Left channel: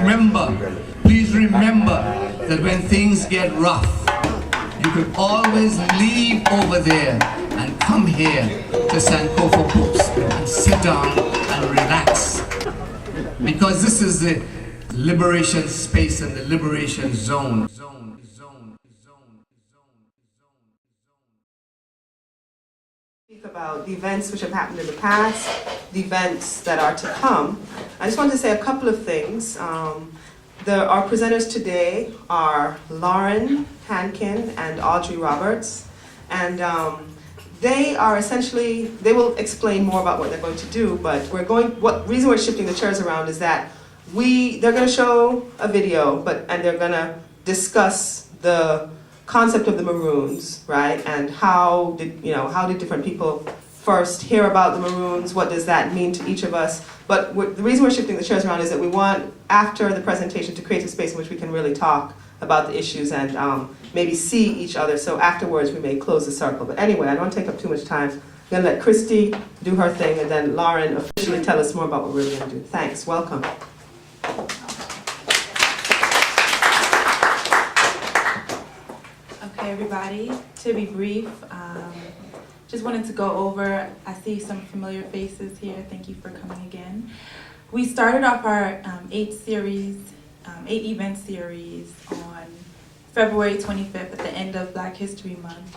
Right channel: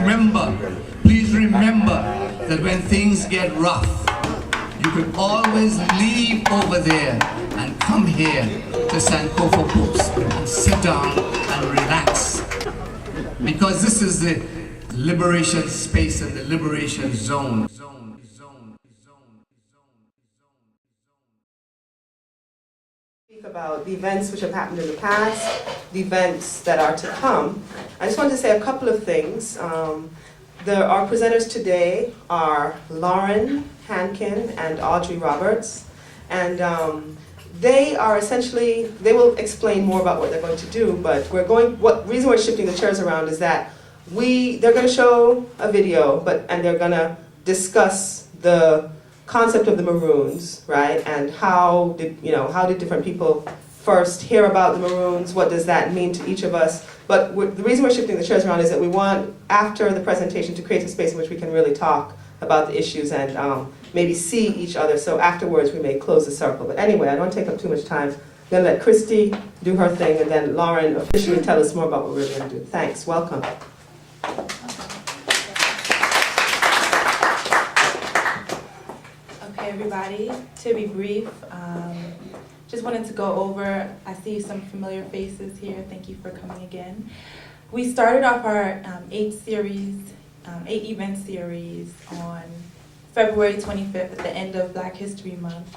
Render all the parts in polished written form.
please remember that when things get rough, you can always leave over there and come here to Sankofa Books and sit down and relax. Because this is the liberation space and the liberation zone. Speak about the events which have happened in the past, the events that are to come. I just wanted to say a couple of things. Our presenters today are Loren, Hankin, and Audrey Roberts. And they will explain more about what they're going to do, but reason we're shifting the chairs around is that they're going to show a video, and they're going to discuss the concept of the Maroons, right? And how did different people first hear about the Maroons? What does that mean to each of us? But the reason we're shifting the chairs around is that we want, after the presentation, to create a space in which we can really talk about the issues and maybe see each other. So afterwards, we may close the circle. But anyway, I don't want to take up too much time. I'm going to let Christy do her thing, and then Loren officially tell us more about what we're really going to do. Thanks. Welcome. Okay, everybody. To be brief, just wanted to go over, I see some familiar faces here. Thank you for coming again. We started off our 8-event series on February 25th at the end of Black History Month.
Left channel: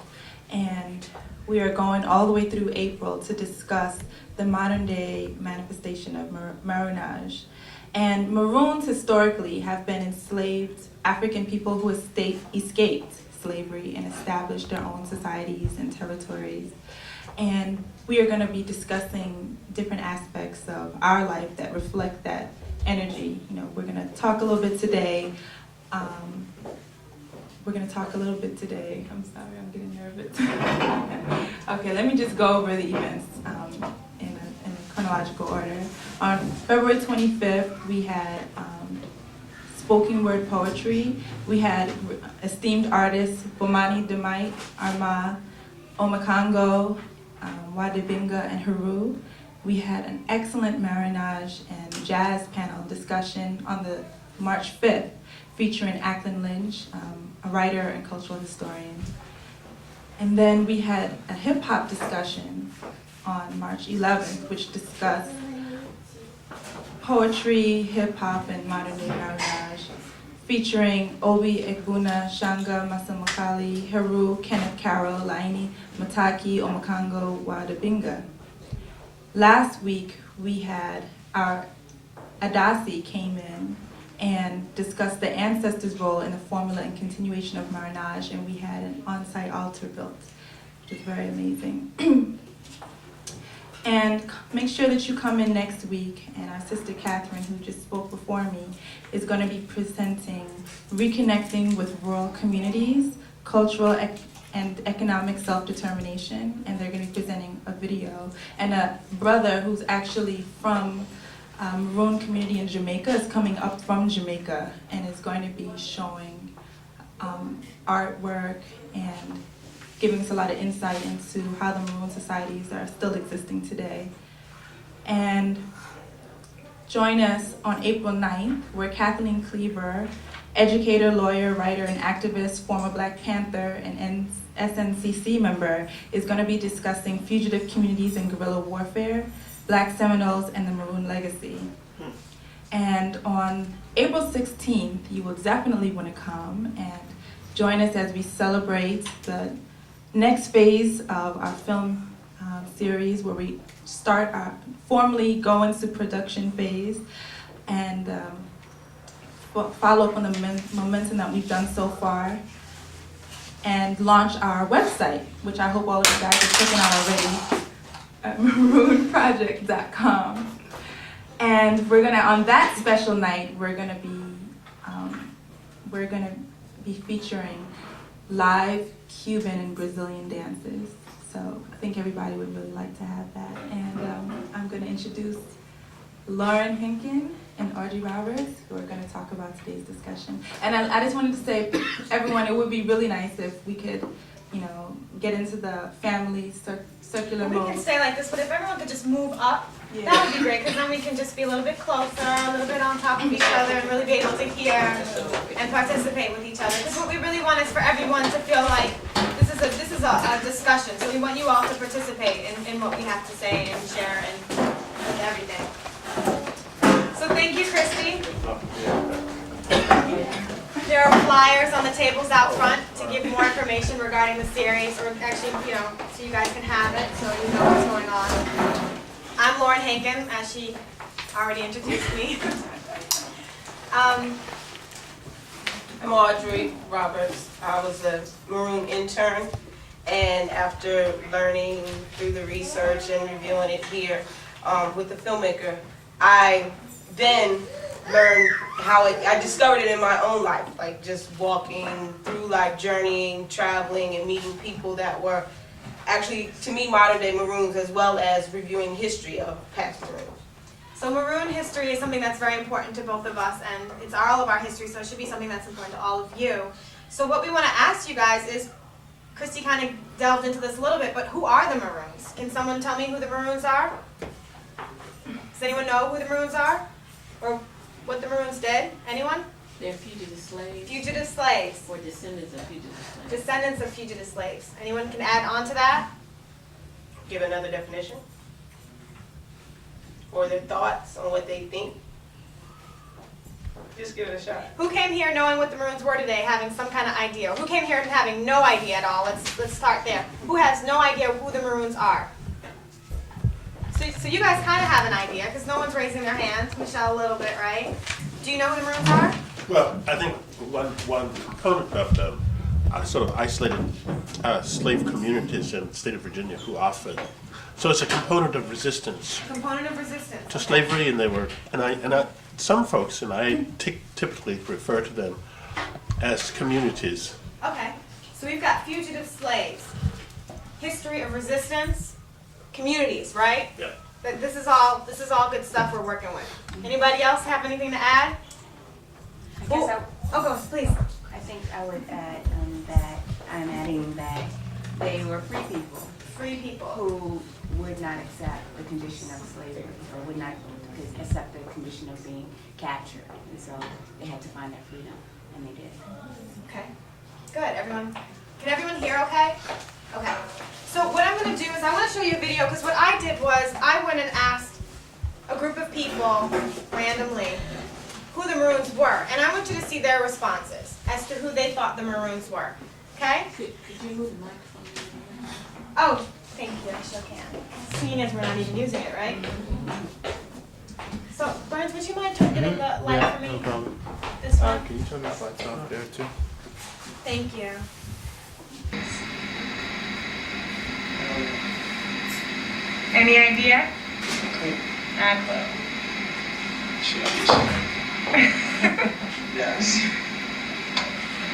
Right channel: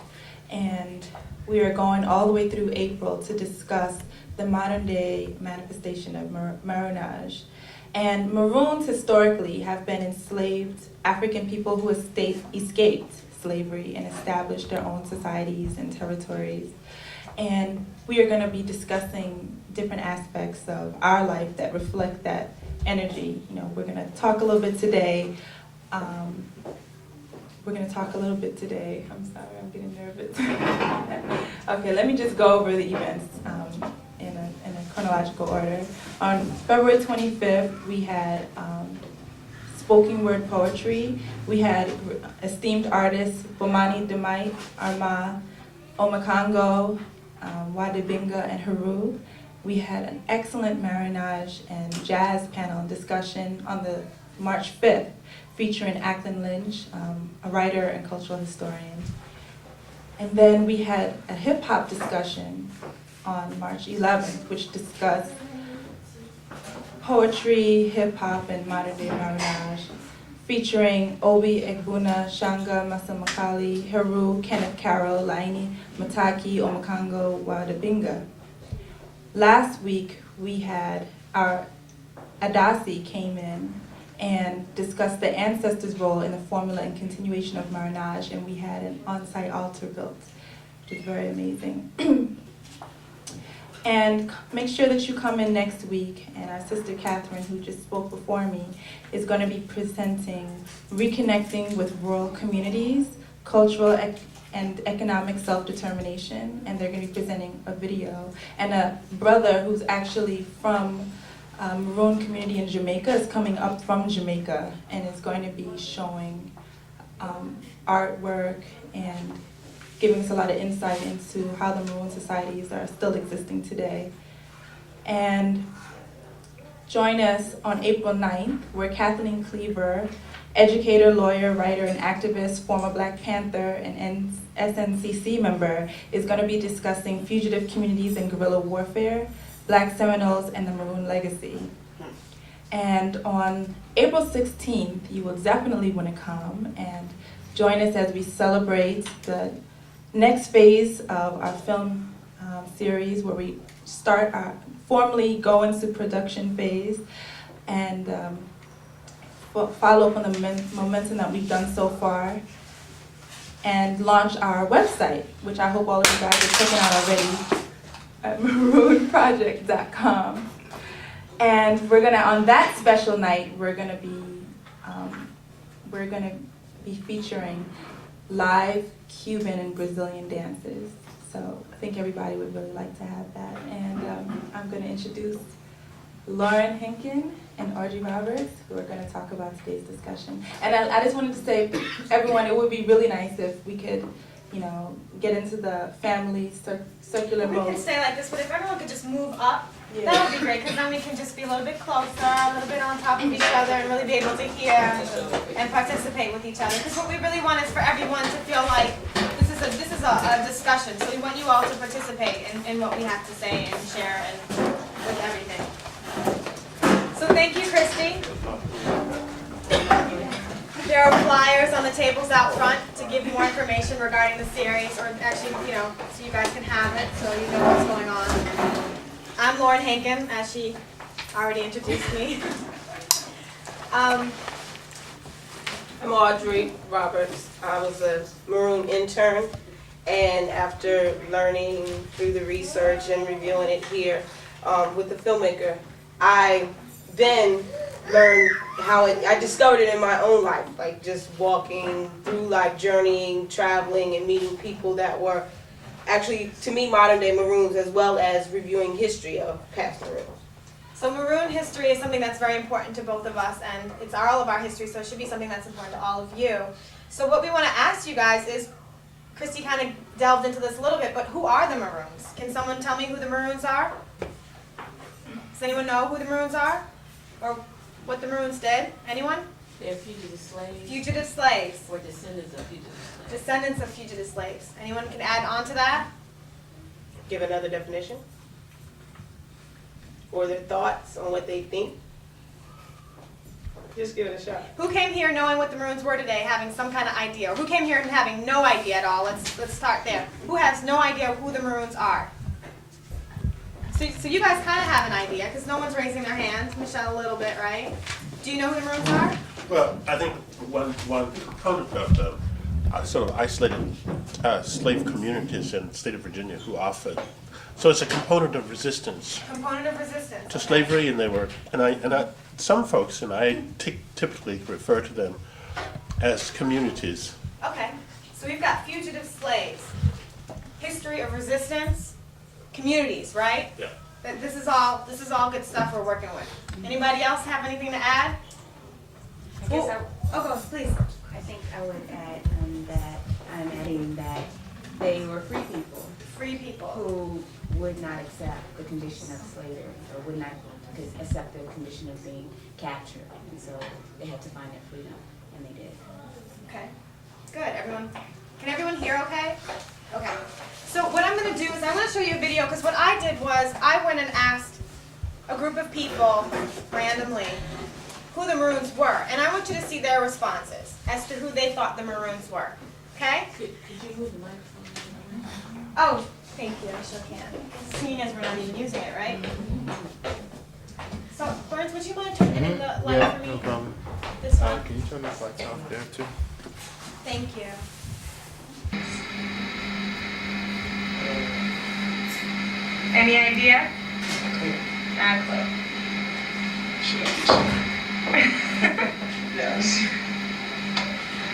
And we are going all the way through April to discuss the modern day manifestation of Maroonage. And Maroons historically have been enslaved African people who escaped slavery and established their own societies and territories. And we are going to be discussing different aspects of our life that reflect that energy. We're going to talk a little bit today. I'm sorry, I'm getting nervous. Okay, let me just go over the events in a chronological order. On February 25th, we had spoken word poetry. We had esteemed artists Bomani Demite, Arma, Omakongo, Wadabinga, and Haru. We had an excellent Maroonage and jazz panel discussion on the March 5th, featuring Ackland Lynch, a writer and cultural historian. And then we had a hip-hop discussion on March 11th, which discussed poetry, hip-hop, and modern-day Maroonage, featuring Obi Egbuna, Shanga Masamakali, Heru, Kenneth Carroll, Laini Mataki, Omakongo, Wadabinga. Last week, we had our Adasi came in and discussed the ancestors' role in the formula and continuation of Maroonage, and we had an on-site altar built, which is very amazing. And make sure that you come in next week, and our sister Catherine, who just spoke before me, is going to be presenting Reconnecting with Rural Communities, Cultural and Economic Self-Determination, and they're going to be presenting a video. And a brother who's actually from Maroon community in Jamaica is coming up from Jamaica and is going to be showing artwork and giving us a lot of insight into how the Maroon societies are still existing today. And join us on April 9th, where Kathleen Cleaver, educator, lawyer, writer, and activist, former Black Panther and SNCC member, is going to be discussing fugitive communities and guerrilla warfare, Black Seminoles, and the Maroon legacy. And on April 16th, you will definitely want to come and join us as we celebrate the next phase of our film series, where we formally go into production phase and follow up on the momentum that we've done so far, and launch our website, which I hope all of you guys are checking out already, at maroonproject.com. And on that special night, we're gonna be featuring live Cuban and Brazilian dances. So I think everybody would really like to have that. And I'm gonna introduce Loren Hankin and Audrey Roberts, who are gonna talk about today's discussion. And I just wanted to say, everyone, it would be really nice if we could, get into the family circular mode. We can stay like this, but if everyone could just move up Yeah. That would be great, because then we can just be a little bit closer, a little bit on top of each other, and really be able to hear and participate with each other. Because what we really want is for everyone to feel like this is a discussion. So we want you all to participate in what we have to say and share and with everything. So thank you, Christy. There are flyers on the tables out front to give more information regarding the series, or actually, so you guys can have it, so you know what's going on. I'm Loren Hankin, as she already introduced me. I'm Audrey Roberts. I was a Maroon intern, and after learning through the research and reviewing it here with the filmmaker, I then learned how I discovered it in my own life, like just walking through life, journeying, traveling, and meeting people that were actually, to me, modern day Maroons, as well as reviewing history of past Maroons. So Maroon history is something that's very important to both of us, and it's all of our history, so it should be something that's important to all of you. So what we want to ask you guys is, Christy kind of delved into this a little bit, but who are the Maroons? Can someone tell me who the Maroons are? Does anyone know who the Maroons are? Or what the Maroons did? Anyone? They're fugitive slaves. Fugitive slaves. Or descendants of fugitive slaves. Descendants of fugitive slaves. Anyone can add on to that? Give another definition, or their thoughts on what they think. Just give it a shot. Who came here knowing what the Maroons were today, having some kind of idea? Who came here having no idea at all? Let's start there. Who has no idea who the Maroons are? So you guys kind of have an idea, because no one's raising their hands. Michelle, a little bit, right? Do you know who the Maroons are? Well, I think one component of them are sort of isolated slave communities in the state of Virginia who offered. So it's a component of resistance Component of resistance. to slavery, and they were, some folks, and I typically refer to them as communities. Okay, so we've got fugitive slaves, history of resistance, communities, right? Yeah. This is all good stuff we're working with. Anybody else have anything to add? I guess Oh, go, please. I think I would add that I'm adding that they were free people Free people. who would not accept the condition of slavery, or would not accept the condition of being captured, and so they had to find that freedom, and they did. Okay, good. Can everyone hear okay? Okay. So what I'm going to do is I'm going to show you a video, because what I did was I went and asked a group of people randomly who the Maroons were, and I want you to see their responses as to who they thought the Maroons were. Okay? Could you move the microphone? Oh, thank you. I sure can. Seeing as we're not even using it, right? So, Burns, would you mind getting the light for me? This one? Thank you. Any idea? Not a clue. Should I be sorry? Yes.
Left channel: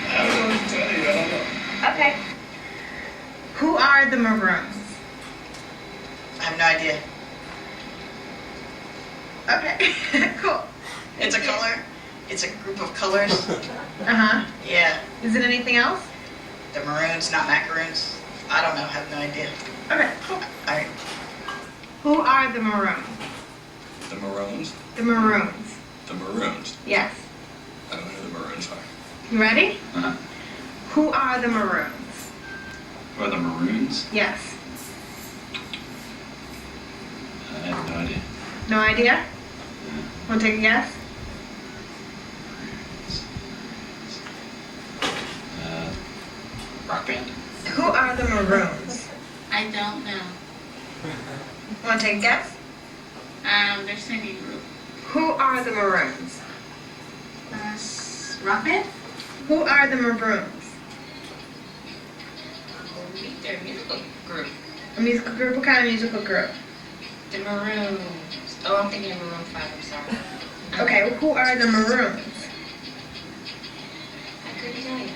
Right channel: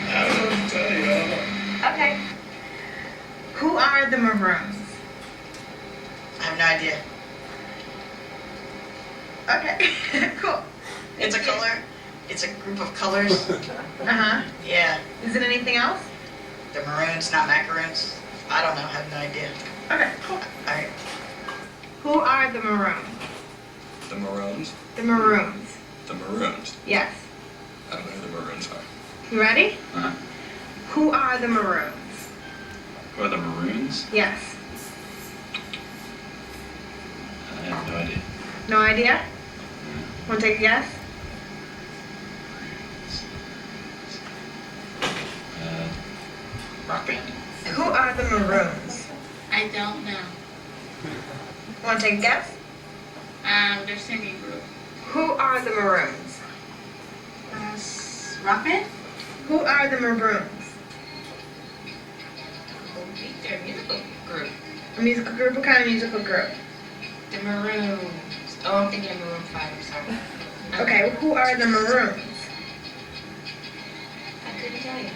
I don't know what to tell you. I don't know. Okay. Who are the Maroons? I have no idea. Okay, cool. It's a color. It's a group of colors. Uh-huh. Yeah. Is it anything else? The Maroons, not macaroons. I don't know. I have no idea. Okay, cool. All right. Who are the Maroons? The Maroons? The Maroons. The Maroons? Yes. I don't know who the Maroons are. You ready? Uh-huh. Who are the Maroons? Who are the Maroons? Yes. I have no idea. No idea? Want to take a guess? Rock band? Who are the Maroons? I don't know. Want to take a guess? They're singing group. Who are the Maroons? Rock band? Who are the Maroons? They're a musical group. A musical group? What kind of musical group? The Maroons. Oh, I'm thinking of Maroon 5, I'm sorry. Okay, who are the Maroons? I couldn't tell you.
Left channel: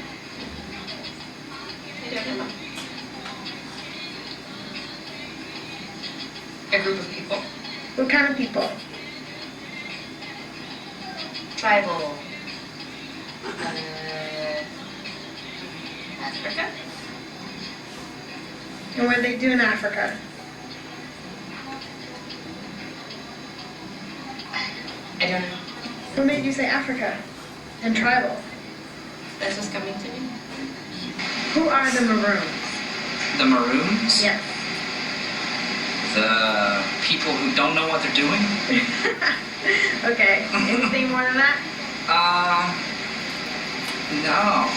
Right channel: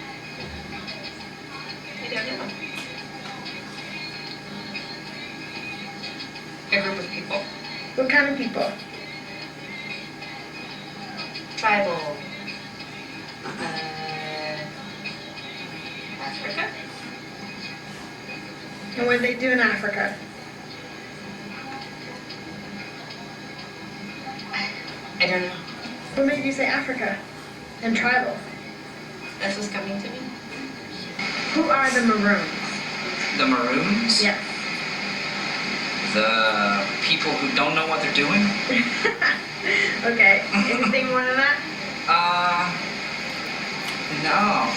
I don't know. A group of people. What kind of people? Tribal. Africa? And what do they do in Africa? I don't know. What made you say Africa and tribal? That's what's coming to me. Who are the Maroons? The Maroons? Yes. The people who don't know what they're doing? Okay. Anything more than that? No.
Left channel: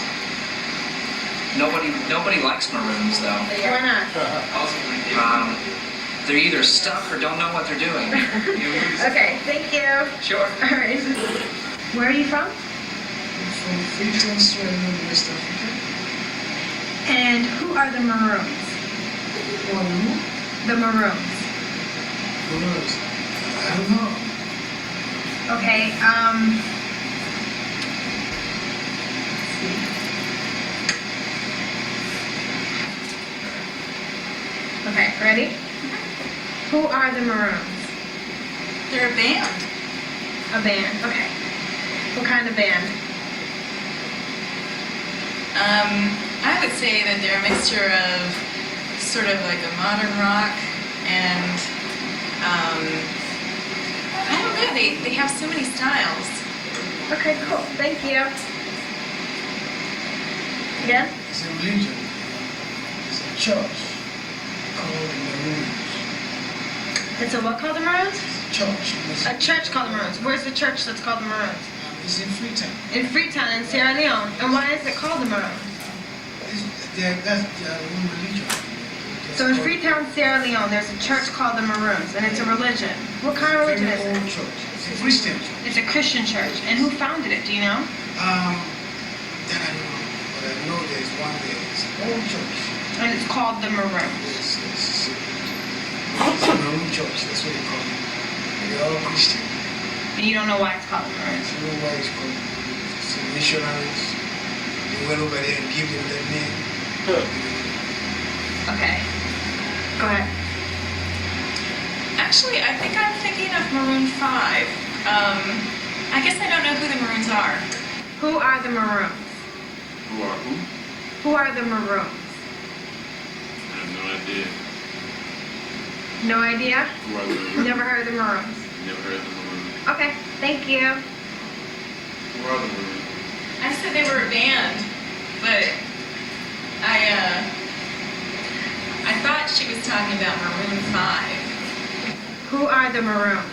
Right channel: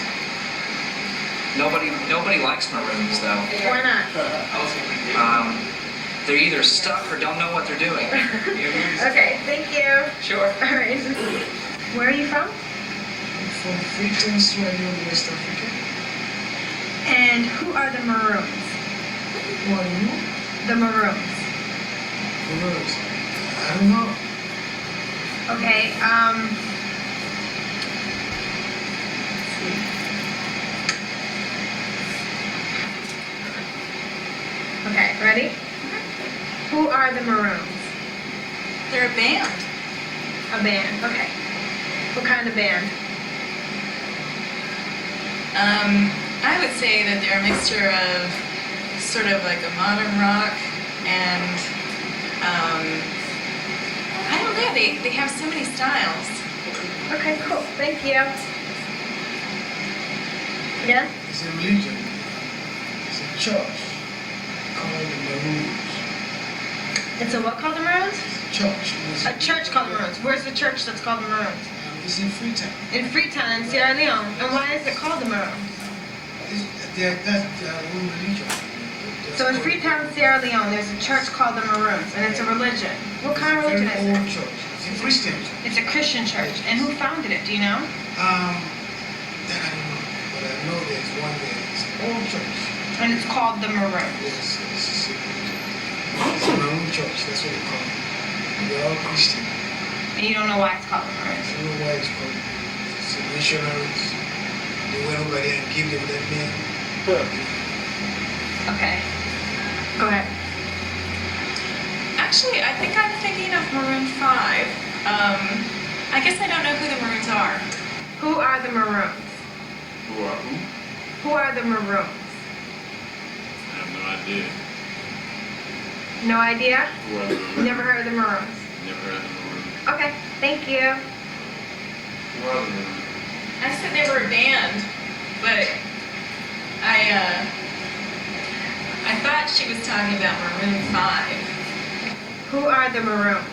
Nobody likes Maroons, though. Why not? They're either stuck or don't know what they're doing. Okay, thank you. Sure. All right. Where are you from? I'm from Freetown, Sierra Leone, West Africa. And who are the Maroons? Who are you? The Maroons. Maroons. I don't know. Okay, okay, ready? Who are the Maroons? They're a band. A band, okay. What kind of band? I would say that they're a mixture of sort of like a modern rock and I don't know, they have so many styles. Okay, cool, thank you. Again? It's a religion. It's a church called the Maroons. It's a what called the Maroons? Church. A church called the Maroons. Where's the church that's called the Maroons? It's in Freetown. In Freetown, in Sierra Leone. And why is it called the Maroons? That's their own religion. So in Freetown, Sierra Leone, there's a church called the Maroons, and it's a religion. What kind of religion is it? Church. It's a Christian church. It's a Christian church. And who founded it? Do you know? That I don't know, but I know there's one there. It's an old church. And it's called the Maroons. Yes, yes. It's a Maroon church. That's what they call it. And they're all Christian. And you don't know why it's called the Maroons? I don't know why it's called. It's the missionaries. They went over there and gave them that name. Okay. Go ahead. Actually, I think I'm thinking of Maroon 5. I guess I don't know who the Maroons are. Who are the Maroons? Who are who? Who are the Maroons? I have no idea. No idea? Who are the Maroons? Never heard of the Maroons. Never heard of the Maroons. Okay, thank you. Who are the Maroons? I said they were a band, but I thought she was talking about Maroon 5. Who are the Maroons?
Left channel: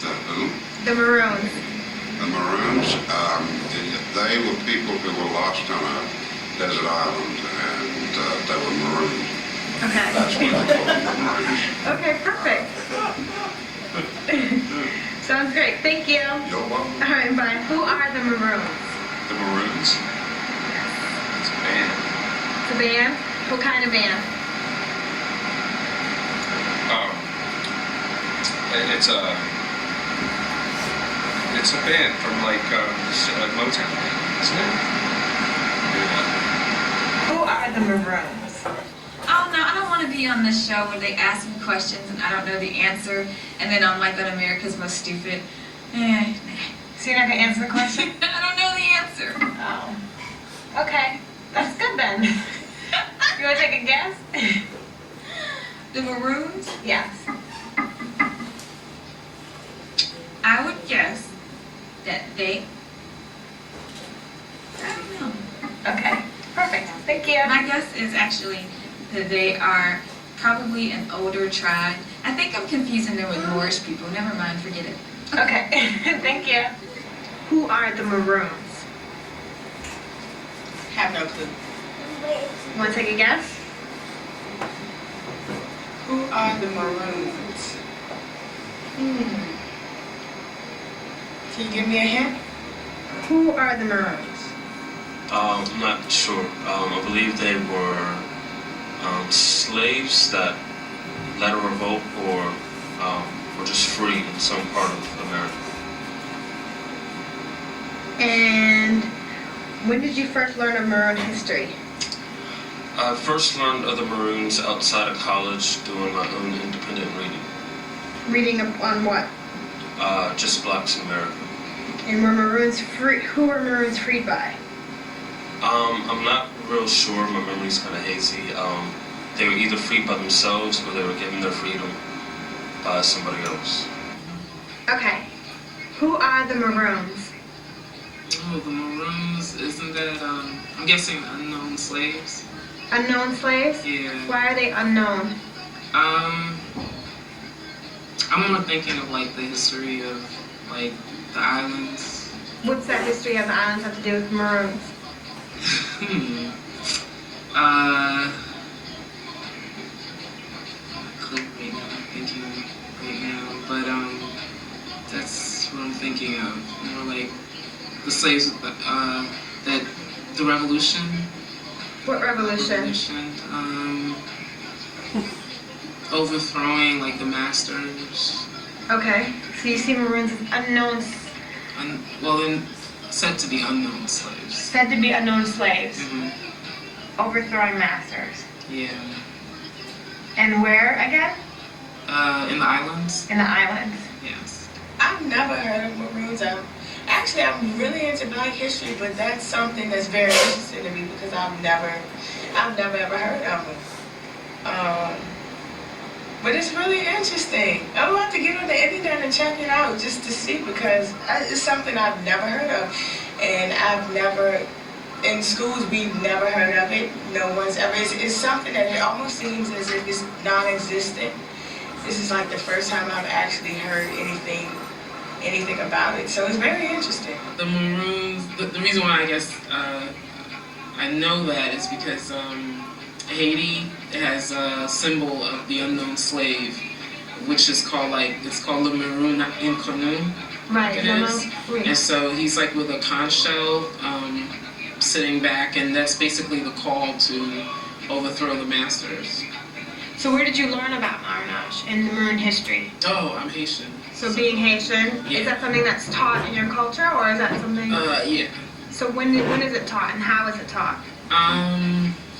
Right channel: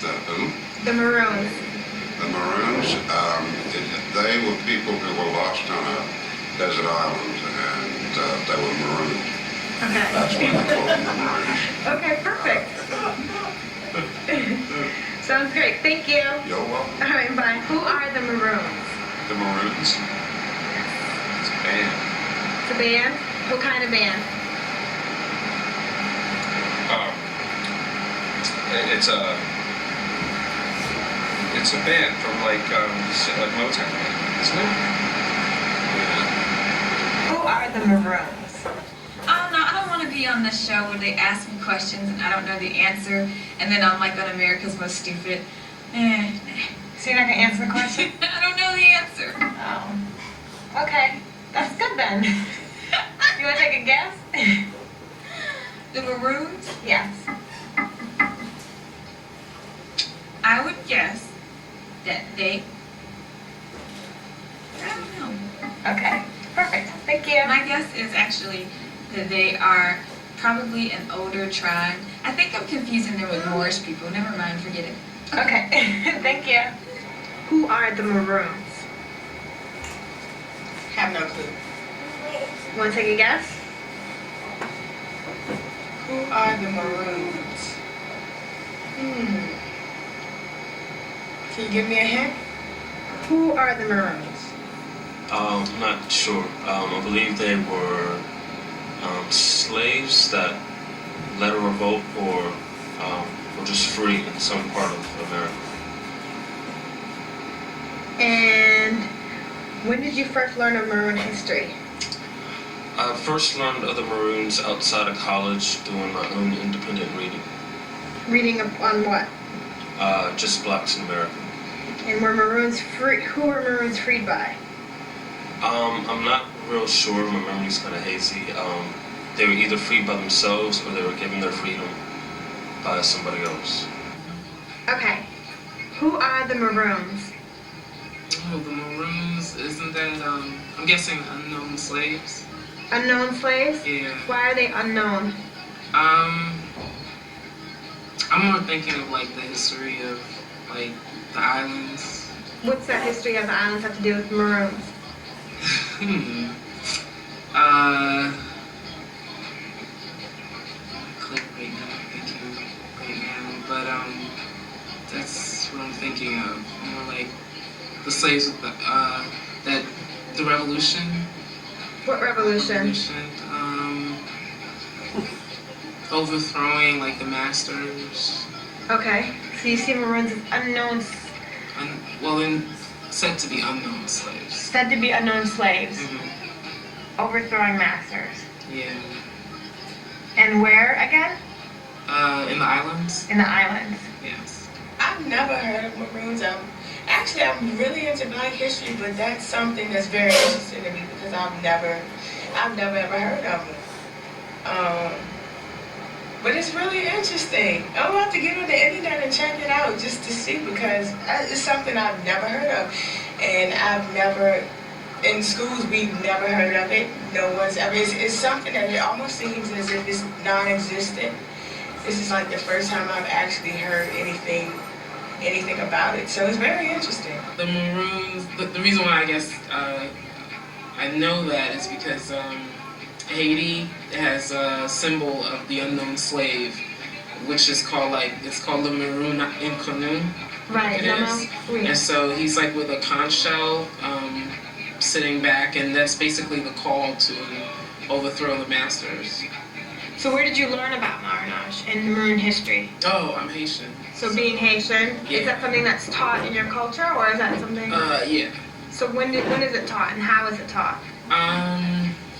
The who? The Maroons. The Maroons. They were people who were lost on a desert island, and they were marooned. Okay. That's why they call them the Maroons. Okay, perfect. Sounds great. Thank you. You're welcome. All right, bye. Who are the Maroons? The Maroons. It's a band. It's a band? What kind of band? It's a band from like Motown, isn't it? Yeah. Who are the Maroons? Oh no, I don't want to be on this show where they ask me questions and I don't know the answer, and then I'm like on America's Most Stupid. So you're not gonna answer the question? I don't know the answer. Oh. Okay. That's good then. You wanna take a guess? The Maroons? Yes. I would guess that I don't know. Okay. Perfect. Thank you. My guess is actually that they are probably an older tribe. I think I'm confusing them with Moorish people. Never mind, forget it. Okay. Thank you. Who are the Maroons? Have no clue. Want to take a guess? Who are the Maroons? Can you give me a hint? Who are the Maroons? I'm not sure. I believe they were slaves that led a revolt or were just free in some part of America. And when did you first learn of Maroon history? I first learned of the Maroons outside of college doing my own independent reading. Reading on what? Just blacks in America. And were Maroons free? Who were Maroons freed by? I'm not real sure. My memory's kind of hazy. They were either freed by themselves or they were given their freedom by somebody else. Okay. Who are the Maroons? Oh, the Maroons, isn't that, I'm guessing unknown slaves? Unknown slaves? Yeah. Why are they unknown? I'm more thinking of, like, the history of, like, the islands. What's that history of the islands have to do with Maroons? I couldn't right now, I'm thinking right now, but, that's what I'm thinking of. More like the slaves, the revolution. What revolution? Overthrowing, like, the masters. Okay, so you see Maroons as unknown, Well, then, said to be unknown slaves. said to be unknown slaves, overthrowing masters. Yeah. And where again? In the islands. In the islands. Yes. I've never heard of Maroons. I'm really into Black history, but that's something that's very interesting to me because I've never ever heard of them. But it's really interesting. I'm about to get on the internet and check it out just to see because it's something I've never heard of, and in schools we've never heard of it. No one's ever. It's something that it almost seems as if it's non-existent. This is like the first time I've actually heard anything about it. So it's very interesting. The Maroons, the reason why I guess I know that is because Haiti has a symbol of the unknown slave, which is called it's called the Maroon inconnu. Right, it is. And so he's like with a conch shell sitting back, and that's basically the call to overthrow the masters. So where did you learn about Maroonage and Maroon history? Oh, I'm Haitian. So being Haitian, Yeah. is that something that's taught in your culture, or is that something? Yeah. So when is it taught, and how is it taught?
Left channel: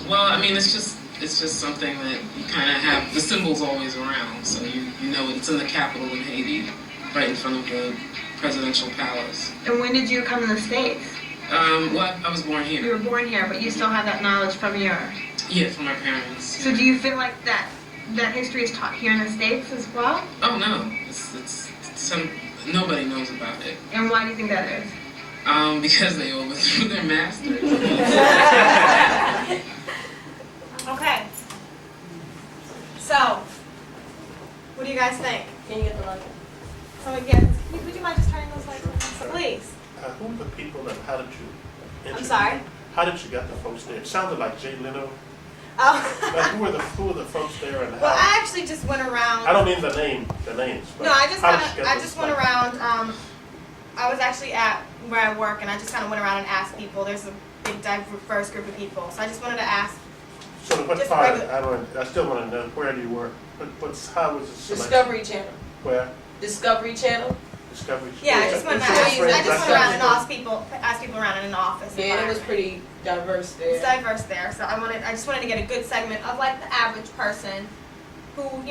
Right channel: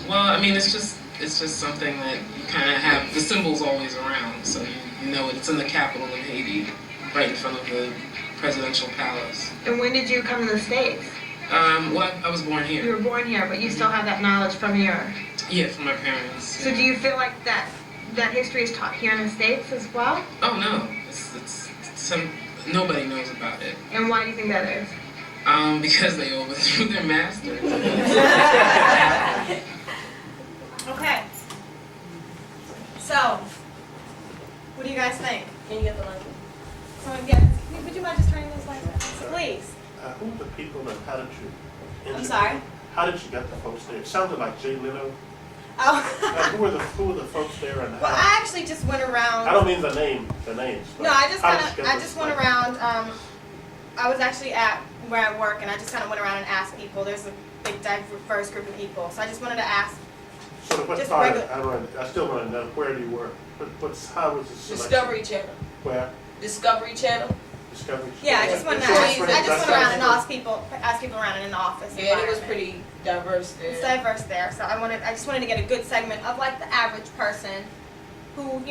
Well, I mean, it's just something that you kind of have. The symbol's always around, so you know it. It's in the capital of Haiti, right in front of the presidential palace. And when did you come to the States? Well, I was born here. You were born here, but you still have that knowledge from your... Yeah, from my parents. So do you feel like that history is taught here in the States as well? Oh, no. Nobody knows about it. And why do you think that is? Because they overthrew their masters. Okay. So, what do you guys think? Can you get the mic? Someone get? Would you mind just turning those lights on? Please. Who are the people that how did you? I'm sorry? How did you get the folks there? It sounded like Jay Leno. Oh. who were the folks there? And Well, I actually just went around. I don't mean the names. No, I just went around. I was actually at where I work, and I just kind of went around and asked people. There's a big, diverse group of people, so I just wanted to ask. So what Just part? regular. I still want to know where do you work? How was it? Discovery Channel. Where? Discovery Channel. Discovery. Yeah, I just wanted to ask. I just went around and asked people around in the office. Yeah, it was environment. pretty diverse there. It's diverse there, so I just wanted to get a good segment of like the average person, who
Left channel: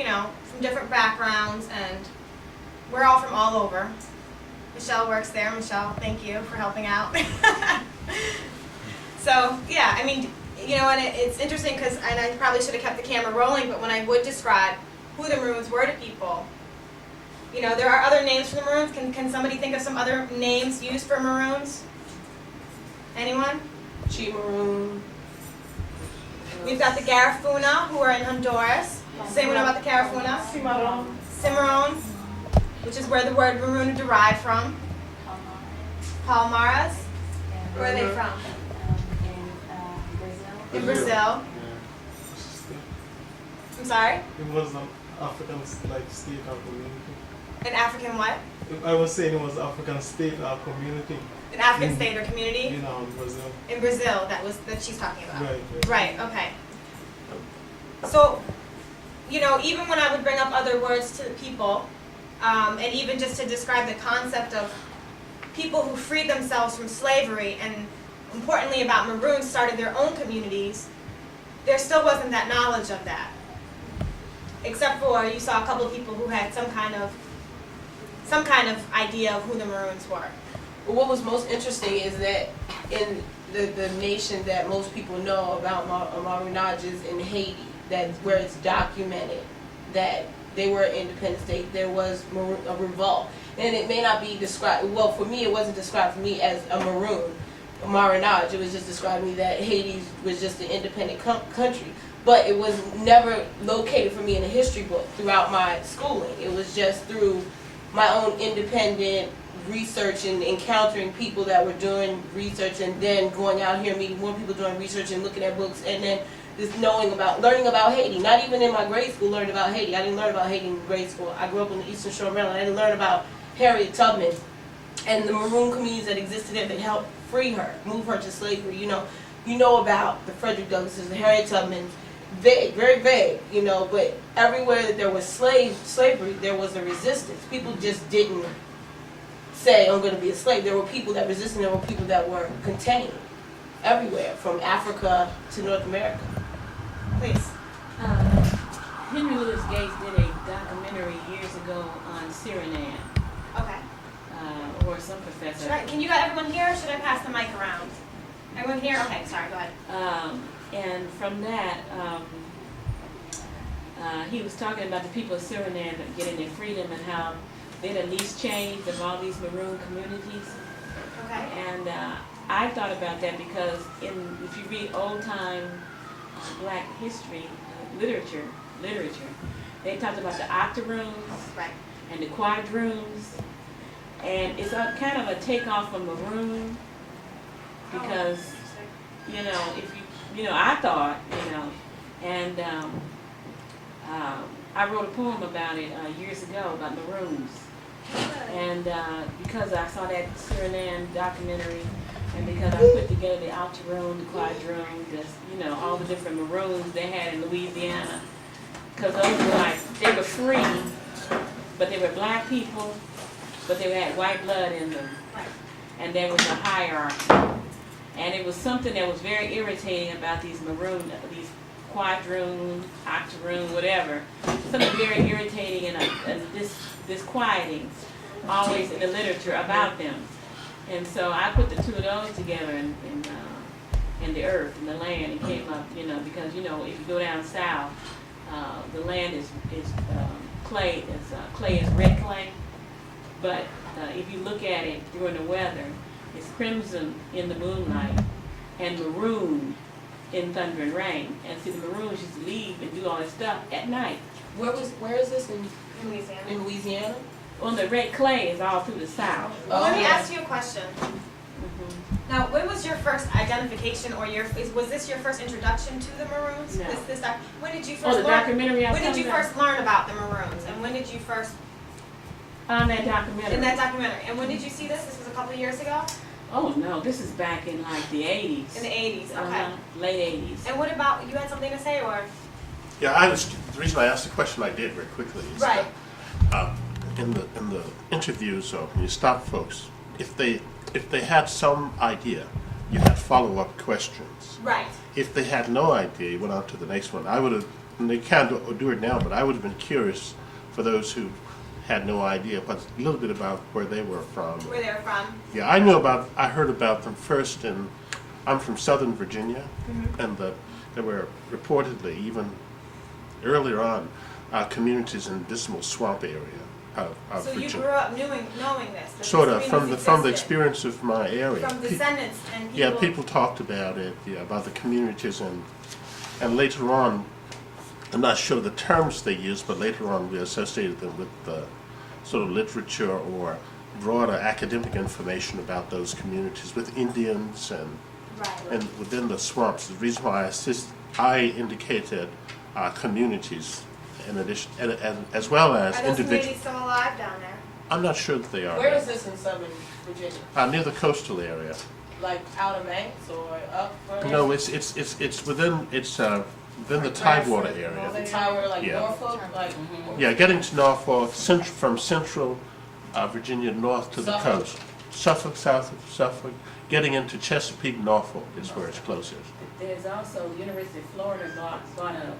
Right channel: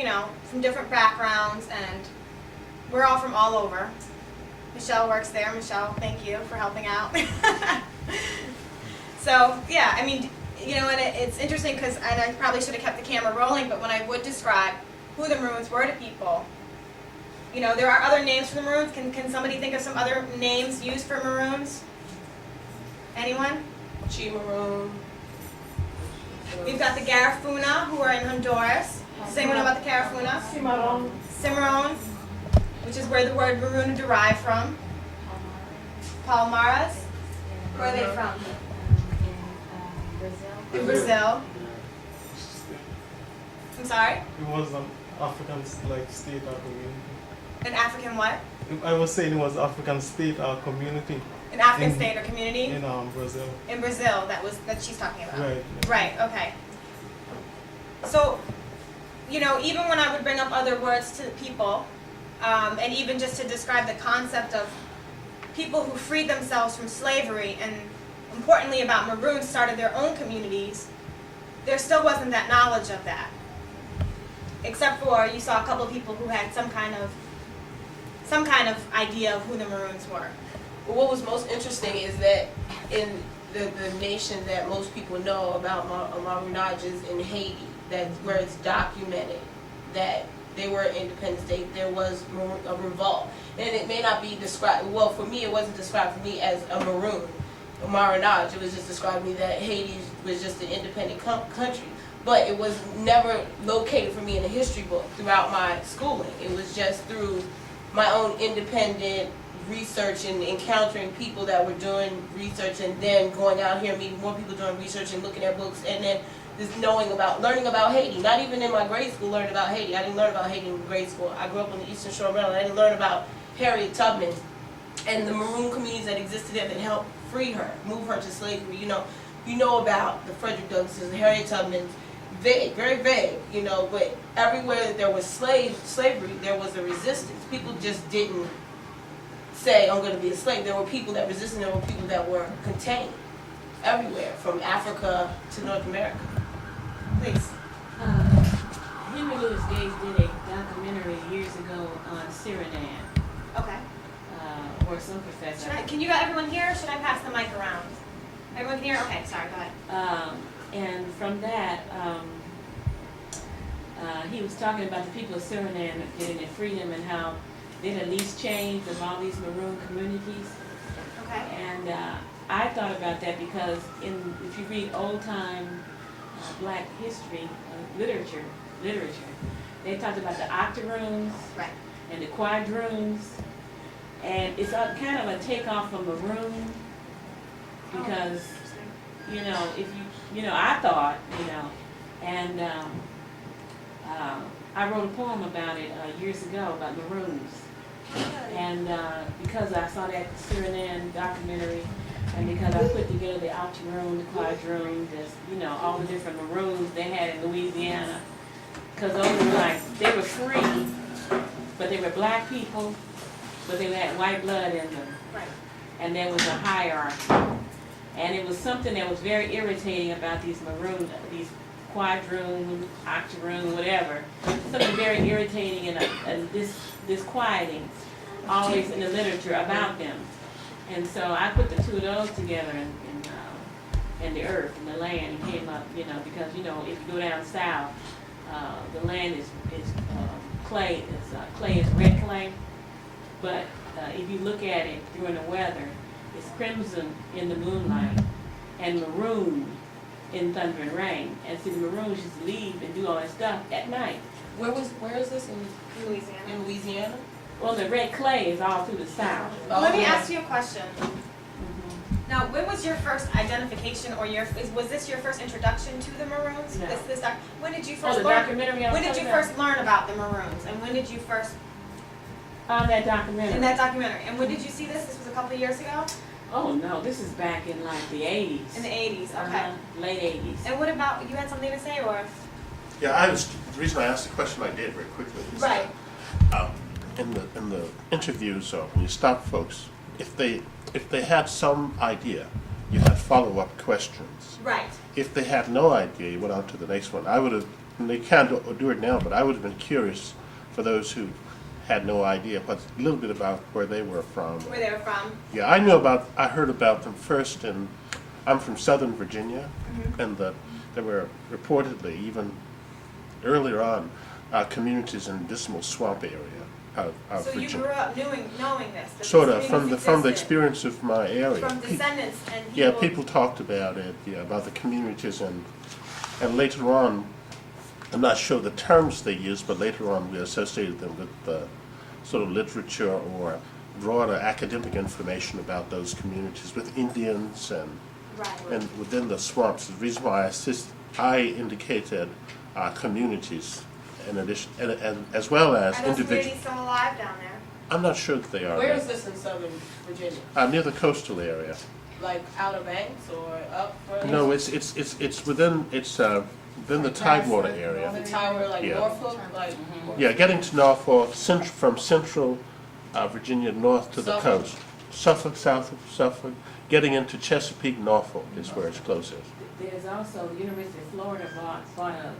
from different backgrounds, and we're all from all over. Michelle works there. Michelle, thank you for helping out. So yeah, I mean, and it's interesting because, and I probably should have kept the camera rolling, but when I would describe who the Maroons were to people, there are other names for the Maroons. Can somebody think of some other names used for Maroons? Anyone? Chi Maroon. We've got the Garifuna, who are in Honduras. Does anyone know about the Garifuna? Cimarron, which is where the word maroon derived from. Palmaras. Where are they from? In Brazil. I'm sorry? It was an African state or community. An African what? I was saying it was African state or community. An African state or community? In Brazil. In Brazil, that she's talking about. Right. Right, okay. So, even when I would bring up other words to people, and even just to describe the concept of people who freed themselves from slavery and, importantly, about Maroons started their own communities, there still wasn't that knowledge of that. Except for you saw a couple of people who had some kind of idea of who the Maroons were. Well, what was most interesting is that in the nation that most people know about Maroonage is in Haiti, that's where it's documented that they were an independent state, there was a revolt. And it may not be described, well, for me, it wasn't described for me as a Maroon, a Maroonage. It was just describing me that Haiti was just an independent country. But it was never located for me in a history book throughout my schooling. It was just through my own independent research and encountering people that were doing research, and then going out here and meeting more people doing research and looking at books, and then just learning about Haiti. Not even in my grade school learned about Haiti. I didn't learn about Haiti in grade school. I grew up on the Eastern Shore of Maryland. I didn't learn about Harriet Tubman and the Maroon communities that existed there that helped free her, move her to slavery. You know about the Frederick Douglasses, the Harriet Tubmans, vague, very vague, but everywhere that there was slavery, there was a resistance. People just didn't say, I'm going to be a slave. There were people that resisted, there were people that were contained everywhere, from Africa to North America. Please. Henry Louis Gates did a documentary years ago on Suriname. Okay. Or some professor. Can you got everyone here, or should I pass the mic around? Everyone here? Okay, sorry, go ahead. And from that, he was talking about the people of Suriname getting their freedom and how they'd at least changed of all these Maroon communities. Okay. And I thought about that because if you read old-time black history literature, they talked about the octoroons and the quadroons, and it's kind of a takeoff from Maroon because if I thought and I wrote a poem about it years ago about Maroons, and because I saw that Suriname documentary, and because I put together the octoroon, the quadroon, all the different Maroons they had in Louisiana, because those were they were free, but they were black people, but they had white blood in them, and there was a hierarchy, and it was something that was very irritating about these Maroon, these quadroon, octoroon, whatever, something very irritating and disquieting always in the literature about them. And so I put the two of those together in the earth, in the land, and came up, because, if you go down south, the land is clay, clay is red clay, but if you look at it during the weather, it's crimson in the moonlight and maroon in thunder and rain. And see, the Maroons used to leave and do all that stuff at night. Where is this in Louisiana? In Louisiana? Well, the red clay is all through the south. Well, let me ask you a question. Now, when was your first identification, or was this your first introduction to the Maroons? No. When did you first learn? When did you first learn about the Maroons, and when did you first? On that documentary. In that documentary, and when did you see this? This was a couple of years ago. Oh no, this is back in the 80s. In the 80s, okay. Late 80s. And what about, you had something to say, or? Yeah, the reason I asked the question I did very quickly is that in the interviews, or when you stop folks, if they had some idea, you had follow-up questions. Right. If they had no idea, you went on to the next one. I would have, and they can't do it now, but I would have been curious for those who had no idea, but a little bit about where they were from. Where they were from. Yeah, I heard about them first I'm from Southern Virginia, and there were reportedly, even earlier on, communities in Dismal Swamp area of Virginia. So you grew up knowing this? Sort of, from the experience of my area. From descendants and people. Yeah, people talked about it, about the communities, and later on, I'm not sure the terms they used, but later on we associated them with sort of literature or broader academic information about those communities, with Indians and within the swamps. The reason why I indicated communities in addition, as well as individuals. Are those still alive down there? I'm not sure that they are. Where is this in Southern Virginia? Near the coastal area. Like Outer Banks or up? No, it's within the Tidewater area. Yeah. Norfolk? Yeah, getting to Norfolk, from central Virginia north to the coast. Suffolk, south of Suffolk, getting into Chesapeake, Norfolk is where it's closest. There's also the University of Florida bought a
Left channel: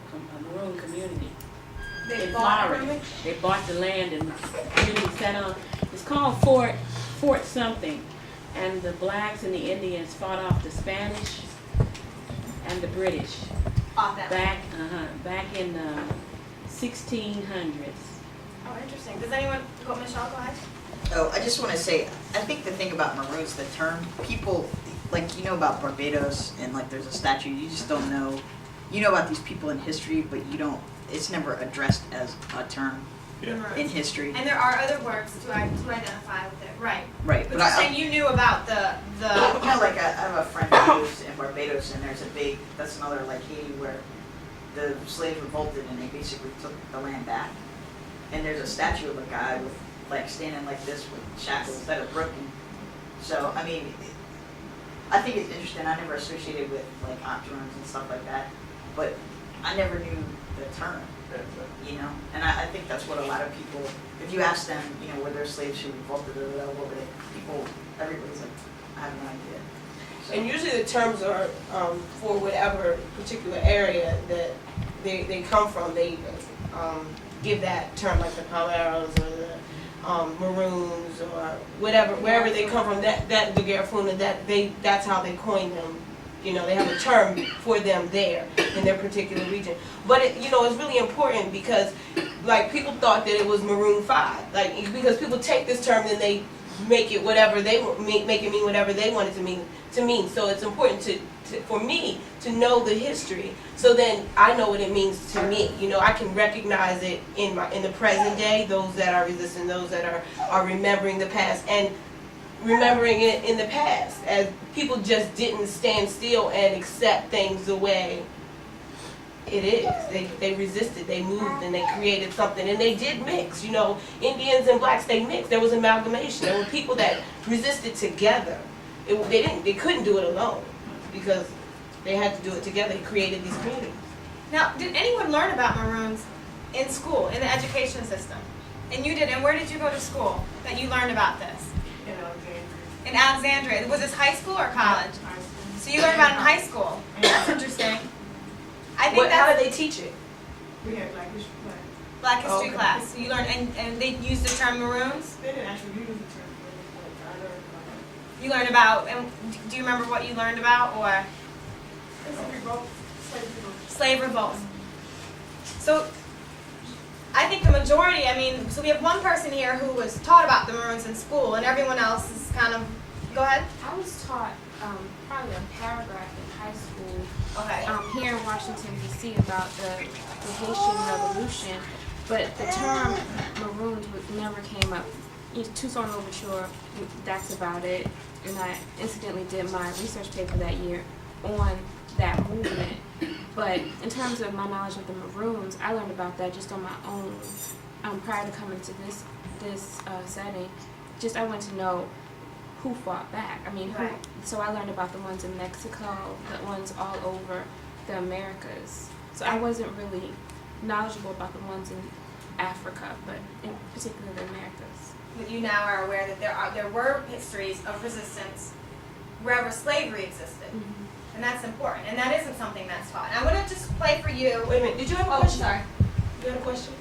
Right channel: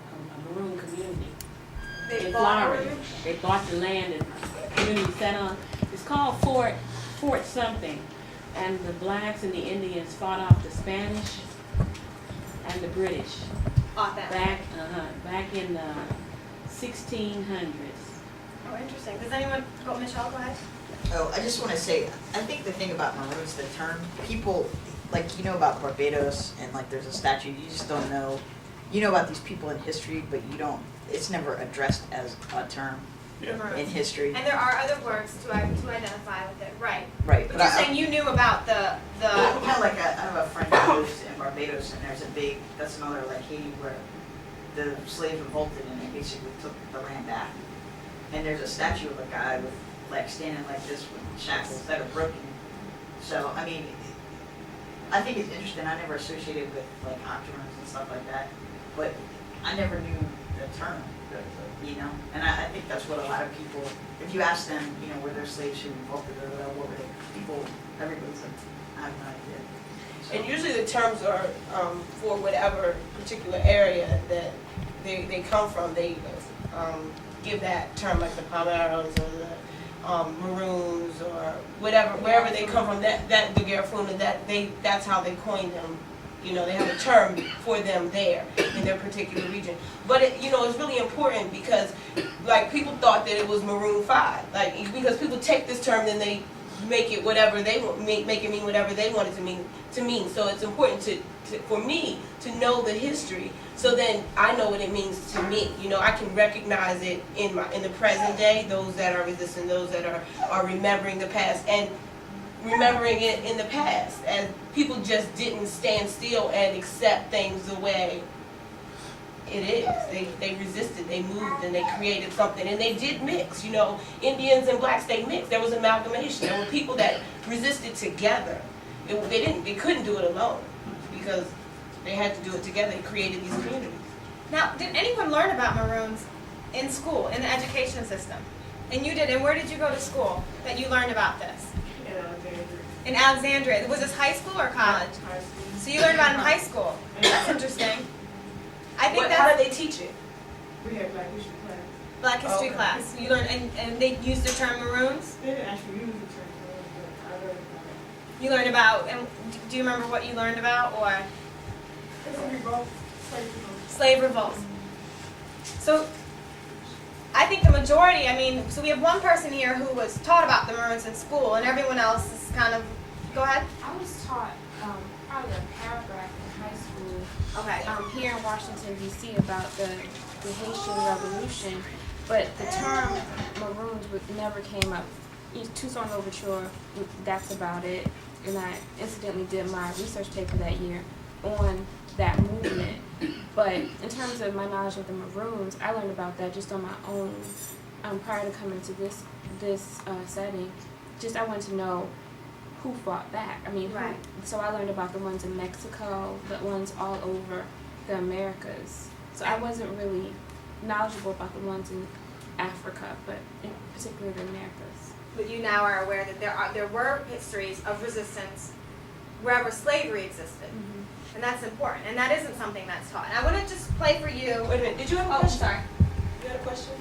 Maroon community in bought Florida. They bought the land and the community sat on. It's called Fort something, and the blacks and the Indians fought off the Spanish and the British back in 1600s. Oh, interesting. Does anyone, Michelle, go ahead. Oh, I just want to say, I think the thing about Maroons, the term, people, like, you know about Barbados and like there's a statue, you just don't know, you know about these people in history, but you don't, it's never addressed as a term in history. And there are other words to identify with it, right? Right. But you're saying you knew about the. You know, like I have a friend who lives in Barbados, and there's a big, that's another like Haiti where the slaves revolted and they basically took the land back. And there's a statue of a guy with like standing like this with shackles that are broken. So I mean, I think it's interesting. I never associated with like octrons and stuff like that, but I never knew the term, you know. And I think that's what a lot of people, if you ask them, you know, were there slaves who revolted or whatever, people, everybody's like, I have no idea. And usually the terms are for whatever particular area that they come from. They give that term, like the Palmeros or the Maroons or whatever, wherever they come from. That the Garifuna, that's how they coined them. You know, they have a term for them there in their particular region. But it, you know, it's really important because, like, people thought that it was Maroon 5, like, because people take this term and they make it whatever they make it mean whatever they want it to mean. So it's important for me to know the history, so then I know what it means to me. You know, I can recognize it in the present day, those that are resisting, those that are remembering the past, and remembering it in the past as people just didn't stand still and accept things the way it is. They resisted, they moved, and they created something, and they did mix. You know, Indians and blacks, they mixed. There was amalgamation. There were people that resisted together. They couldn't do it alone because they had to do it together. They created these communities. Now, did anyone learn about Maroons in school, in the education system? And you did. And where did you go to school that you learned about this? In Alexandria. Was this high school or college? So you learned about it in high school. That's interesting. I think how did they teach it? We had Black history class. Black history class. You learned, and they used the term Maroons? They didn't actually use the term Maroons, but I learned about it. You learned about, and do you remember what you learned about, or? It's a revolt, Slave revolts. So, I think the majority, I mean, so we have one person here who was taught about the Maroons in school, and everyone else is kind of, go ahead. I was taught probably a paragraph in high school. Okay. Here in Washington, D.C. about the Haitian Revolution, but the term Maroons never came up. Tucson Overture, that's about it. And I incidentally did my research paper that year on that movement. But in terms of my knowledge of the Maroons, I learned about that just on my own prior to coming to this setting. Just I wanted to know who fought back. I mean, who, so I learned about the ones in Mexico, the ones all over the Americas. So I wasn't really knowledgeable about the ones in Africa, but in particular the Americas. But you now are aware that there were histories of resistance wherever slavery existed. Mm-hmm. And that's important. And that isn't something that's taught. And I want to just play for you. Wait a minute, did you have a question? Sorry. You had a question?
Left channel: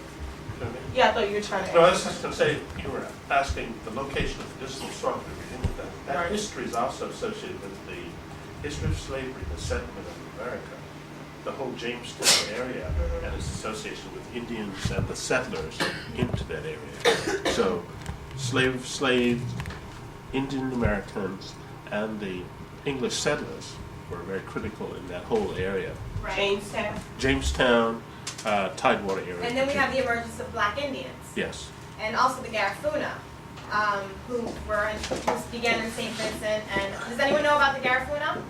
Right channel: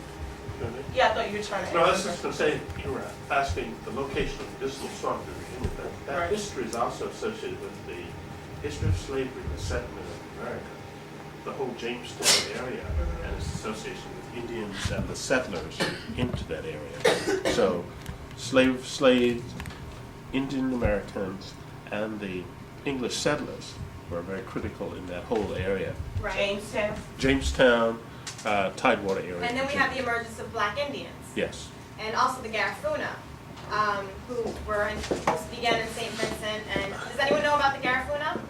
Yeah, I thought you were trying to No, I answer. was just going to say, you were asking the location of this historical thing. Our history is also associated with the history of slavery, the settlement of America, the whole Jamestown area, and its association with Indians and the settlers into that area. So, slaves, Indian Americans, and the English settlers were very critical in that whole area. Right. Jamestown. Tidewater area. And then we have the emergence of Black Indians. Yes. And also the Garifuna, who began in St. Vincent. And does anyone know about the Garifuna?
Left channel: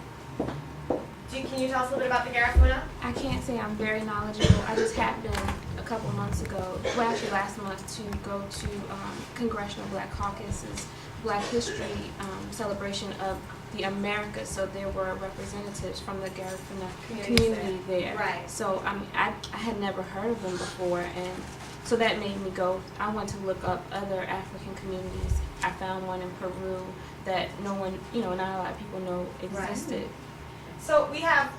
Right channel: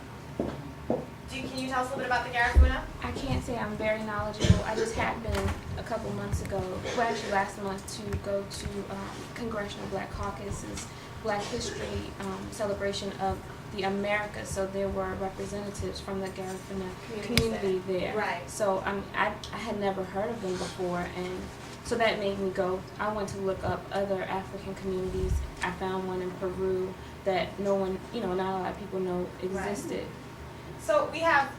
Can you tell us a little bit about the Garifuna? I can't say I'm very knowledgeable. I just happened a couple months ago, well actually last month, to go to Congressional Black Caucus's Black History celebration of the Americas. So there were representatives from the Garifuna community there. Right. So I had never heard of them before, and so that made me go. I went to look up other African communities. I found one in Peru that no one, not a lot of people know existed. Right. So we have,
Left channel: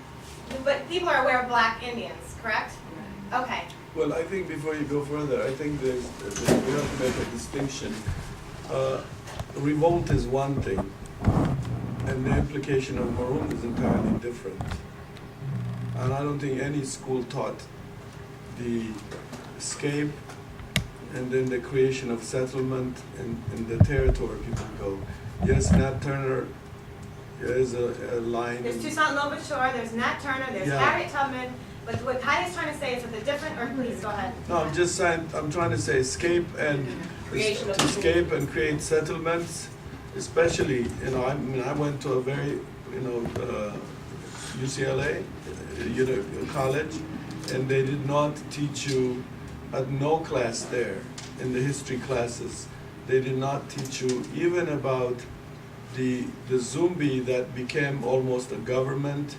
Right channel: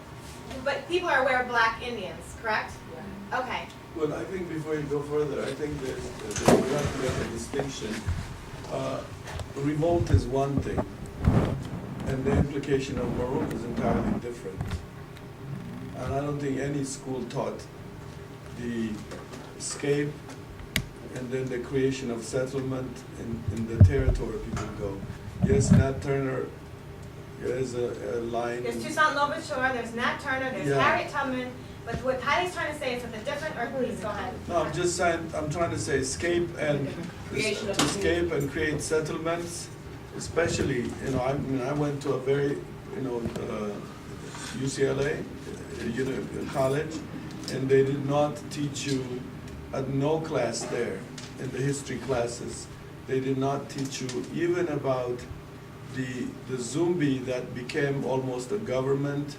but people are aware of Black Indians, correct? Right. Okay. Well, I think before you go further, I think we have to make a distinction. Revolt is one thing, and the implication of Maroon is entirely different. And I don't think any school taught the escape and then the creation of settlement in the territory people go. Yes, Nat Turner is a line. There's Tucson Overture, there's Nat Turner, there's Yeah. Harriet Tubman. Like what Patty's trying to say is with a different, or please go ahead. No, I'm just saying, I'm trying to say escape and to escape and create settlements, especially, you know, I mean, I went to a very, you know, UCLA, college, and they did not teach you, at no class there, in the history classes, they did not teach you even about the Zumbi that became almost a government.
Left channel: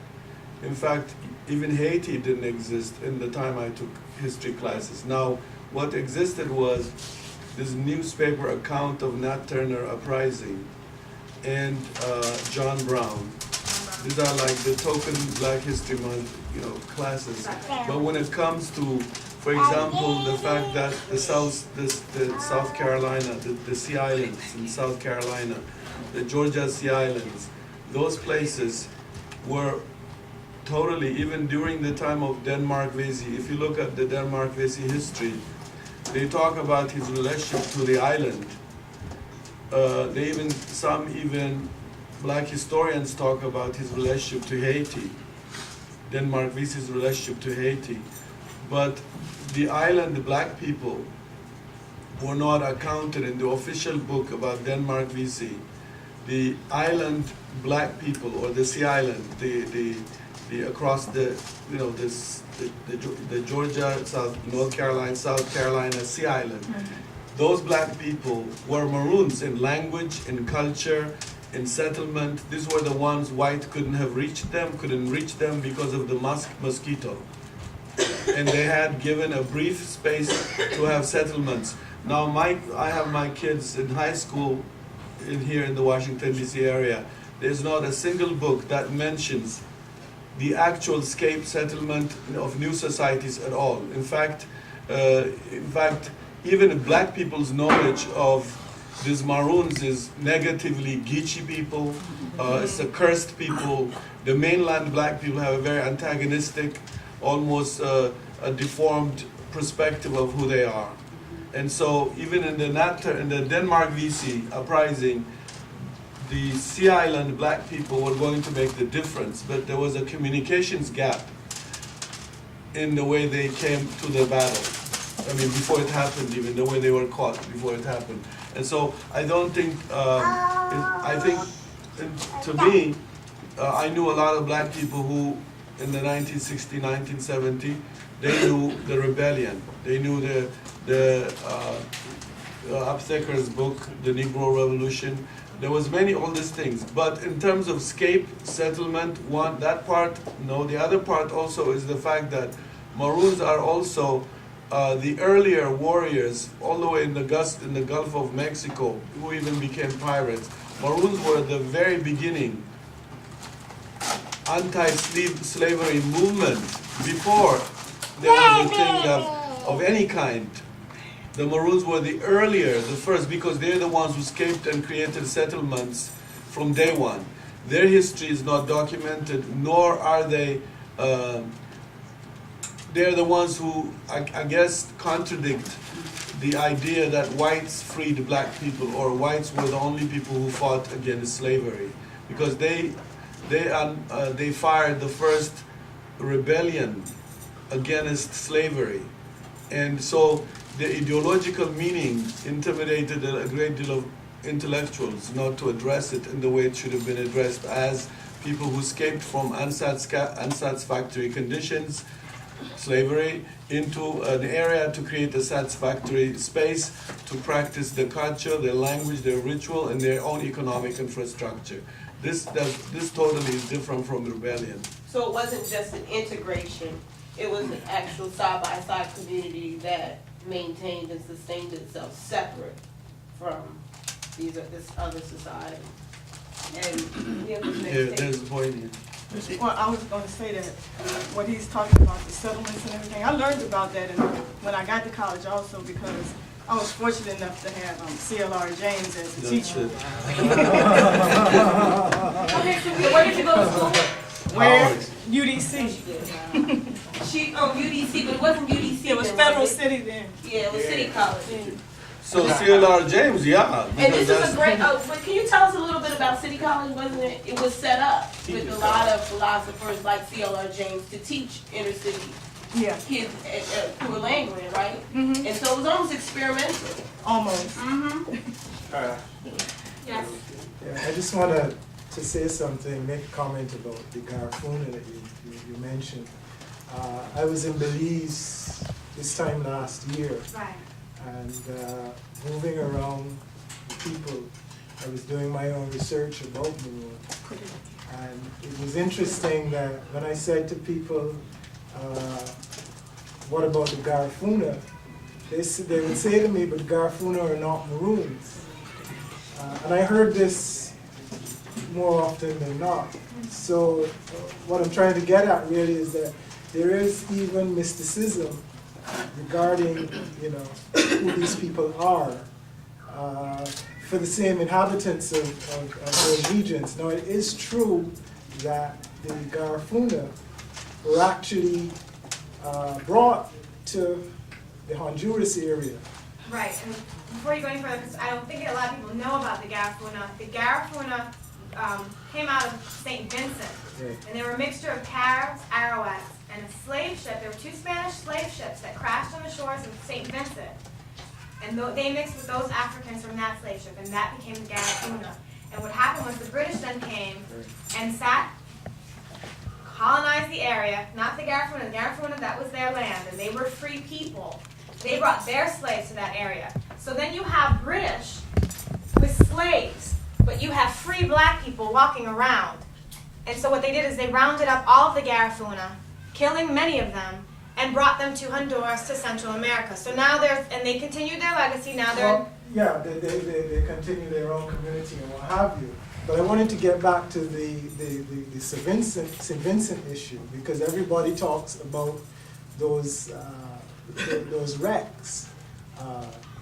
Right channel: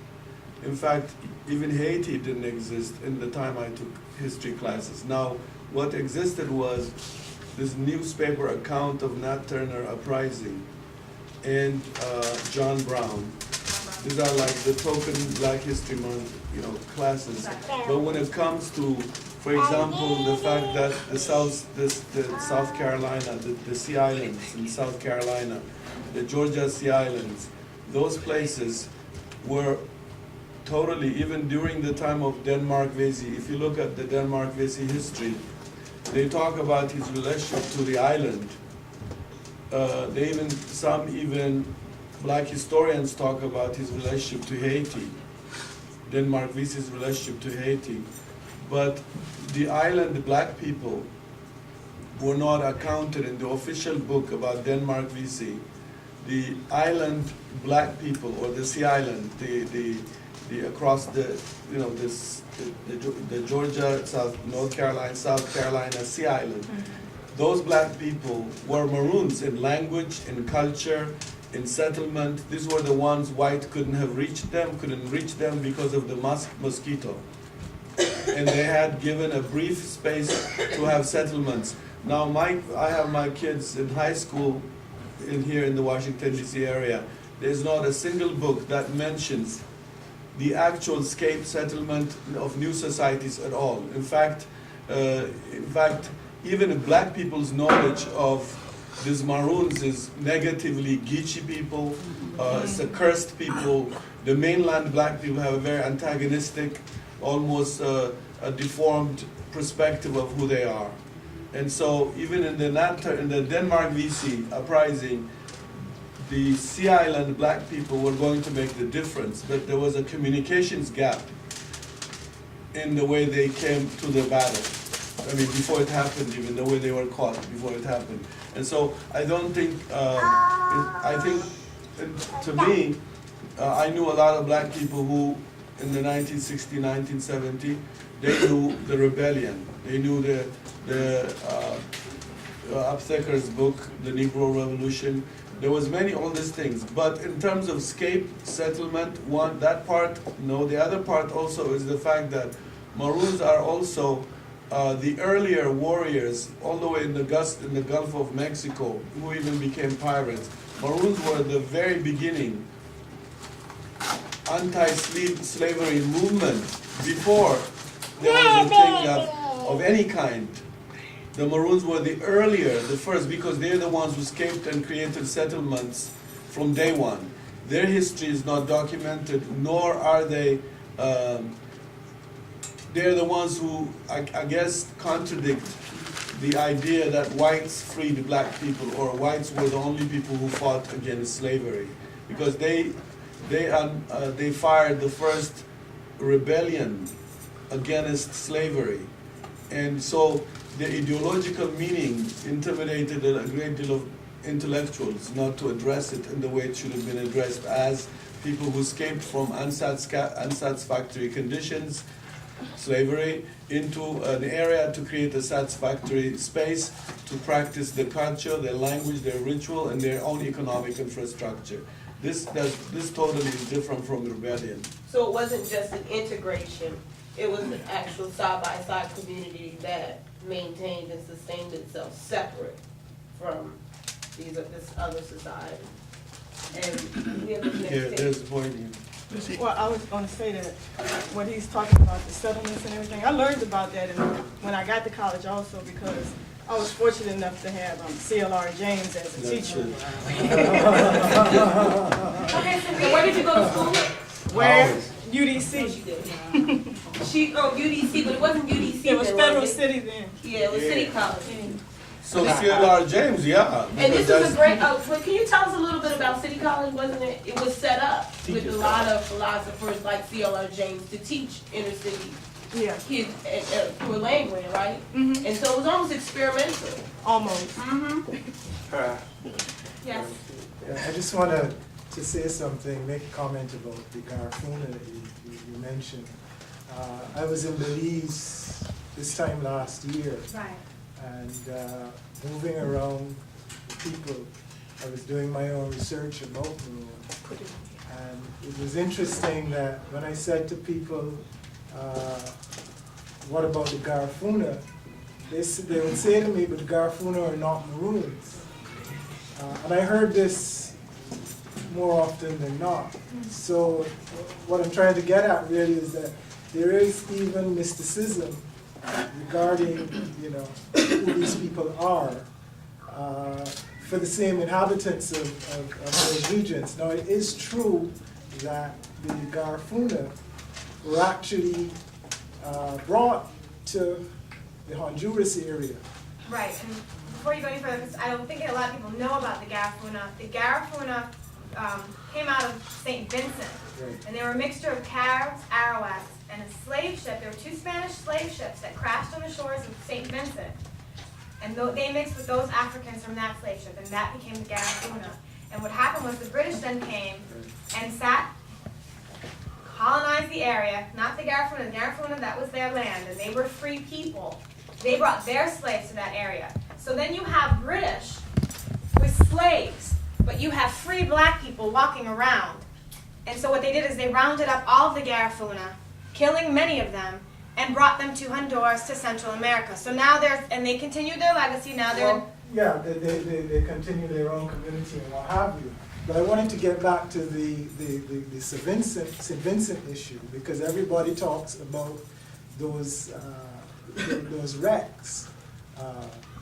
In fact, even Haiti didn't exist in the time I took history classes. Now, what existed was this newspaper account of Nat Turner uprising and John Brown. These are like the token Black History Month, you know, classes. But when it comes to, for example, the fact that the South Carolina, the Sea Islands in South Carolina, the Georgia Sea Islands, those places were totally, even during the time of Denmark Vesey, if you look at the Denmark Vesey history, they talk about his relationship to the island. Some Black historians talk about his relationship to Haiti, Denmark Vesey's relationship to Haiti. But the island Black people were not accounted in the official book about Denmark Vesey. The island Black people, or the Sea Island, the across the, you know, the Georgia, North Carolina, South Carolina Sea Island, those Black people were Maroons in language, in culture, in settlement. These were the ones white couldn't reach them because of the mosquito. And they had given a brief space to have settlements. Now I have my kids in high school here in the Washington DC area. There's not a single book that mentions the actual escape settlement of new societies at all. In fact, even Black people's knowledge of these Maroons is negatively Geechee people, it's a cursed people. The mainland Black people have a very antagonistic, almost a deformed perspective of who they are. And so even in the Denmark Vesey uprising, the Sea Island Black people were going to make the difference, but there was a communications gap in the way they came to the battle. I mean, before it happened, even the way they were caught before it happened. And so I don't think, I think, to me, I knew a lot of Black people who, in the 1960, 1970, they knew the rebellion. They knew the Aptheker's book, The Negro Revolution. There was all these things. But in terms of escape, settlement, that part, no. The other part also is the fact that Maroons are also the earlier warriors, all the way in the Gulf of Mexico, who even became pirates. Maroons were the very beginning anti-slavery movement before there was a thing of any kind. The Maroons were the first, because they're the ones who escaped and created settlements from day one. Their history is not documented, nor are they, they're the ones who, I guess, contradict the idea that whites freed Black people, or whites were the only people who fought against slavery. Because they fired the first rebellion against slavery. And so the ideological meaning intimidated a great deal of intellectuals not to address it in the way it should have been addressed, as people who escaped from unsatisfactory conditions, slavery, into an area to create a satisfactory space to practice their culture, their language, their ritual, and their own economic infrastructure. This totally is different from rebellion. So it wasn't just an integration, it was an actual side-by-side community that maintained and sustained itself separate from this other society. And Here, there's the point here. Well, I was going to say that what he's talking about, the settlements and everything, I learned about that when I got to college also, because I was fortunate enough to have C.L.R. James as a teacher. Where? UDC. UDC, but it wasn't UDC. It was Federal City then. Yeah, it was City College. So CLR James, yeah, And because this that's. is a great, but can you tell us a little bit about City College, wasn't it? It was set up with a lot of philosophers like CLR James to teach inner city kids at Land, right? Mm-hmm. And so it was almost experimental. Almost. Yes. Yeah, I just wanted to say something, make a comment about the Garifuna that you mentioned. I was in Belize this time last year. Right. And moving around the people, I was doing my own research about Maroon. And it was interesting that when I said to people, what about the Garifuna? They would say to me, but Garifuna are not Maroons. And I heard this more often than not. So what I'm trying to get at really is that there is even mysticism regarding, who these people are, for the same inhabitants of those regions. Now, it is true that the Garifuna were actually brought to the Honduras area. Right, and before you go any further, because I don't think a lot of people know about the Garifuna. The Garifuna came out of St. Vincent, Right. and they were a mixture of Caribs, Arawaks, and a slave ship. There were 2 Spanish slave ships that crashed on the shores of St. Vincent. And they mixed with those Africans from that slave ship, and that became the Garifuna. And what happened was the British then came and colonized the area, not the Garifuna. The Garifuna, that was their land, and they were free people. They brought their slaves to that area. So then you have British with slaves, but you have free black people walking around. And so what they did is they rounded up all of the Garifuna, killing many of them, and brought them to Honduras, to Central America. So now they continued their legacy. Now they're Yeah, they continue their own community and what have you. But I wanted to get back to the St. Vincent issue, because everybody talks about those wrecks,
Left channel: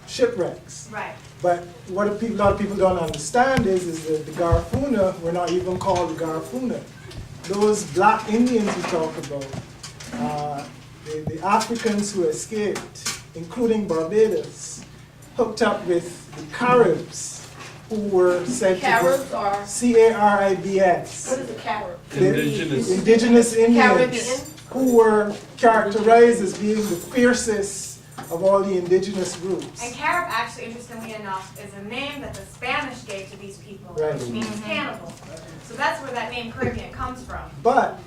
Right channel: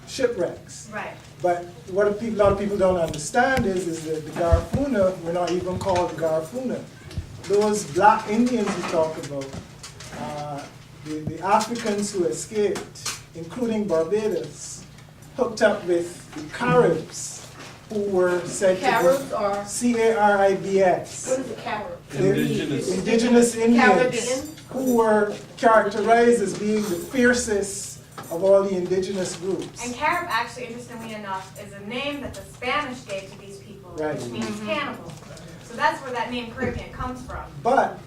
shipwrecks. Right. But what a lot of people don't understand is that the Garifuna were not even called the Garifuna. Those black Indians you talk about, the Africans who escaped, including Barbados, hooked up with the Caribs, who were said to be C-A-R-I-B-S. Indigenous Indians, who were characterized as being the fiercest of all the indigenous groups. And Carib, actually, interestingly enough, is a name that the Spanish gave to these people, Right. which means cannibal. So that's where that name Caribbean comes from. But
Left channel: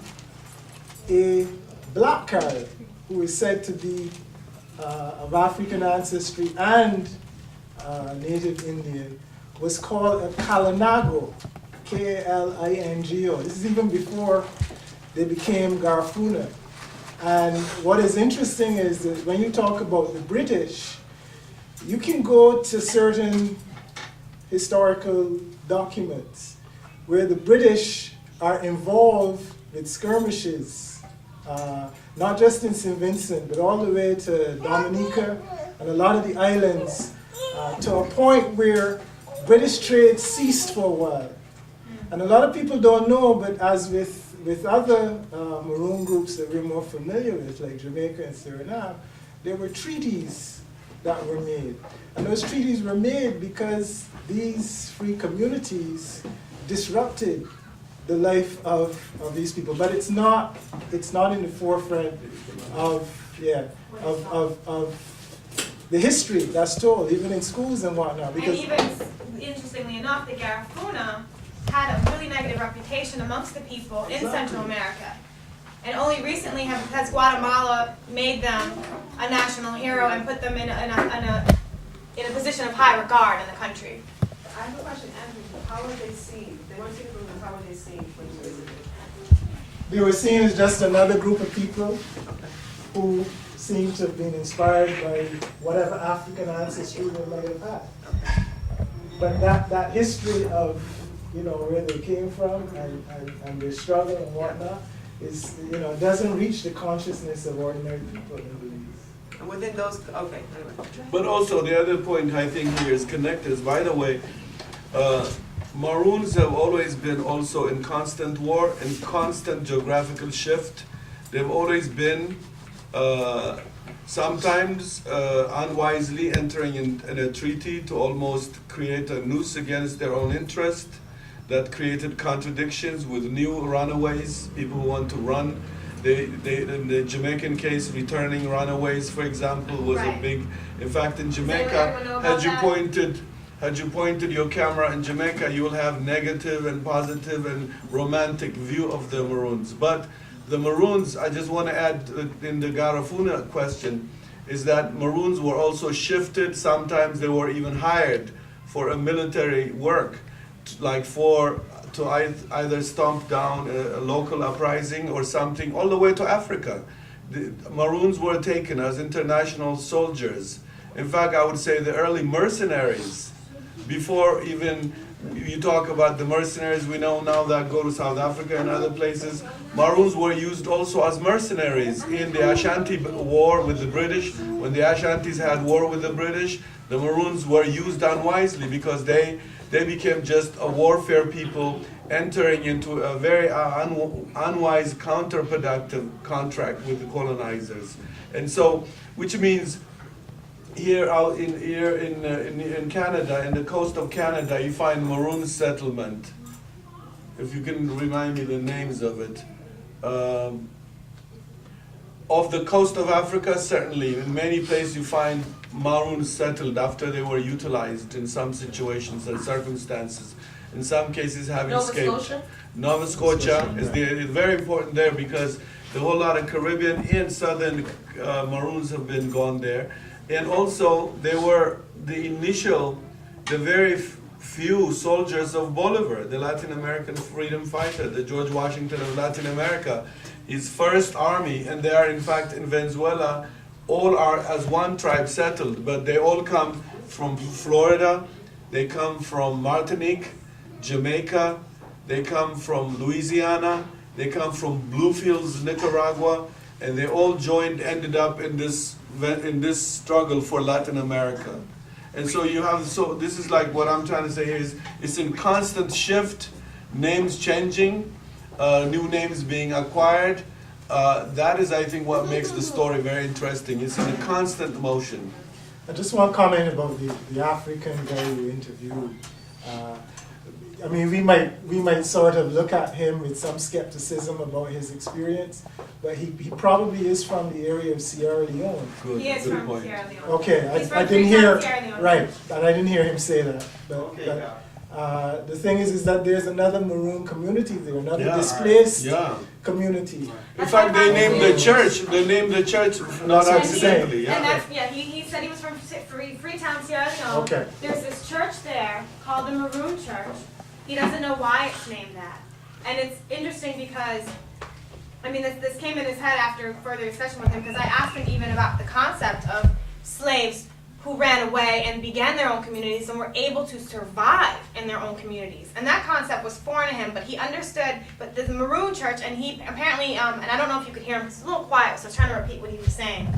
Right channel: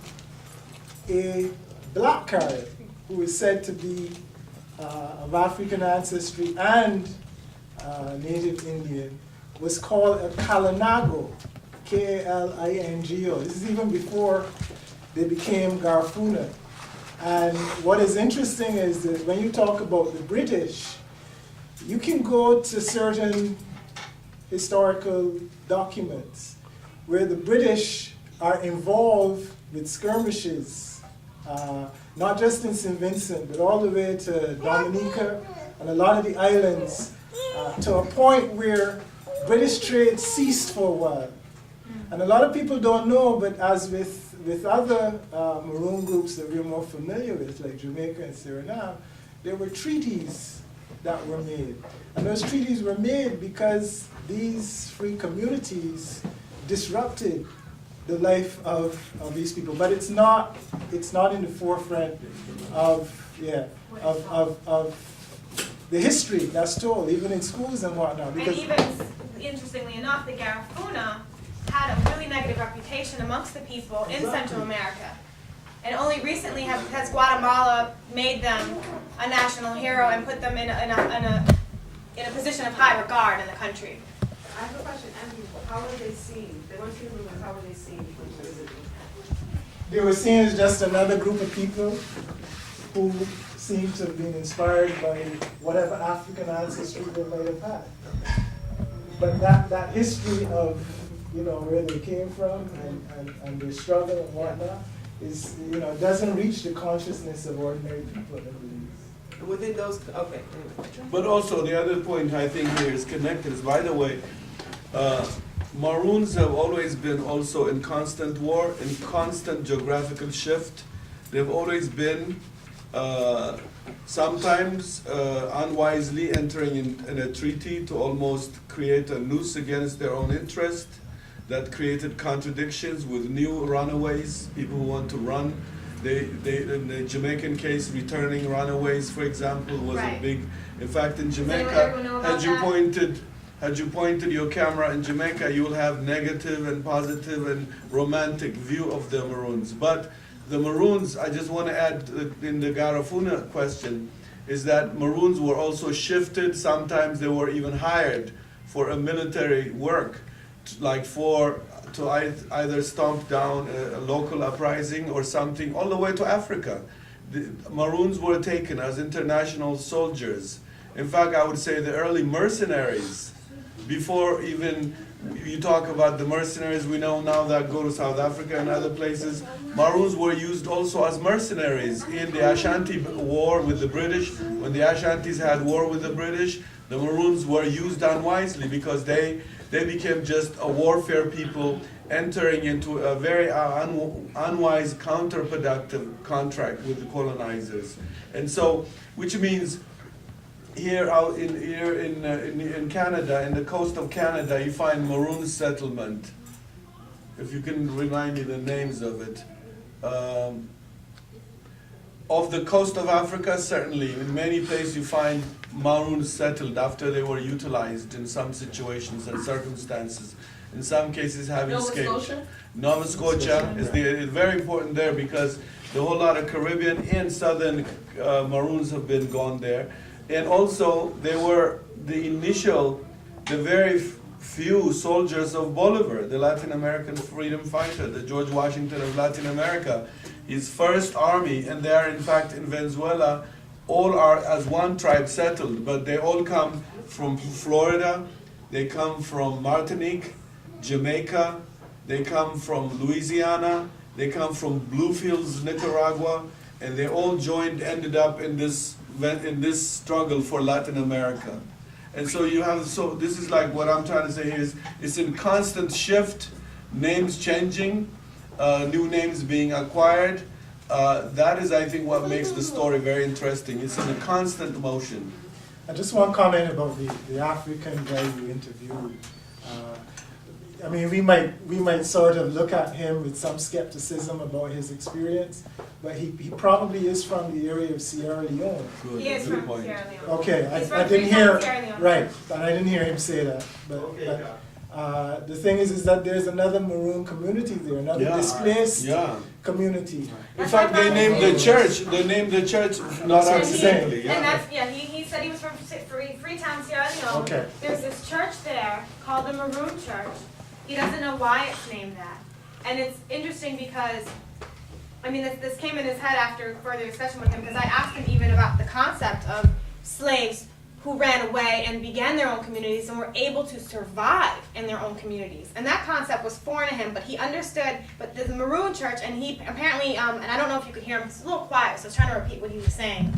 a black Carib, who is said to be of African ancestry and native Indian, was called a Kalinago, K-A-L-I-N-G-O. This is even before they became Garifuna. And what is interesting is that when you talk about the British, you can go to certain historical documents where the British are involved with skirmishes, not just in St. Vincent, but all the way to Dominica and a lot of the islands, to a point where British trade ceased for a while. And a lot of people don't know, but as with other Maroon groups that we're more familiar with, like Jamaica and Suriname, there were treaties that were made. And those treaties were made because these free communities disrupted the life of these people. But it's not in the forefront of the history that's told, even in schools and whatnot. Because and even, interestingly enough, the Garifuna had a really negative reputation amongst the people in Central America. And only recently has Guatemala made them a national hero and put them in a position of high regard in the country. I have a question, Andrew. How were they seen? They weren't seen as Maroons. How were they seen from the visitors? they were seen as just another group of people who seemed to have been inspired by whatever African ancestry they might have had. But that history of, where they came from and their struggle and whatnot is, doesn't reach the consciousness of ordinary people in Belize. And within those, okay, anyway. But also the other point I think here is connected is, by the way, Maroons have always been also in constant war, in constant geographical shift, They've always been sometimes unwisely entering in a treaty to almost create a noose against their own interest that created contradictions with new runaways, people who want to run. In the Jamaican case, returning runaways, for example, was a big. In fact, in Jamaica, had you pointed your camera in Jamaica, you will have negative and positive and romantic view of the Maroons. But the Maroons, I just want to add in the Garifuna question, is that Maroons were also shifted. Sometimes they were even hired for a military work, to either stomp down a local uprising or something, all the way to Africa. The Maroons were taken as international soldiers. In fact, I would say the early mercenaries, before even you talk about the mercenaries we know now that go to South Africa and other places, Maroons were used also as mercenaries in the Ashanti War with the British. When the Ashantis had war with the British, the Maroons were used unwisely because they became just a warfare people entering into a very unwise, counterproductive contract with the colonizers. And so, which means here in Canada, in the coast of Canada, you find Maroon settlement. If you can remind me the names of it. Off the coast of Africa, certainly, in many places you find Maroons settled after they were utilized in some situations and circumstances. In some cases having escaped. Nova Scotia is very important there because the whole lot of Caribbean and Southern Maroons have been gone there. And also, they were the very few soldiers of Bolivar, the Latin American freedom fighter, the George Washington of Latin America. His first army, and they are in fact in Venezuela, all are as one tribe settled, but they all come from Florida, they come from Martinique, Jamaica, they come from Louisiana, they come from Bluefields, Nicaragua, and they all ended up in this struggle for Latin America. And so this is like what I'm trying to say here is it's in constant shift, names changing, new names being acquired. That is, I think, what makes the story very interesting. It's in a constant motion. I just want to comment about the African guy you interviewed. I mean, we might sort of look at him with some skepticism about his experience, but he probably is from the area of Sierra Leone. Good point. Okay, I didn't hear, right, and I didn't hear him say that. But the thing is that there's another Maroon community there, another displaced community. In fact, they named the church not accidentally. He said he was from Freetown, Sierra Leone. Okay. There's this church there called the Maroon Church. He doesn't know why it's named that. And it's interesting because, I mean, this came in his head after further discussion with him, because I asked him even about the concept of slaves who ran away and began their own communities and were able to survive in their own communities. And that concept was foreign to him, but he understood, but the Maroon Church, and he apparently, and I don't know if you could hear him, because it's a little quiet, so I was trying to repeat what he was saying.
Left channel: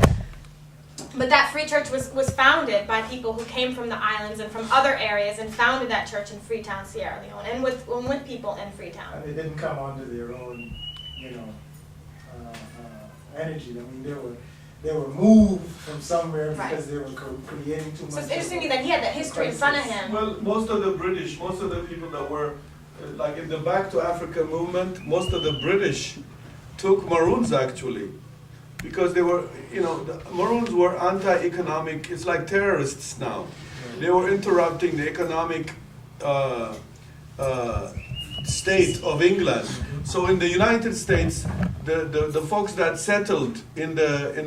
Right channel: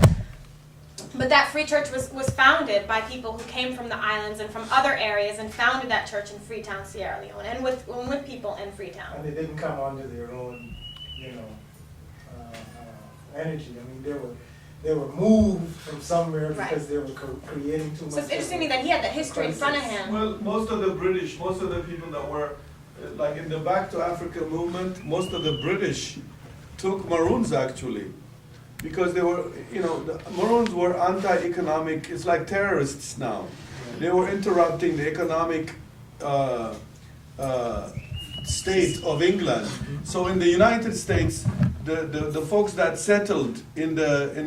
But that free church was founded by people who came from the islands and from other areas and founded that church in Freetown, Sierra Leone, and with people in Freetown. And they didn't come under their own, energy. I mean, they were moved from somewhere because they were creating too much. So it's interesting to me that he had that history in front of him. Well, most of the people that were, like in the Back to Africa movement, most of the British took Maroons actually. Because they were, the Maroons were anti-economic, it's like terrorists now. They were interrupting the economic state of England. So in the United States, the folks that settled in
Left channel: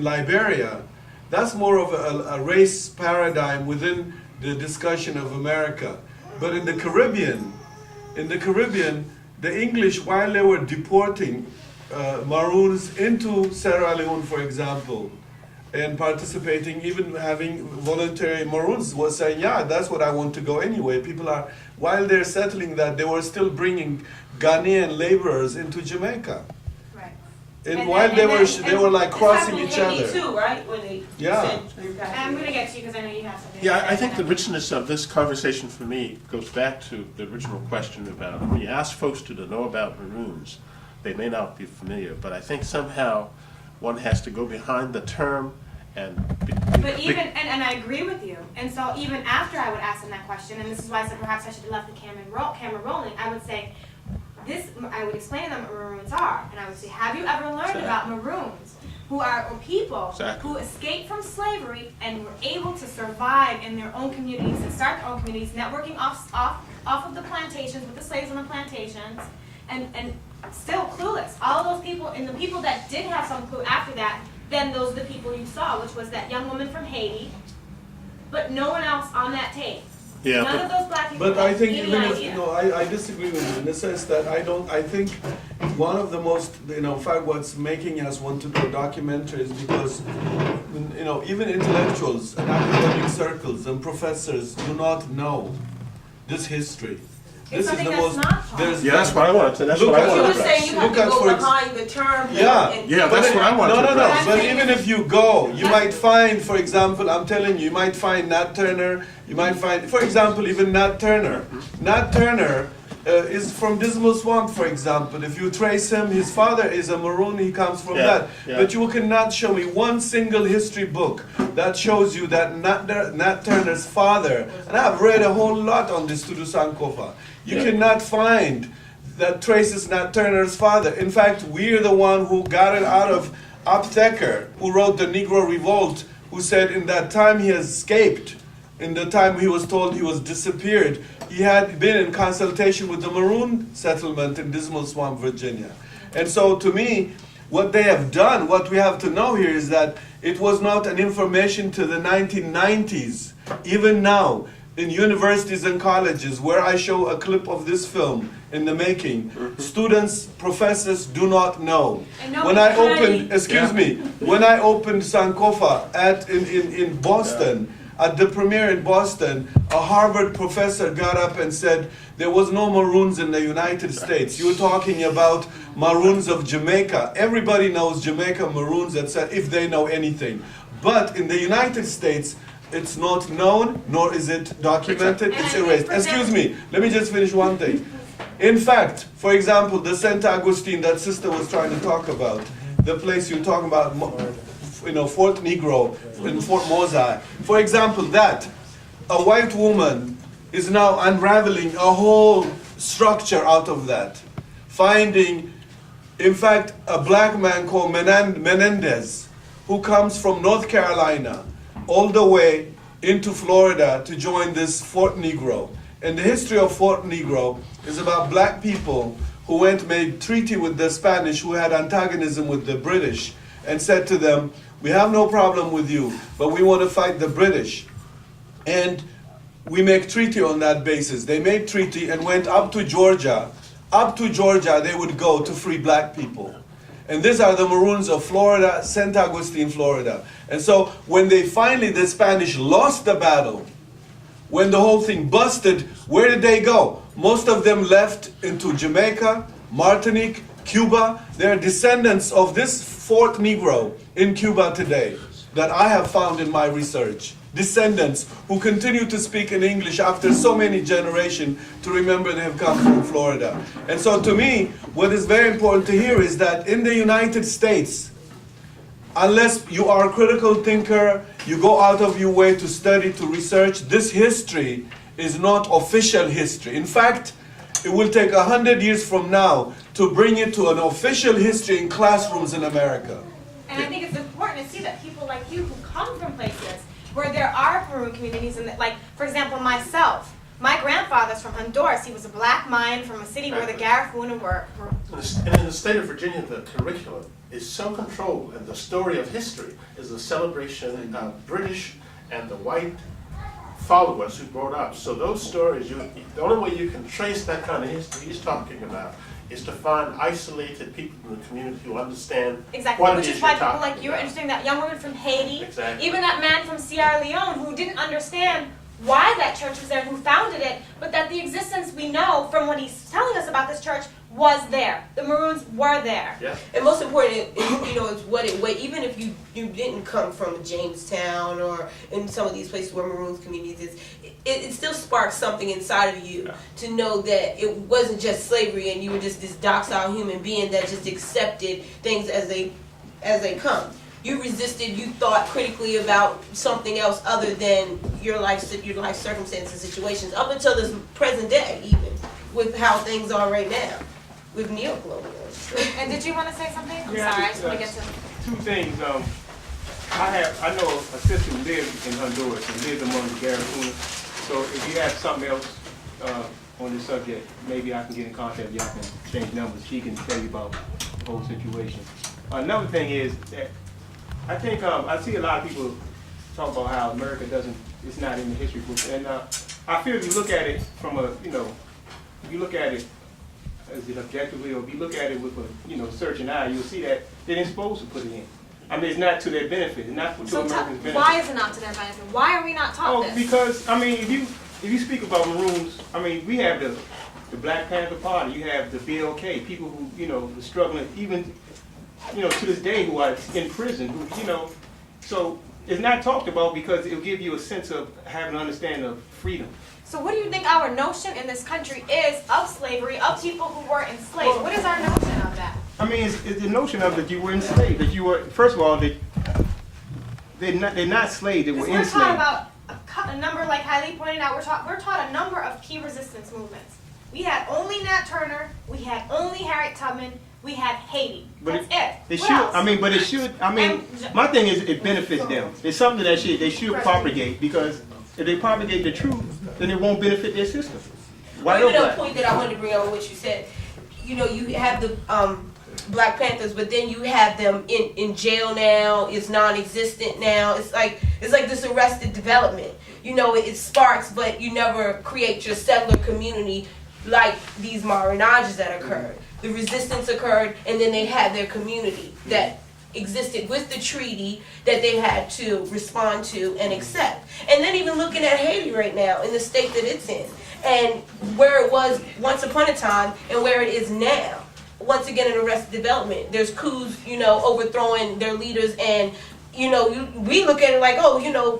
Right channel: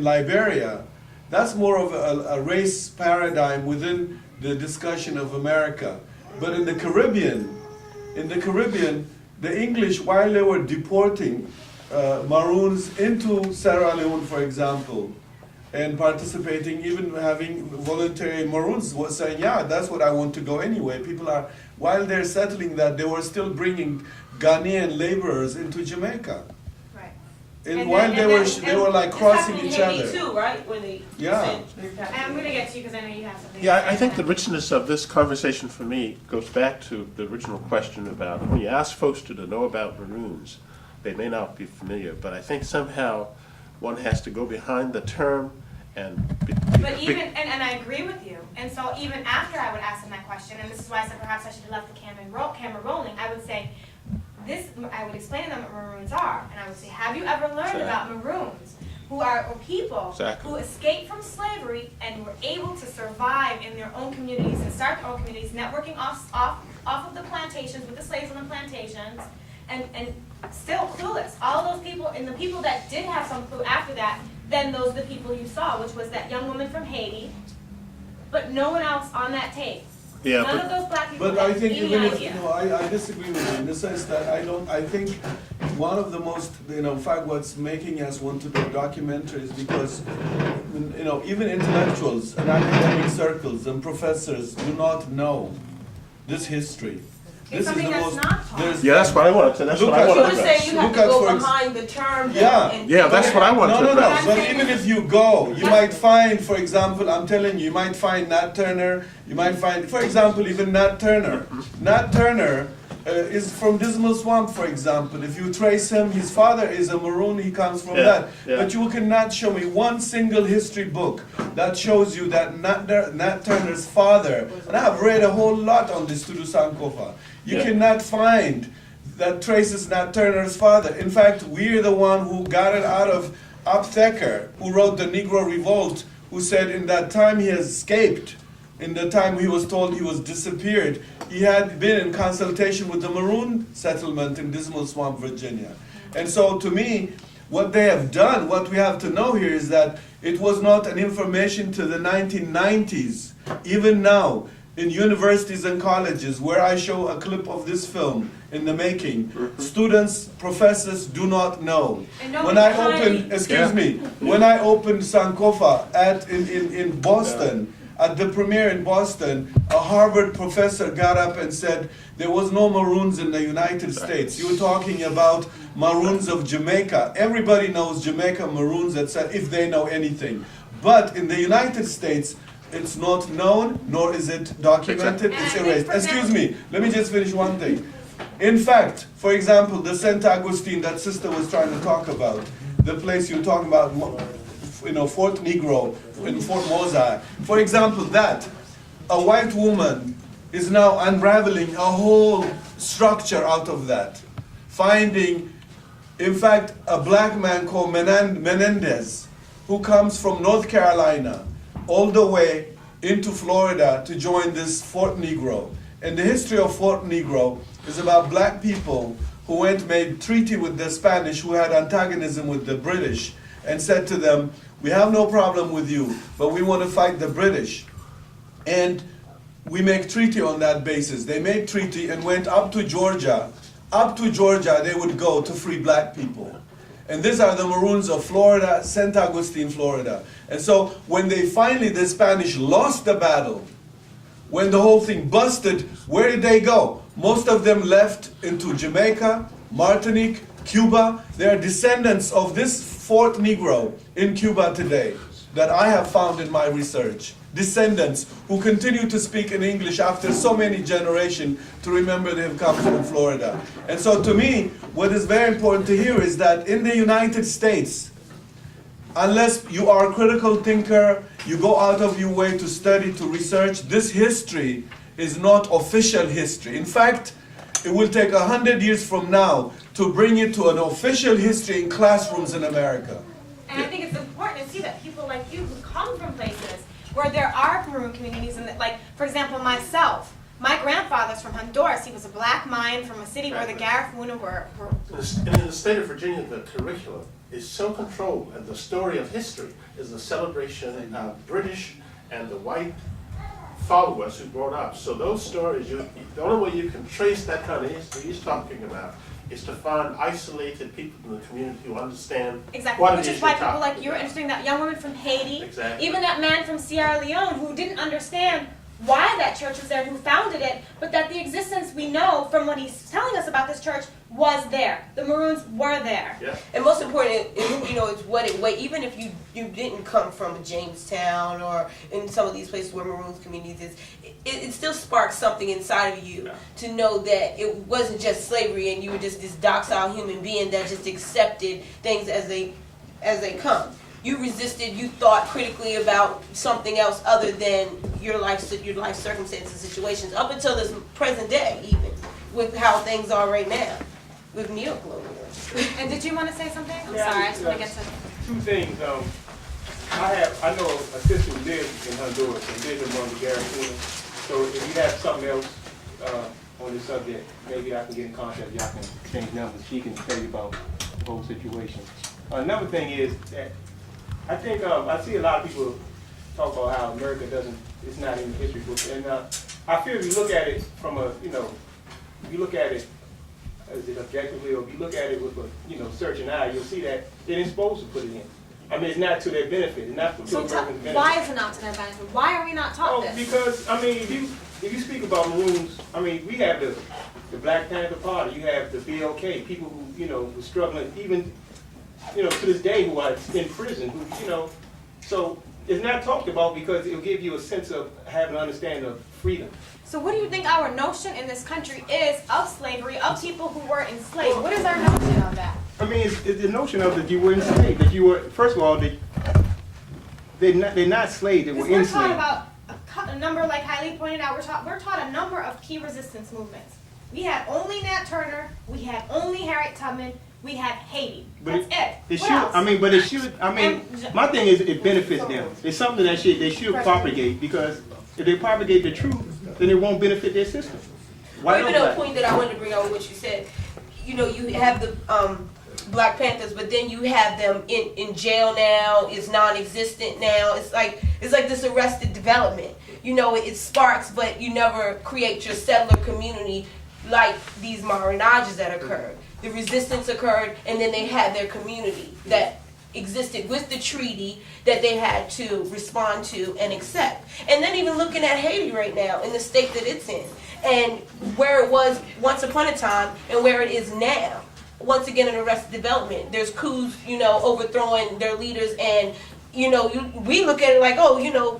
Liberia, that's more of a race paradigm within the discussion of America. But in the Caribbean, the English, while they were deporting Maroons into Sierra Leone, for example, and participating, even having voluntary Maroons was saying, yeah, that's what I want to go anyway. People are, while they're settling that, they were still bringing Ghanaian laborers into Jamaica. Right. And while they were like crossing each other. Too, right? Yeah. I'm going to get to you because I know you have something. Yeah, I think the richness of this conversation for me goes back to the original question about when you ask folks to know about Maroons, they may not be familiar. But I think somehow one has to go behind the term and But even, and I agree with you, and so even after I would ask them that question, and this is why I said perhaps I should have left the camera rolling, I would say, I would explain to them what Maroons are, and I would say, have you ever learned about Maroons, who are people who escaped from slavery and were able to survive in their own communities and start their own communities, networking off of the plantations, with the slaves on the plantations, and still clueless. All those people, and the people that did have some clue after that, then those are the people you saw, which was that young woman from Haiti, but no one else on that tape. Yeah, None of those black people But I think had any even if, idea. I disagree with you in the sense that I think one of the most, in fact, what's making us want to do documentaries because, even intellectuals and academic circles and professors do not know this history. This is the most. That's what I wanted to. That's what I wanted to address. Look at for that's what I wanted to address. But even if you go, you might find, for example, I'm telling you, you might find Nat Turner. You might find, for example, even Nat Turner. Nat Turner is from Dismal Swamp, for example. If you trace him, his father is a Maroon. He comes from that. Yeah. But you cannot show me one single history book that shows you that Nat Turner's father. And I've read a whole lot on this to do Sankofa. You cannot find that traces Nat Turner's father. In fact, we're the one who got it out of Aptheker, who wrote the Negro Revolt, who said in that time he escaped, in the time he was told he was disappeared, he had been in consultation with the Maroon settlement in Dismal Swamp, Virginia. And so to me, what they have done, what we have to know here is that it was not an information to the 1990s. Even now, in universities and colleges, where I show a clip of this film in the making, students, professors do not know. When I opened, when I opened Sankofa in Boston, at the premiere in Boston, a Harvard professor got up and said, there was no Maroons in the United States. You were talking about Maroons of Jamaica. Everybody knows Jamaica Maroons, etc., if they know anything. But in the United States, it's not known, nor is it documented, it's erased. Excuse me, let me just finish one thing. In fact, for example, the St. Augustine that sister was trying to talk about, the place you're talking about, Fort Negro, in Fort Mosai. For example, that a white woman is now unraveling a whole structure out of that. Finding, in fact, a black man called Menendez, who comes from North Carolina, all the way into Florida to join this Fort Negro. And the history of Fort Negro is about black people who made treaty with the Spanish, who had antagonism with the British, and said to them, we have no problem with you, but we want to fight the British. And we make treaty on that basis. They made treaty and went up to Georgia. Up to Georgia they would go to free black people. And these are the Maroons of Florida, St. Augustine, Florida. And so when the Spanish lost the battle, when the whole thing busted, where did they go? Most of them left into Jamaica, Martinique, Cuba. They are descendants of this Fort Negro in Cuba today that I have found in my research. Descendants who continue to speak in English after so many generations to remember they have come from Florida. And so to me, what is very important to hear is that in the United States, unless you are a critical thinker, you go out of your way to study, to research, this history is not official history. In fact, it will take 100 years from now to bring it to an official history in classrooms in America. And I think it's important to see that people like you who come from places where there are Maroon communities, and like, for example, myself, my grandfather's from Honduras. He was a black Mayan from a city where the Garifuna were. In the state of Virginia, the curriculum is so controlled, and the story of history is a celebration of British and the white followers who brought up. So those stories, the only way you can trace that kind of history he's talking about is to find isolated people in the community who understand. Exactly, which is why people like you are interested in that young woman from Haiti, even that man from Sierra Leone who didn't understand why that church was there, who founded it, but that the existence we know from what he's telling us about this church was there. The Maroons were there. And most important, it's what it weighs. Even if you didn't come from Jamestown or in some of these places where Maroons communities is, it still sparks something inside of you to know that it wasn't just slavery and you were just this docile human being that just accepted things as they come. You resisted. You thought critically about something else other than your life circumstances, situations, up until this present day, even with how things are right now. With neocolonialism. And did you want to say something? I'm sorry, I just want to get to... Two things. I know a sister who lives in Honduras and lives among the Garifuna. So if you have something else on this subject, maybe I can get in contact with you. I can exchange numbers. She can tell you about the whole situation. Another thing is that I think I see a lot of people talk about how America it's not in the history books. And I feel if you look at it from if you look at it, is it objectively, or if you look at it with a searching eye, you'll see that they didn't supposed to put it in. I mean, it's not to their benefit. It's not to Americans' benefit. Why is it not to their benefit? Why are we not taught this? Because if you speak about Maroons, we have the Black Panther Party, you have the BLK, people who were struggling, even to this day, who are in prison, so it's not talked about because it'll give you a sense of having an understanding of freedom. So what do you think our notion in this country is of slavery, of people who were enslaved? What is our notion of that? It's the notion of that you were enslaved, that you were, first of all, they're not slaves, they were enslaved. We're taught about a number, like Hailey pointed out, we're taught a number of key resistance movements. We had only Nat Turner, we had only Harriet Tubman, we had Haiti. That's it. My thing is it benefits them. It's something that they should propagate, because if they propagate the truth, then it won't benefit their system. Even a point that I wanted to bring out what you said, you have the Black Panthers, but then you have them in jail now. It's non-existent now. It's like this arrested development. It sparks, but you never create your settler community like these marinages that occurred. The resistance occurred, and then they had their community that existed with the treaty that they had to respond to and accept. And then even looking at Haiti right now in the state that it's in, and where it was once upon a time and where it is now. Once again, in arrested development, there's coups, overthrowing their leaders, and we look at it like,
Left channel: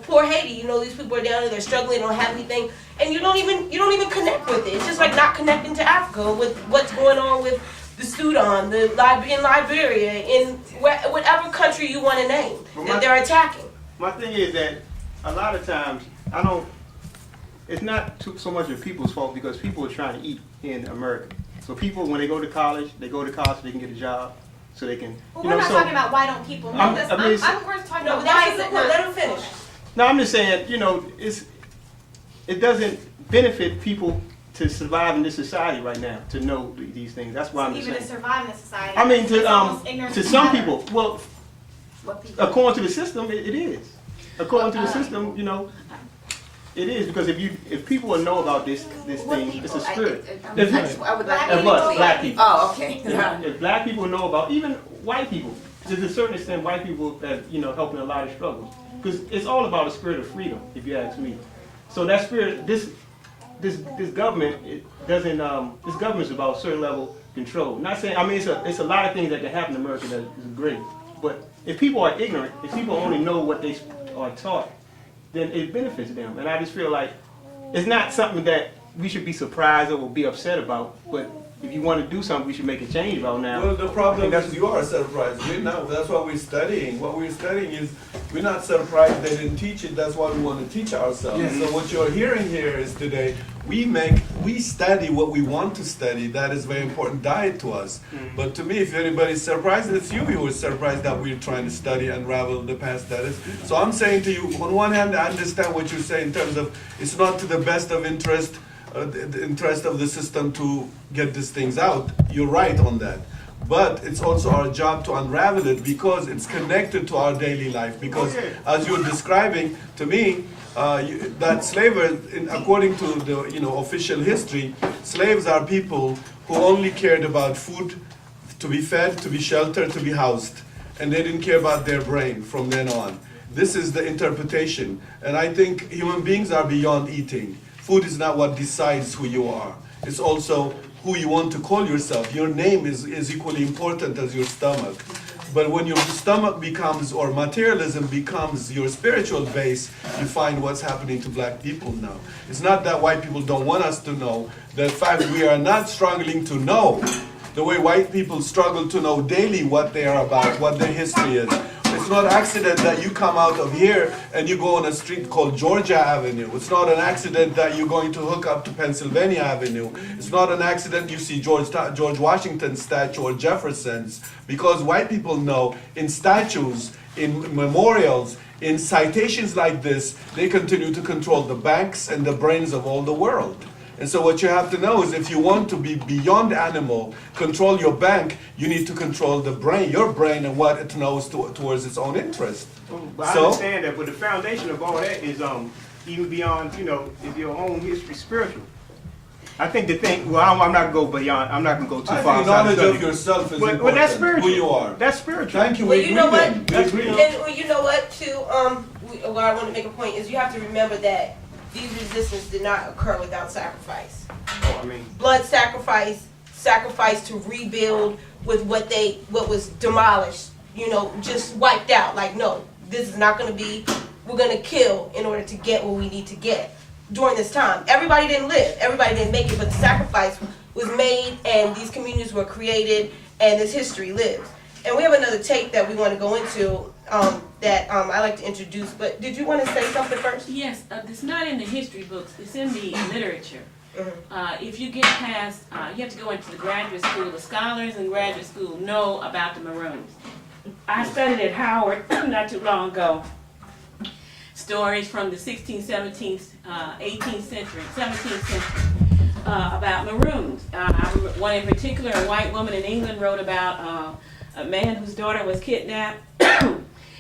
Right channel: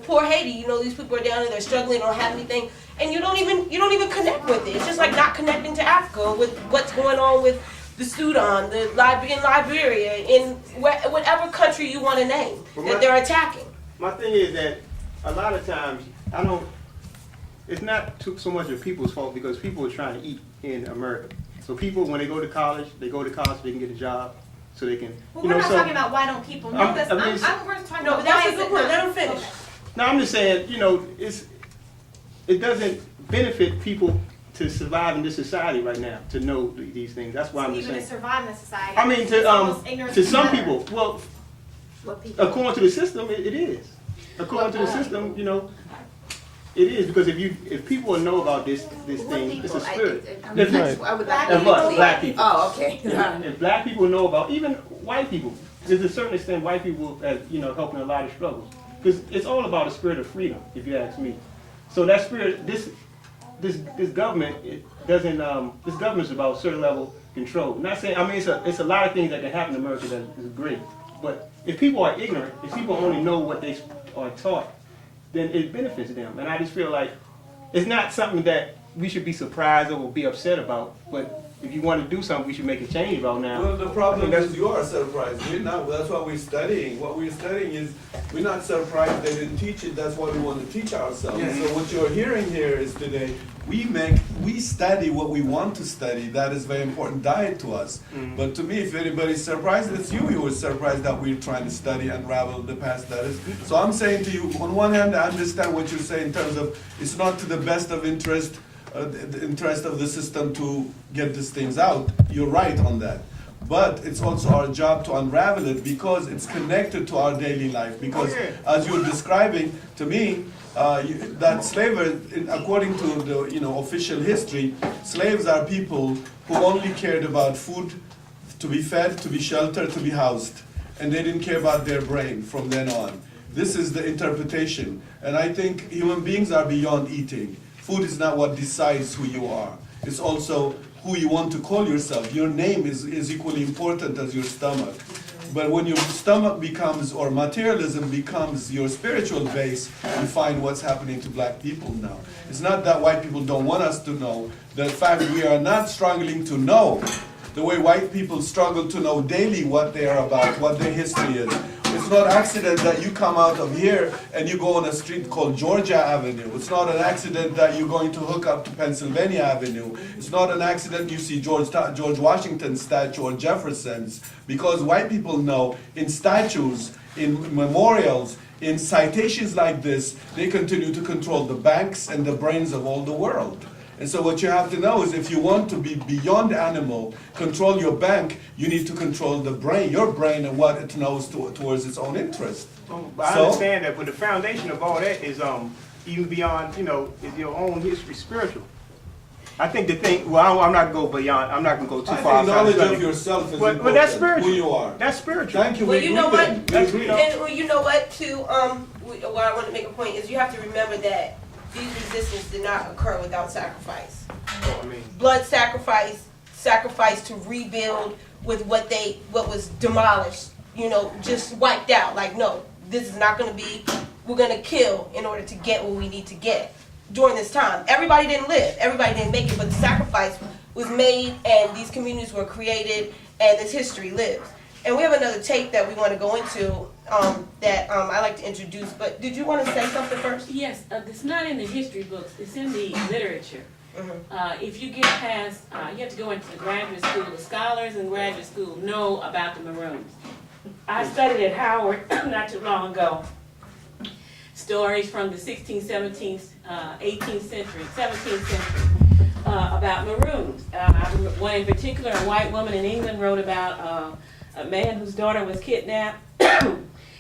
poor Haiti, these people are down there, they're struggling, don't have anything, and you don't even connect with it. It's just like not connecting to Africa with what's going on with the Sudan, in Liberia, in whatever country you want to name that they're attacking. My thing is that a lot of times it's not so much of people's fault, because people are trying to eat in America. So people, when they go to college so they can get a job, so they can. But we're not talking about why don't people know this. We're talking about why is it not. Let them finish. No, I'm just saying, it doesn't benefit people to survive in this society right now to know these things. That's why I'm just saying. Even to survive in this society. To some people, well, according to the system, it is. According to the system, it is, because if people know about this thing, it's a spirit. Black people. Oh, okay. If black people know about, even white people, to a certain extent, white people, helping a lot of struggles, because it's all about a spirit of freedom, if you ask me. So that spirit, this government, this government is about a certain level of control. Not saying, it's a lot of things that can happen in America that is great, but if people are ignorant, if people only know what they are taught, then it benefits them. And I just feel like it's not something that we should be surprised or be upset about, but if you want to do something, we should make a change about now. Well, the problem is you are surprised. We're not. That's what we're studying. What we're studying is we're not surprised they didn't teach it. That's why we want to teach ourselves. Yeah. So what you're hearing here is today we study what we want to study. That is very important diet to us. But to me, if anybody's surprised, it's you who is surprised that we're trying to study, unravel the past that is. So I'm saying to you, on one hand, I understand what you're saying in terms of it's not to the best of interest, the interest of the system to get these things out. You're right on that. But it's also our job to unravel it, because it's connected to our daily life. Because as you're describing to me, that slavery, according to the official history, slaves are people who only cared about food, to be fed, to be sheltered, to be housed, and they didn't care about their brain from then on. This is the interpretation, and I think human beings are beyond eating. Food is not what decides who you are. It's also who you want to call yourself. Your name is equally important as your stomach. But when your stomach becomes, or materialism becomes your spiritual base, you find what's happening to black people now. It's not that white people don't want us to know. The fact we are not struggling to know the way white people struggle to know daily what they are about, what their history is. It's not an accident that you come out of here and you go on a street called Georgia Avenue. It's not an accident that you're going to hook up to Pennsylvania Avenue. It's not an accident you see George Washington's statue or Jefferson's, because white people know in statues, in memorials, in citations like this, they continue to control the banks and the brains of all the world. And so what you have to know is if you want to be beyond animal, control your bank, you need to control the brain, your brain, and what it knows towards its own interest. But I understand that, but the foundation of all that is even beyond, is your own history spiritual. I think the thing, well, I'm not going to go beyond, I'm not going to go too far outside knowledge the of yourself is important, well, that's spiritual. who you are. That's spiritual. Thank you. Well, you know what? Well, you know what, too, what I want to make a point is you have to remember that these resistance did not occur without sacrifice. Blood sacrifice to rebuild with what was demolished, just wiped out. Like, no, this is not going to be, we're going to kill in order to get what we need to get during this time. Everybody didn't live, everybody didn't make it, but the sacrifice was made and these communities were created and this history lives. And we have another tape that we want to go into that I like to introduce, but did you want to say something first? Yes, it's not in the history books, it's in the literature. If you get past, you have to go into the graduate school. The scholars in graduate school know about the Maroons. I studied at Howard not too long ago. Stories from the 16th, 17th, 18th century, 17th century about Maroons. One in particular, a white woman in England wrote about a man whose daughter was kidnapped.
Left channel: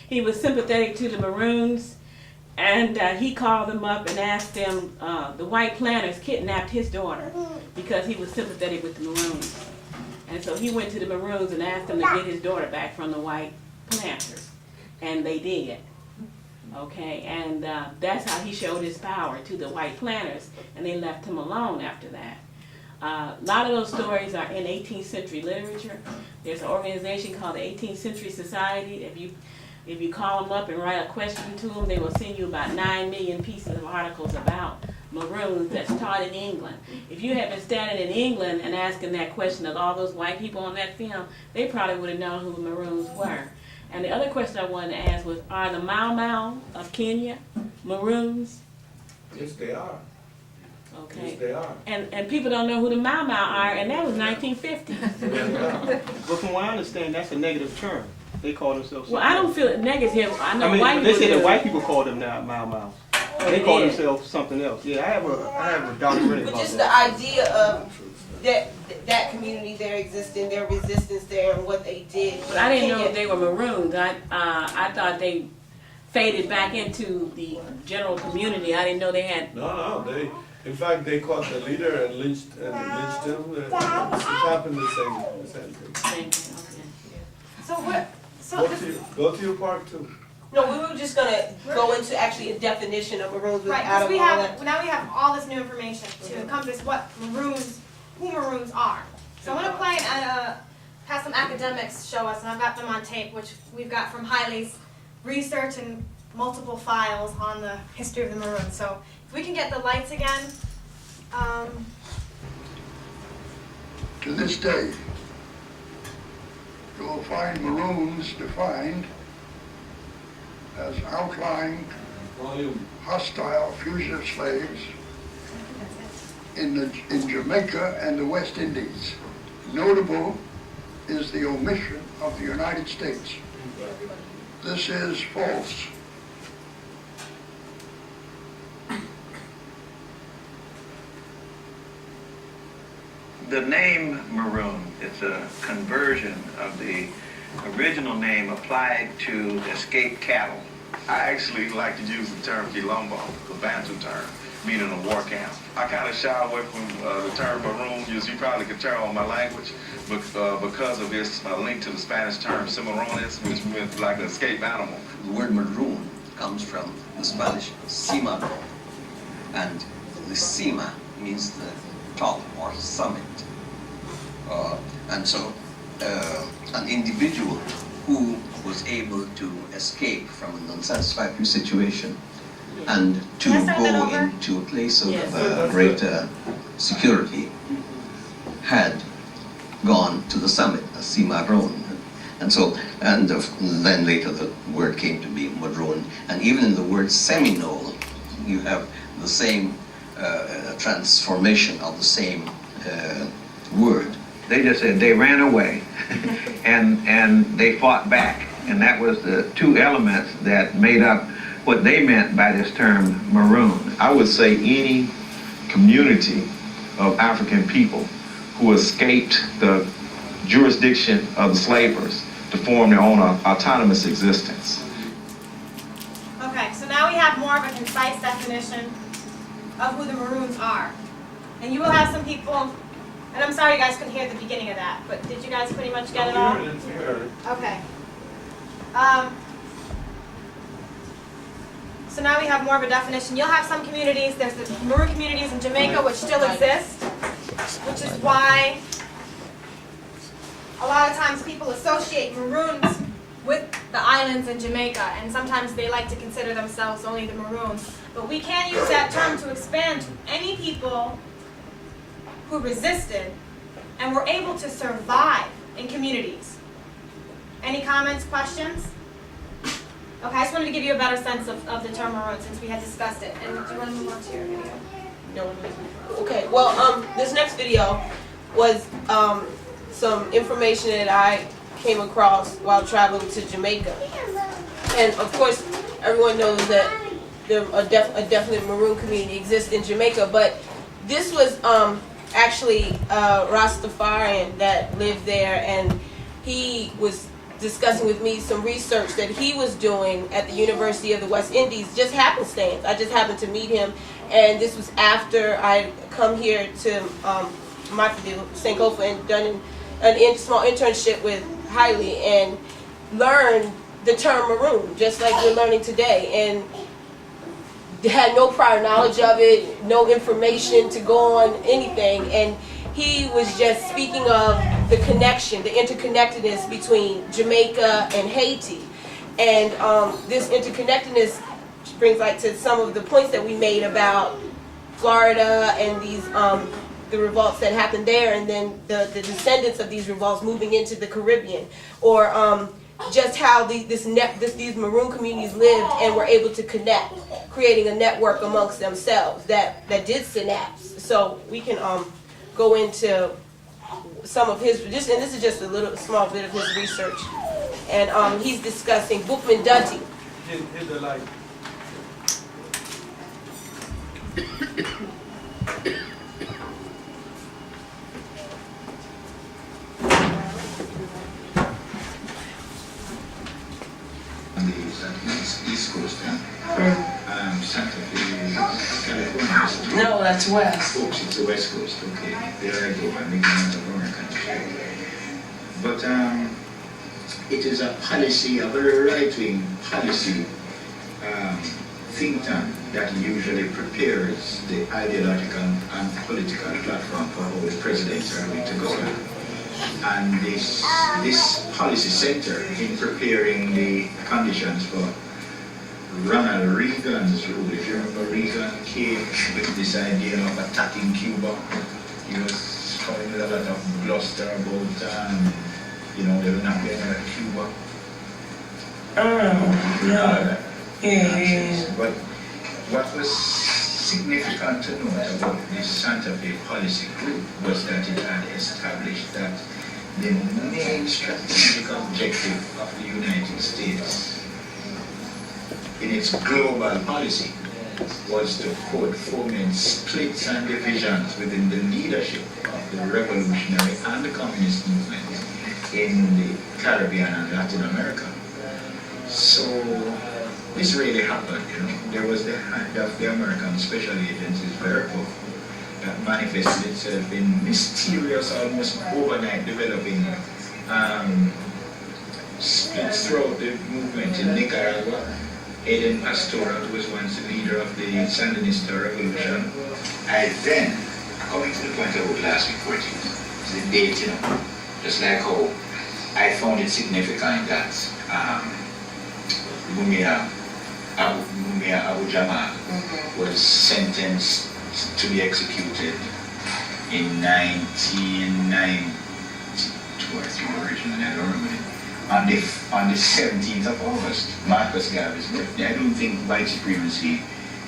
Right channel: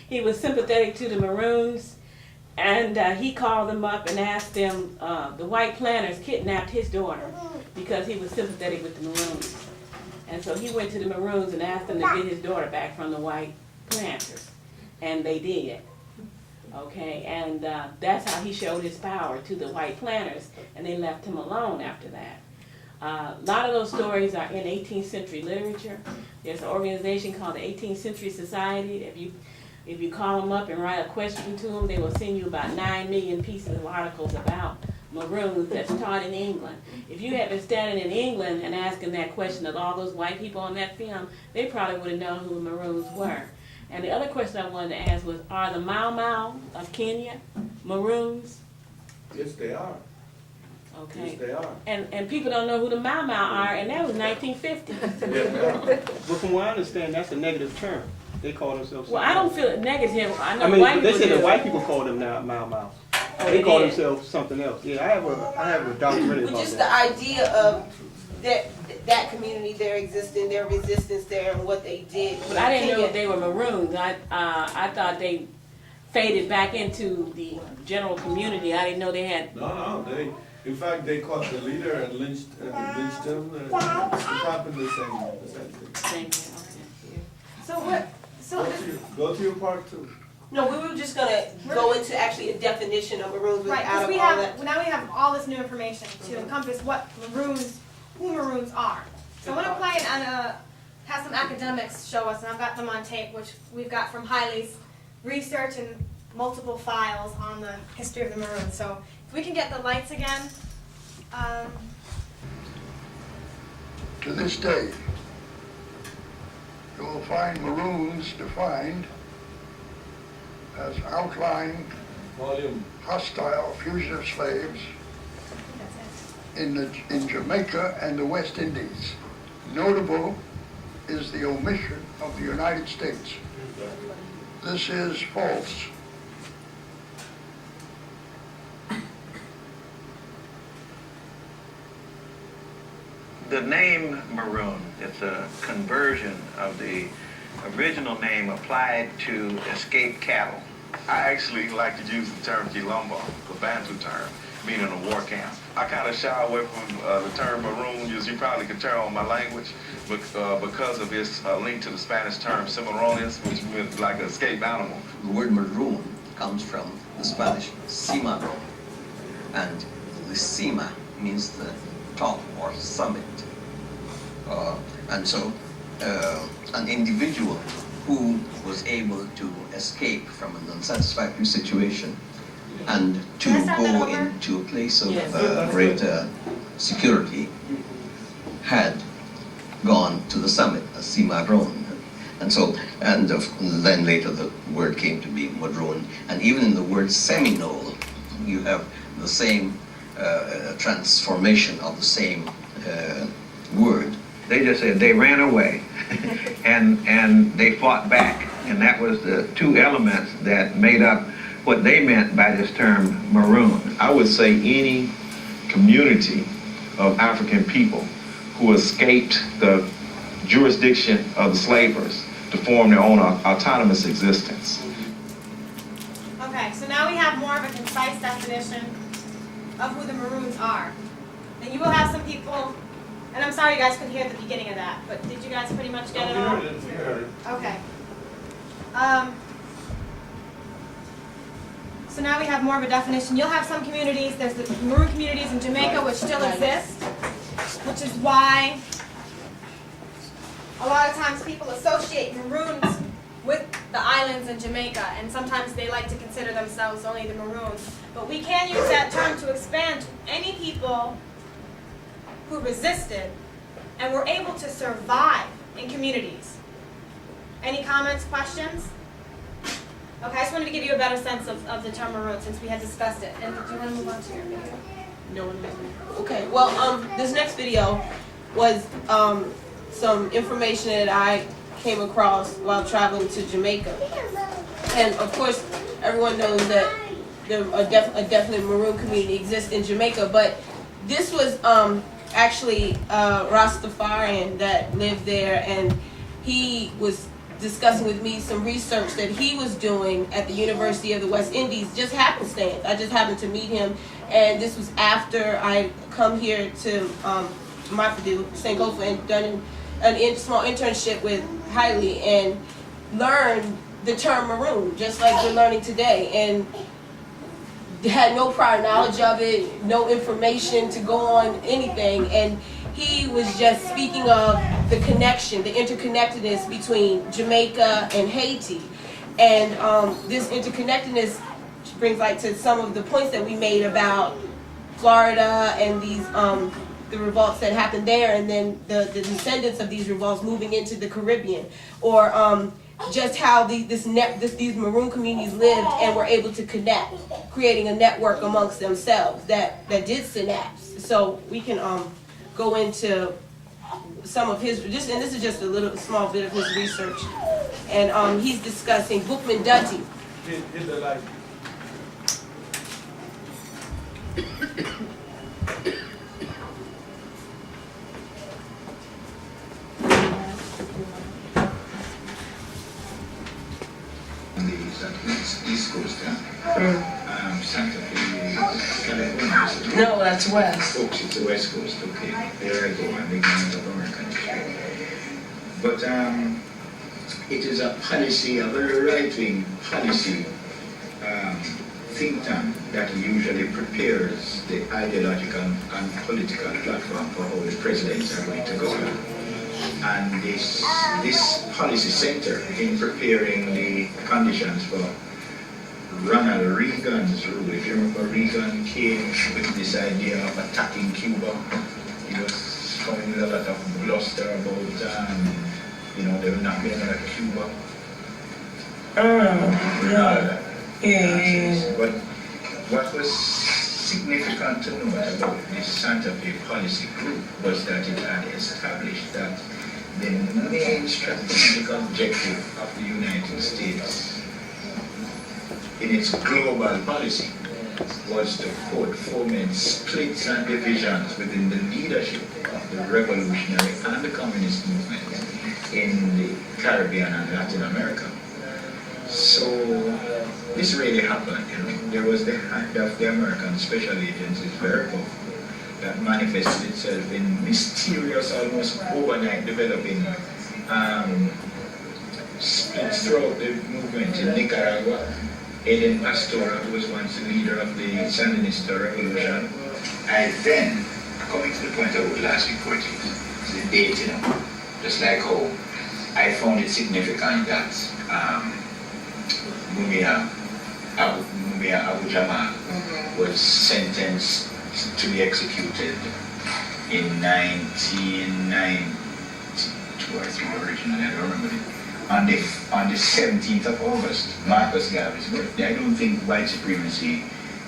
He was sympathetic to the Maroons, and he called them up and asked them, the white planters kidnapped his daughter because he was sympathetic with the Maroons. And so he went to the Maroons and asked them to get his daughter back from the white planters, and they did. Okay, and that's how he showed his power to the white planters, and they left him alone after that. A lot of those stories are in 18th century literature. There's an organization called the 18th Century Society. If you call them up and write a question to them, they will send you about 9 million pieces of articles about Maroons that's taught in England. If you had been standing in England and asking that question of all those white people on that film, they probably would have known who the Maroons were. And the other question I wanted to ask was, are the Mau Mau of Kenya Maroons? Yes, they are. Okay. Yes, they are. And people don't know who the Mau Mau are, and that was 1950. But from what I understand, that's a negative term. They call themselves. Well, I don't feel it negative. I know white but they people say do. that white people call them now Mau Mau. Oh, they call did? themselves something else. Yeah, I have a documentary But about just that. the idea of that community, their existence, their resistance there, and what they did. But I didn't know that they were Maroons. I thought they faded back into the general community. I didn't know they had. No, in fact, they caught the leader and lynched him. It happened the same thing. So what? Go to your part too. No, we were just gonna go into actually a definition of Maroons Right, without because all that. now we have all this new information to encompass what who Maroons are. So I want to play and have some academics show us, and I've got them on tape, which we've got from Hailey's research and multiple files on the history of the Maroons. So if we can get the lights again. To this day, you will find Maroons defined as outlying, hostile fugitive slaves in Jamaica and the West Indies. Notable is the omission of the United States. This is false. The name Maroon is a conversion of the original name applied to escaped cattle. I actually like to use the term Quilombo, the Bantu term, meaning a war camp. I kind of shy away from the term Maroon, as you probably could tell on my language, because of its link to the Spanish term Cimarrones, which meant like an escaped animal. The word maroon comes from the Spanish cimaro, and the cima means the top or summit. And so an individual who was able to escape from an unsatisfactory situation and to go into a place of greater security had gone to the summit as Maroon. And so, then later the word came to be Maroon. And even in the word Seminole, you have the same transformation of the same word. They just said they ran away and they fought back. And that was the two elements that made up what they meant by this term Maroon. I would say any community of African people who escaped the jurisdiction of the slavers to form their own autonomous existence. Okay, so now we have more of a concise definition of who the Maroons are. And you will have some people, and I'm sorry you guys couldn't hear the beginning of that, but did you guys pretty much get it all? Okay. So now we have more of a definition. You'll have some communities, there's the Maroon communities in Jamaica which still exist, which is why a lot of times people associate Maroons with the islands in Jamaica, and sometimes they like to consider themselves only the Maroons. But we can use that term to expand to any people who resisted and were able to survive in communities. Any comments, questions? Okay, I just wanted to give you a better sense of the term Maroon since we had discussed it. And do you want to move on to your video? No. Okay, well, this next video was some information that I came across while traveling to Jamaica. And of course, everyone knows that a definite Maroon community exists in Jamaica, but this was actually Rastafarian that lived there, and he was discussing with me some research that he was doing at the University of the West Indies, just happenstance. I just happened to meet him, and this was after I come here to Sankofa and done a small internship with Hailey and learned the term Maroon, just like we're learning today, and had no prior knowledge of it, no information to go on anything, and he was just speaking of the connection, the interconnectedness between Jamaica and Haiti. And this interconnectedness brings light to some of the points that we made about Florida and these the revolts that happened there, and then the descendants of these revolts moving into the Caribbean, or just how these Maroon communities lived and were able to connect, creating a network amongst themselves that did synapse. So we can go into some of his, and this is just a small bit of his research, and he's discussing Bookman Dutty. East Coast, Santa Fe, California. No, that's west. Oh, it's the West Coast, okay. There I go, I'm ignorant of American history. But it is a policy, a very right-wing policy think tank that usually prepares the ideological and political platform for how the presidents are going to govern. And this policy center in preparing the conditions for Ronald Reagan's rule. If you remember, Reagan came with this idea of attacking Cuba. He was coming with a lot of bluster about, they were not going to let Cuba. But what was significant to note about this Santa Fe policy group was that it had established that the main strategic objective of the United States in its global policy was to foment splits and divisions within the leadership of the revolutionary and the communist movements in the Caribbean and Latin America. So this really happened, There was the hand of the American special agencies, very powerful, that manifested itself in mysterious, almost overnight developing splits throughout the movement in Nicaragua. Eden Pastora, who was once the leader of the Sandinista revolution. I then, coming to the point I would last week 14th, the date, you know, just like how I found it significant that Mumia Abu Jamal was sentenced to be executed in 1992 or 3 originally, I don't remember it. On the 17th of August, Marcus Garvey's birthday. I don't think white supremacy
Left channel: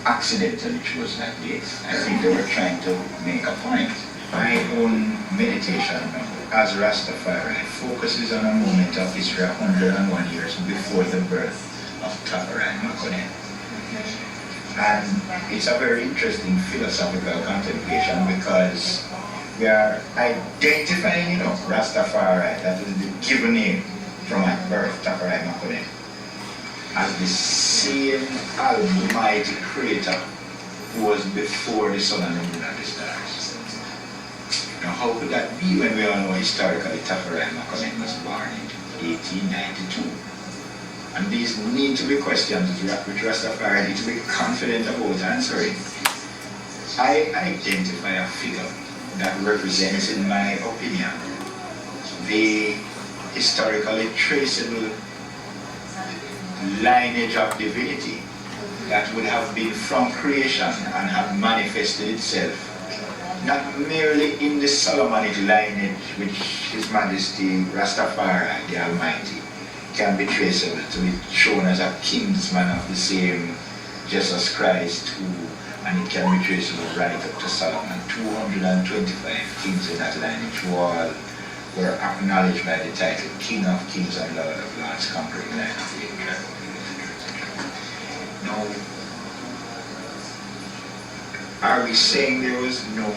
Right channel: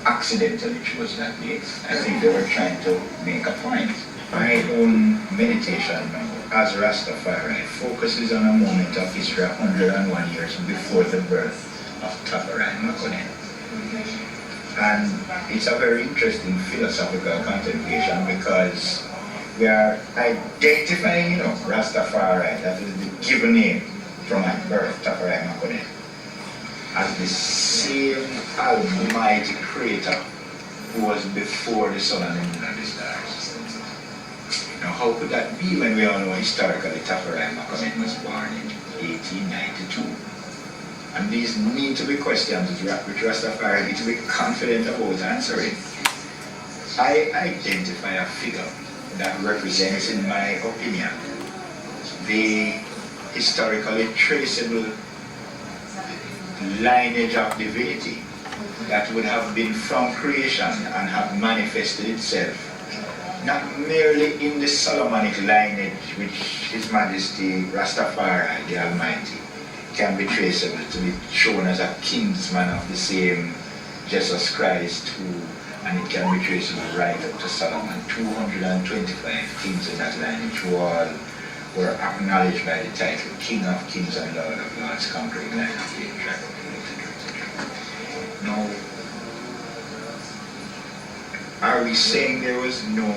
accidentally chose that date. I think they were trying to make a point. My own meditation now, as Rastafari, focuses on a moment of history 101 years before the birth of Tafari Makonnen. And it's a very interesting philosophical contemplation because we are identifying, you know, Rastafari, that is the given name from my birth, Tafari Makonnen, as the same almighty creator who was before the sun and the moon and the stars. Now how could that be when we all know historically Tafari Makonnen was born in 1892? And these need to be questions which Rastafari need to be confident about answering. I identify a figure that represents, in my opinion, the historically traceable lineage of divinity that would have been from creation and have manifested itself, not merely in the Solomonic lineage which His Majesty Rastafari, the Almighty, can be traceable to be shown as a kinsman of the same Jesus Christ, and it can be traceable right up to Solomon. 225 kings in that lineage who all were acknowledged by the title King of Kings and Lord of Lords, conquering line of the tribe, etc. Now, are we saying there was no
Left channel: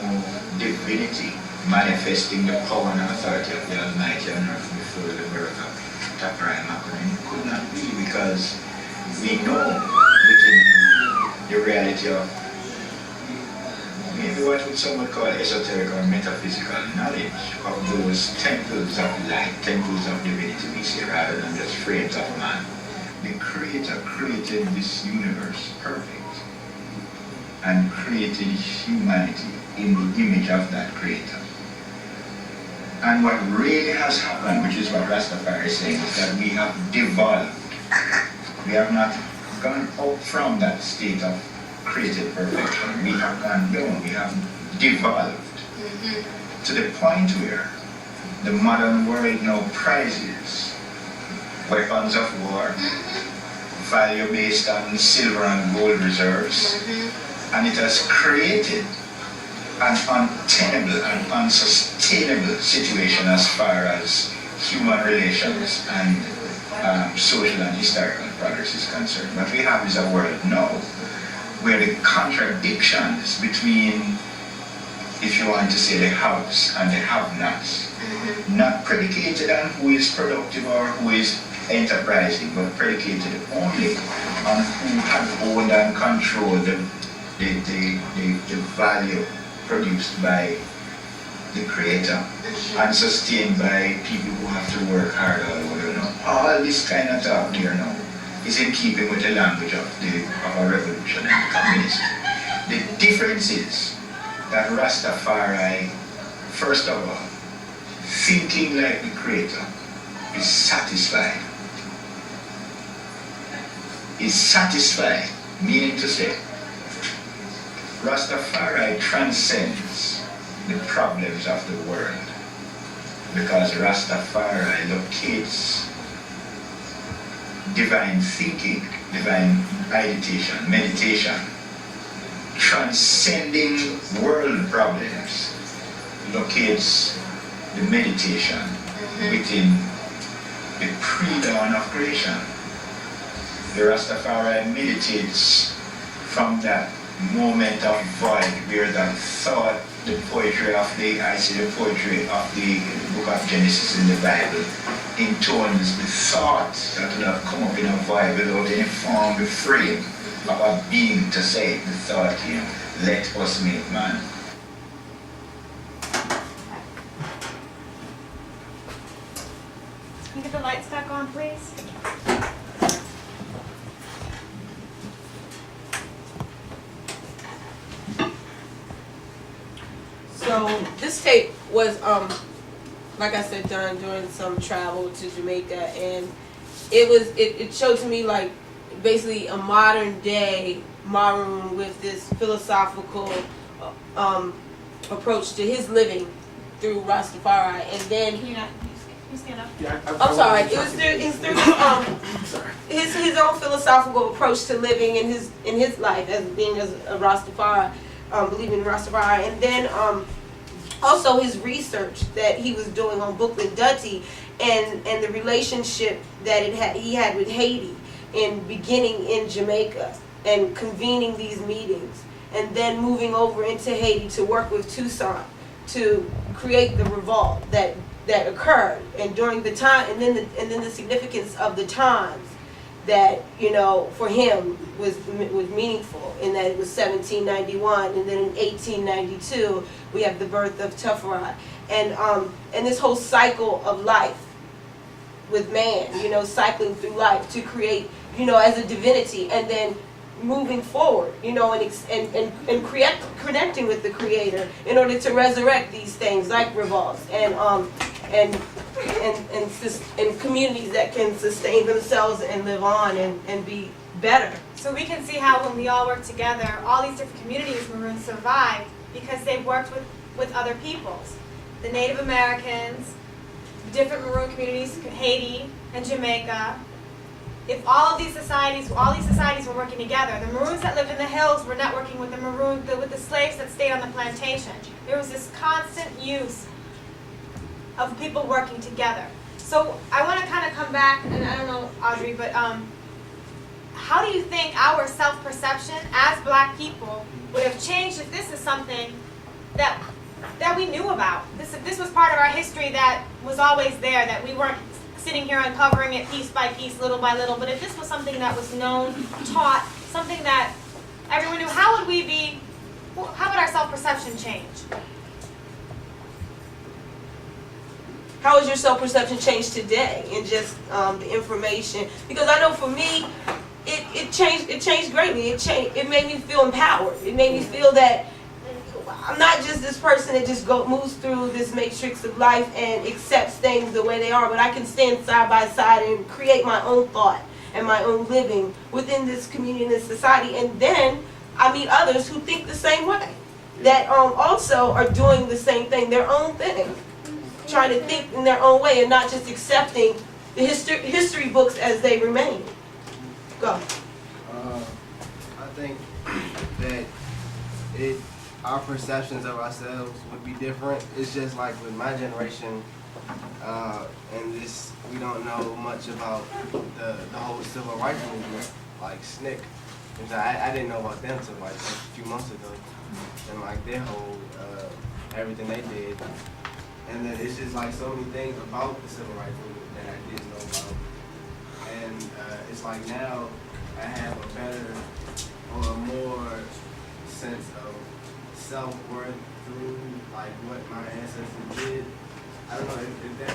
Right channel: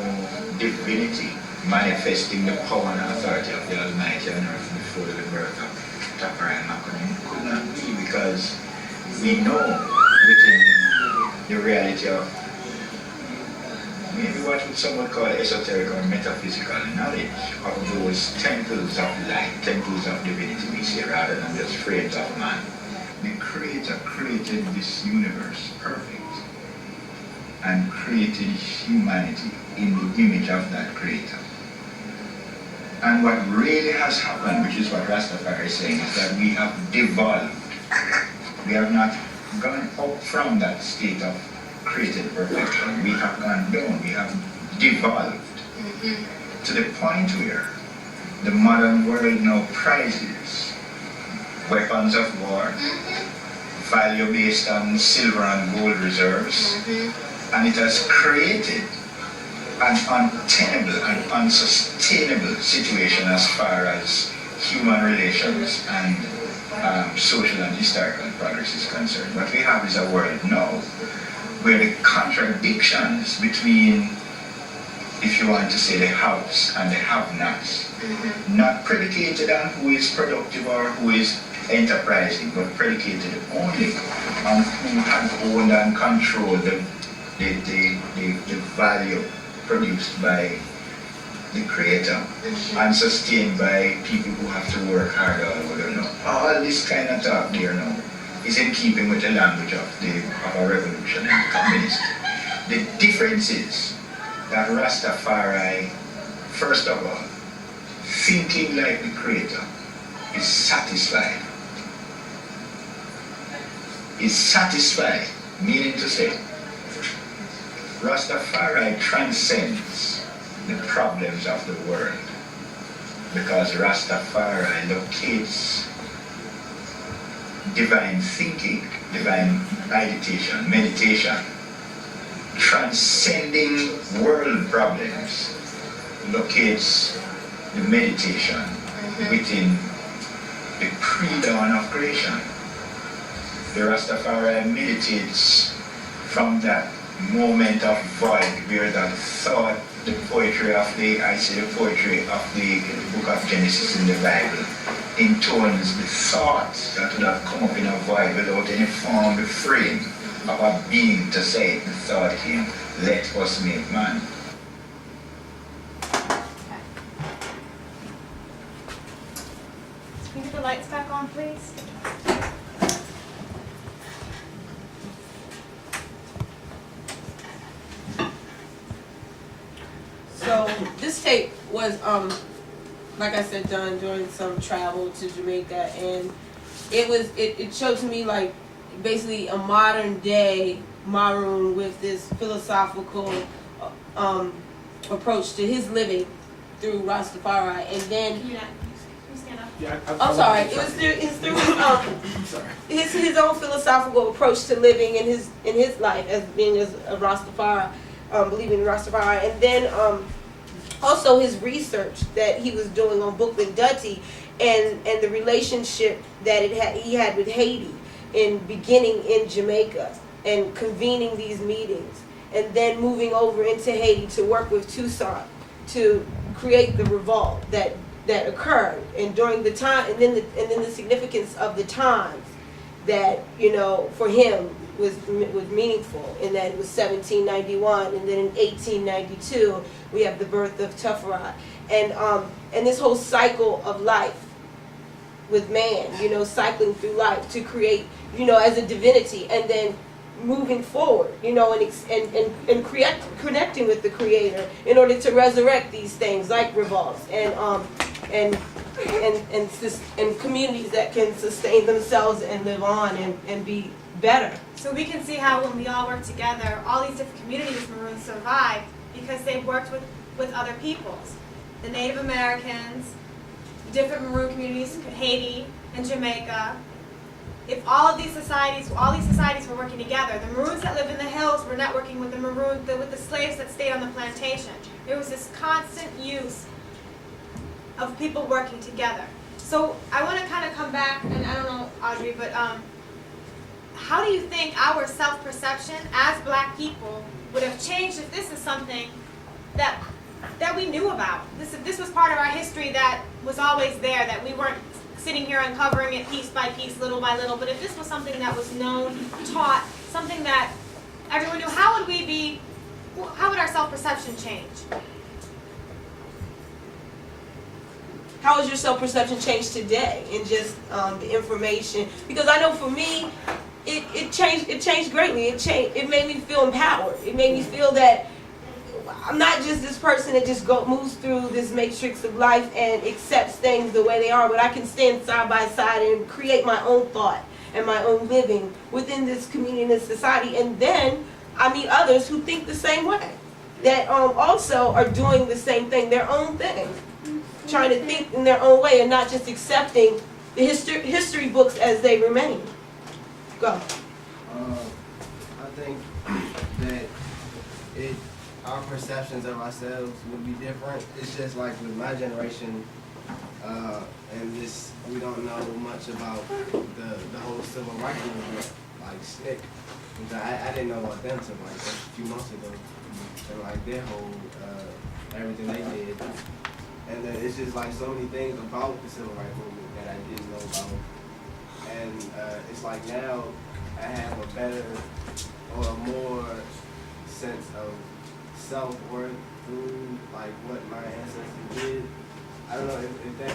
divinity manifesting the power and authority of the Almighty on earth before the birth of Tafari Makonnen? Could not be, because we know within the reality of maybe what would someone call esoteric or metaphysical knowledge of those temples of light, temples of divinity we see, rather than just frames of man. The Creator created this universe perfect and created humanity in the image of that Creator. And what really has happened, which is what Rastafari is saying, is that we have devolved. We have not gone up from that state of created perfection. We have gone down. We have devolved to the point where the modern world now prizes weapons of war, value based on silver and gold reserves, and it has created an untenable and unsustainable situation as far as human relations and social and historical progress is concerned. What we have is a world now where the contradictions between, if you want to say, the haves and the have-nots, not predicated on who is productive or who is enterprising, but predicated only on who had owned and controlled the value produced by the Creator and sustained by people who have to work hard all over. All this kind of talk there now is in keeping with the language of a revolution and communist. The difference is that Rastafari, first of all, thinking like the Creator, is satisfied. Is satisfied, meaning to say, Rastafari transcends the problems of the world because Rastafari locates divine thinking, divine meditation, transcending world problems, locates the meditation within the pre-dawn of creation. The Rastafari meditates from that moment of void where that thought, the poetry of the book of Genesis in the Bible, intones the thoughts that would have come up in a void without any form, the frame of a being to say it. The thought came, let us make man. Can you get the lights back on, please? So this tape was like I said, done during some travel to Jamaica, and it showed to me like basically a modern day Maroon with this philosophical approach to his living through Rastafari, and then I'm sorry, it's through his own philosophical approach to living in his life as being as a Rastafari, believing in Rastafari, and then also his research that he was doing on Bookman Dutty and the relationship that he had with Haiti in beginning in Jamaica and convening these meetings, and then moving over into Haiti to work with Toussaint to create the revolt that occurred, and during the time, and then the significance of the times that, you know, for him was meaningful, in that it was 1791, and then in 1892 we have the birth of Tufferat, and this whole cycle of life with man, you know, cycling through life to create, you know, as a divinity, and then moving forward, you know, and connecting with the Creator in order to resurrect these things like revolts and communities that can sustain themselves and live on and be better. So we can see how when we all work together, all these different communities Maroons survived because they worked with other peoples. The Native Americans, different Maroon communities, Haiti and Jamaica. If all these societies were working together, the Maroons that lived in the hills were networking with with the slaves that stayed on the plantation. There was this constant use of people working together. So I want to kind of come back, and I don't know, Audrey, but how do you think our self-perception as Black people would have changed if this is something that we knew about? If this was part of our history that was always there, that we weren't sitting here uncovering it piece by piece, little by little, but if this was something that was known, taught, something that everyone knew, how would our self-perception change? How has your self-perception changed today in just the information? Because I know for me, it changed greatly. It made me feel empowered. It made me feel that I'm not just this person that just moves through this matrix of life and accepts things the way they are, but I can stand side by side and create my own thought and my own living within this community and this society. And then I meet others who think the same way, that also are doing the same thing, their own thing, trying to think in their own way and not just accepting the history books as they remain. Go. I think that our perceptions of ourselves would be different. It's just like with my generation, and this, we don't know much about the whole civil rights movement, like SNCC. I didn't know about them until like a few months ago, and like their whole everything they did. And then it's just like so many things about the civil rights movement that I didn't know about. And it's like now I have a better or a more sense of self-worth through like what my ancestors did. I don't know if that,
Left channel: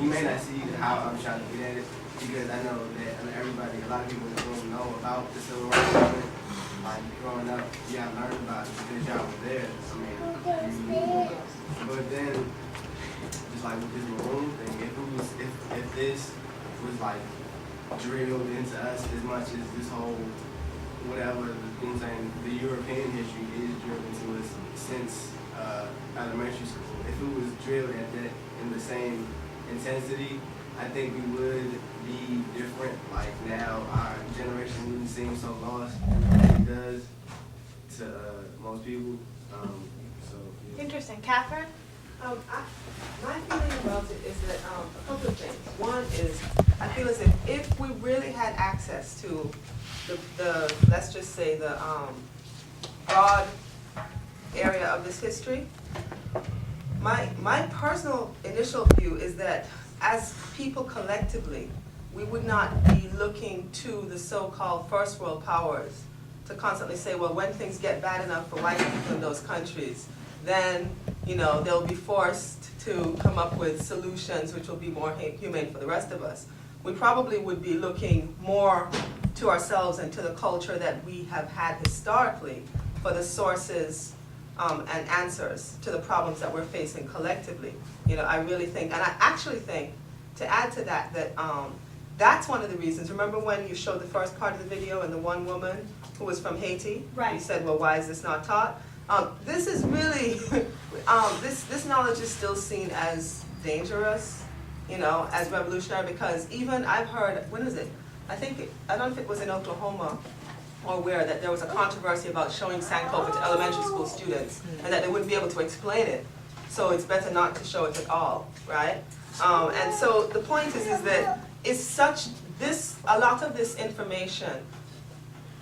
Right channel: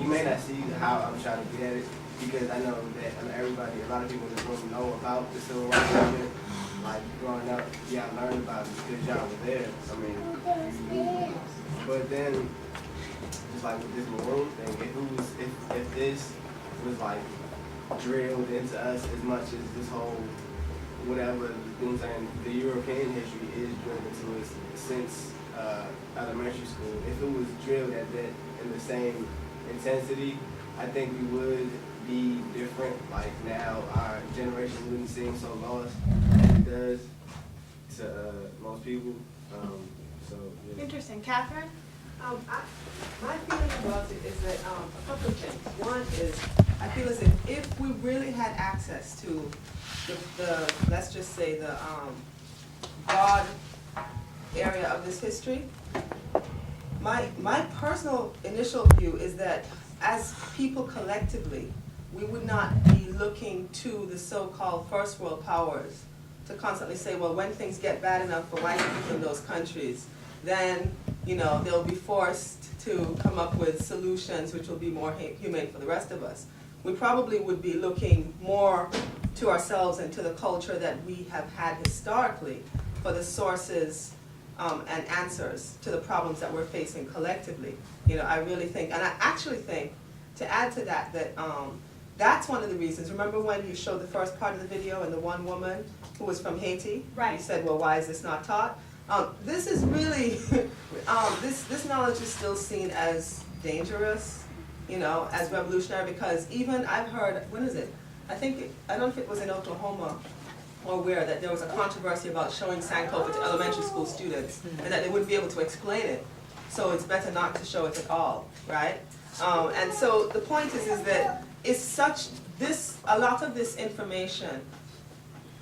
you may not see how I'm trying to get at it, because I know that everybody, a lot of people don't know about the civil rights movement. Like growing up, yeah, I learned about it because y'all were there. I mean, but then just like with this Maroon thing, if this was like drilled into us as much as this whole whatever, you know what I'm saying, the European history is drilled into us since elementary school. If it was drilled at that in the same intensity, I think it would be different. Like now, our generation wouldn't seem so lost as it does to most people. So yeah. Interesting. Catherine? My feeling about it is that a couple of things. One is, I feel as if we really had access to the let's just say the broad area of this history, my personal initial view is that as people collectively, we would not be looking to the so-called first world powers to constantly say, well, when things get bad enough for white people in those countries, then, you know, they'll be forced to come up with solutions which will be more humane for the rest of us. We probably would be looking more to ourselves and to the culture that we have had historically for the sources and answers to the problems that we're facing collectively. You know, I really think, and I actually think, to add to that, that that's one of the reasons. Remember when you showed the first part of the video and the one woman who was from Haiti? Right. You said, well, why is this not taught? This is really, this knowledge is still seen as dangerous, you know, as revolutionary, because even I've heard, when is it? I don't know if it was in Oklahoma or where, that there was a controversy about showing Sankofa to elementary school students and that they wouldn't be able to explain it. So it's better not to show it at all, right? And so the point is that it's such, a lot of this information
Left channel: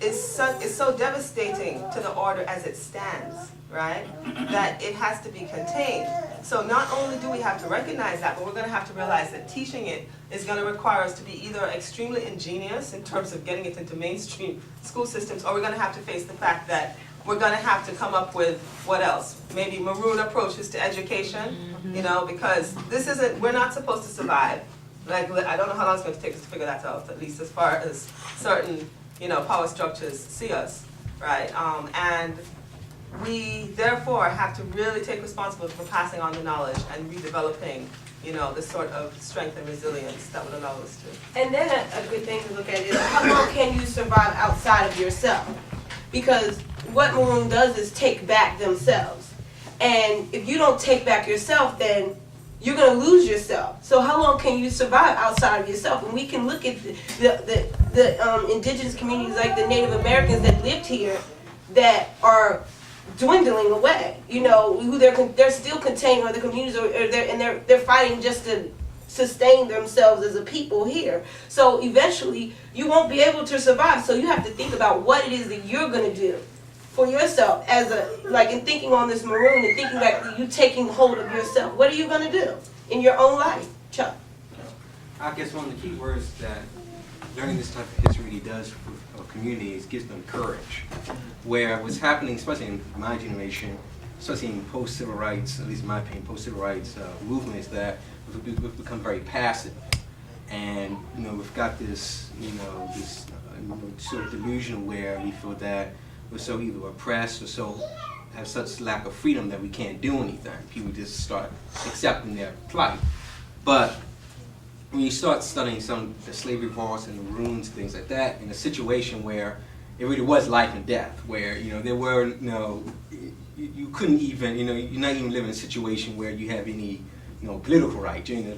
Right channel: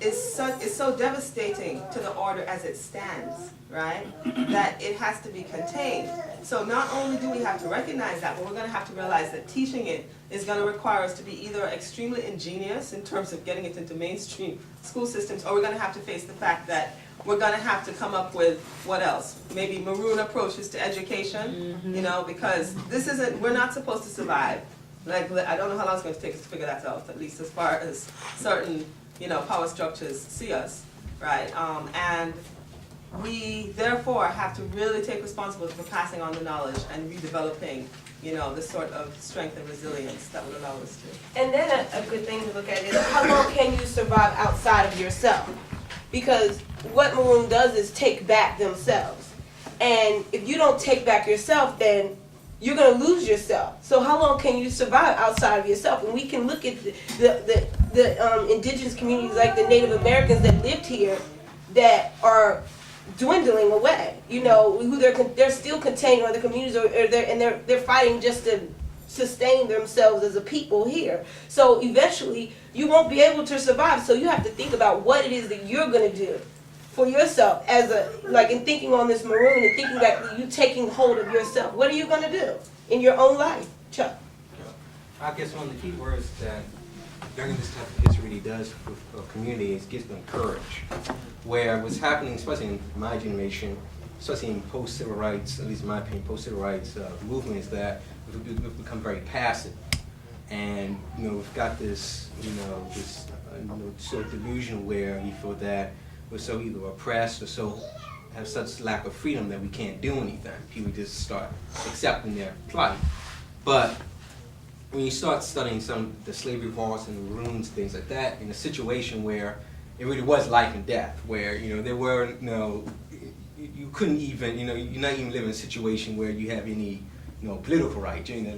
is so devastating to the order as it stands, right? That it has to be contained. So not only do we have to recognize that, but we're going to have to realize that teaching it is going to require us to be either extremely ingenious in terms of getting it into mainstream school systems, or we're going to have to face the fact that we're going to have to come up with, what else? Maybe Maroon approaches to education, you know, because this isn't, we're not supposed to survive. Like, I don't know how long it's going to take us to figure that out, at least as far as certain, you know, power structures see us, right? And we, therefore, have to really take responsibility for passing on the knowledge and redeveloping, you know, this sort of strength and resilience that would allow us to. And then a good thing to look at is, how long can you survive outside of yourself? Because what Maroon does is take back themselves. And if you don't take back yourself, then you're going to lose yourself. So how long can you survive outside of yourself? And we can look at the indigenous communities, like the Native Americans that lived here, that are dwindling away. You know, who they're still contained, or the communities, or they're fighting just to sustain themselves as a people here. So eventually, you won't be able to survive. So you have to think about what it is that you're going to do for yourself, as a, like, in thinking on this Maroon and thinking like you taking hold of yourself. What are you going to do in your own life, Chuck? I guess one of the key words that learning this type of history really does for a community is gives them courage. Where what's happening, especially in my generation, especially in post-civil rights, at least in my opinion, post-civil rights movements, that we've become very passive. And, you know, we've got this, sort of delusion where we feel that we're so either oppressed or so have such lack of freedom that we can't do anything. People just start accepting their plight. But when you start studying some of the slavery wars and the Maroons, things like that, in a situation where it really was life and death, where, you know, there were you couldn't even, you're not even living in a situation where you have any, political rights. You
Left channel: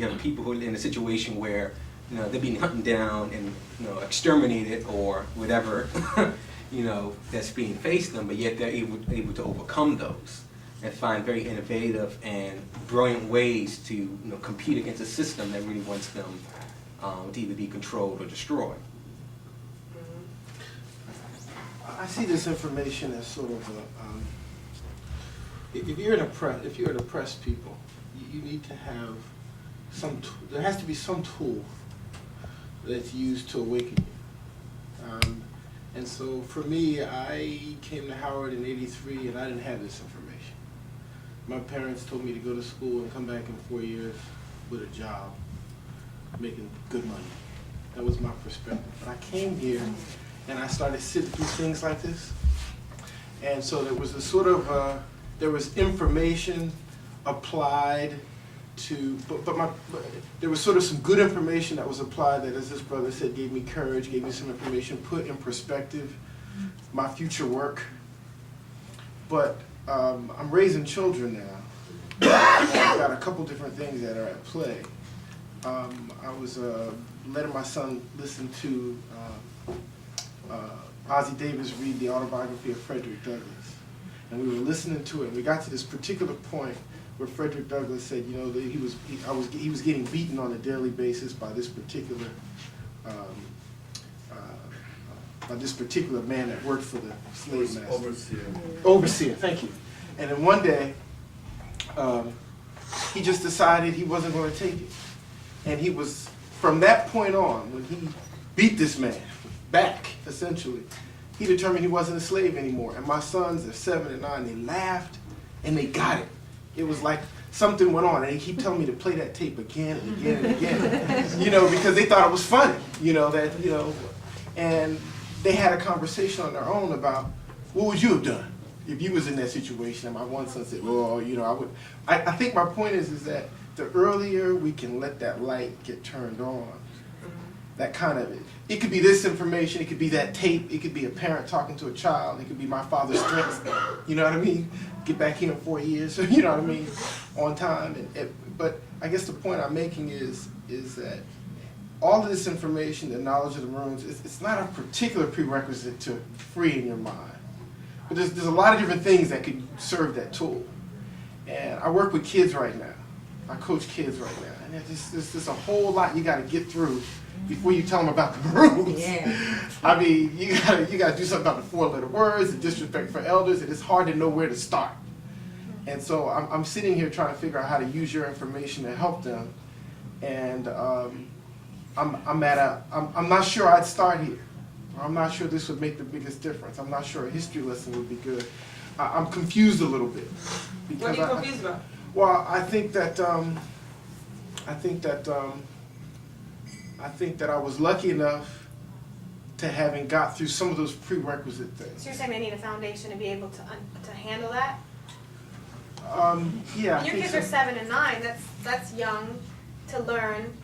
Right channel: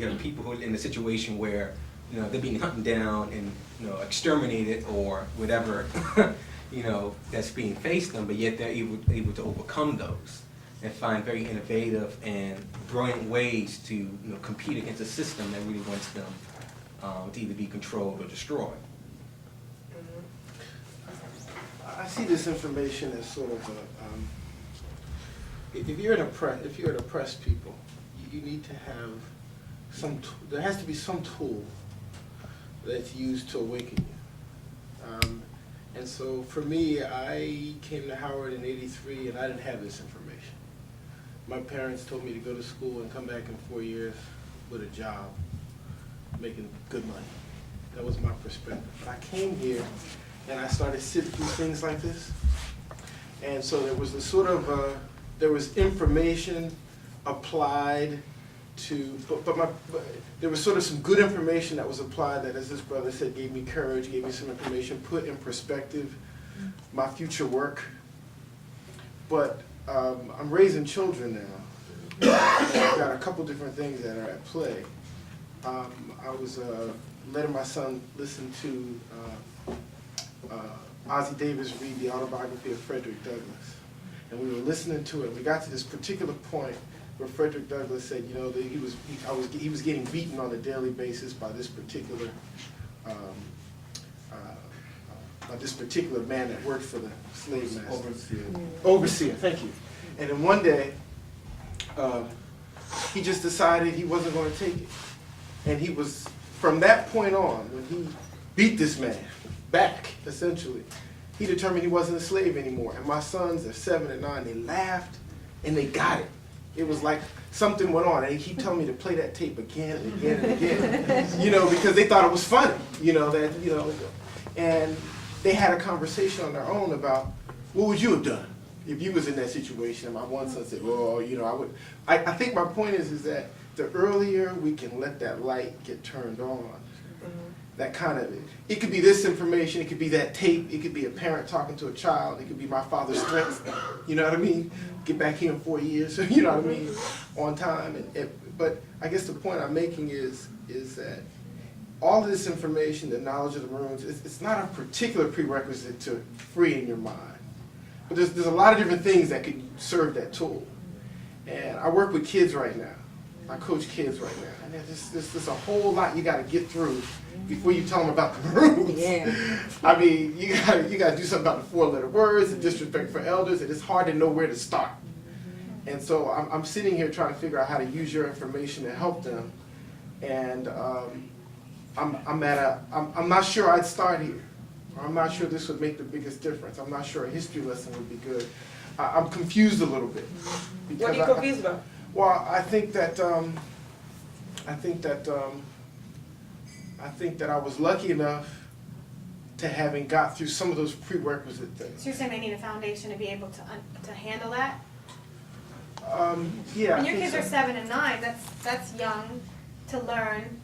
have people who are in a situation where, they're being hunted down and, exterminated or whatever, that's being faced them, but yet they're able to overcome those and find very innovative and brilliant ways to compete against a system that really wants them to either be controlled or destroyed. I see this information as sort of if you're an oppressed people, you need to have there has to be some tool that's used to awaken you. And so for me, I came to Howard in '83 and I didn't have this information. My parents told me to go to school and come back in 4 years with a job, making good money. That was my perspective. But I came here and I started sitting through things like this. And so there was a sort of, there was information applied to, but there was sort of some good information that was applied that, as this brother said, gave me courage, gave me some information, put in perspective my future work. But I'm raising children now. I've got a couple different things that are at play. I was letting my son listen to Ossie Davis read the autobiography of Frederick Douglass. And we were listening to it, and we got to this particular point where Frederick Douglass said, that he was getting beaten on a daily basis by this particular man that worked for the slave master. Overseer, thank you. And then one day, he just decided he wasn't going to take it. And he was, from that point on, when he beat this man back, essentially, he determined he wasn't a slave anymore. And my sons, they're 7 and 9, they laughed and they got it. It was like something went on, and they keep telling me to play that tape again and again and again, because they thought it was funny, and they had a conversation on their own about, what would you have done if you was in that situation, and my one son said, "Oh, you know, I would." I think my point is that the earlier we can let that light get turned on, that kind of, it could be this information, it could be that tape, it could be a parent talking to a child, it could be my father's strength, you know what I mean? Get back here in 4 years, you know what I mean, on time. But I guess the point I'm making is that all of this information, the knowledge of the Maroons, it's not a particular prerequisite to freeing your mind. But there's a lot of different things that could serve that tool. And I work with kids right now. I coach kids right now. And there's just a whole lot you got to get through before you tell them about the Maroons. Yeah. I mean, you gotta do something about the 4-letter words, the disrespect for elders, and it's hard to know where to start. And so I'm sitting here trying to figure out how to use your information to help them. And I'm not sure I'd start here. I'm not sure this would make the biggest difference. I'm not sure a history lesson would be good. I'm confused a little bit. What are you confused about? Well, I think that I was lucky enough to having got through some of those prerequisite things. So you're saying they need a foundation to be able to handle that? Yeah. When your kids are 7 and 9, that's young to learn.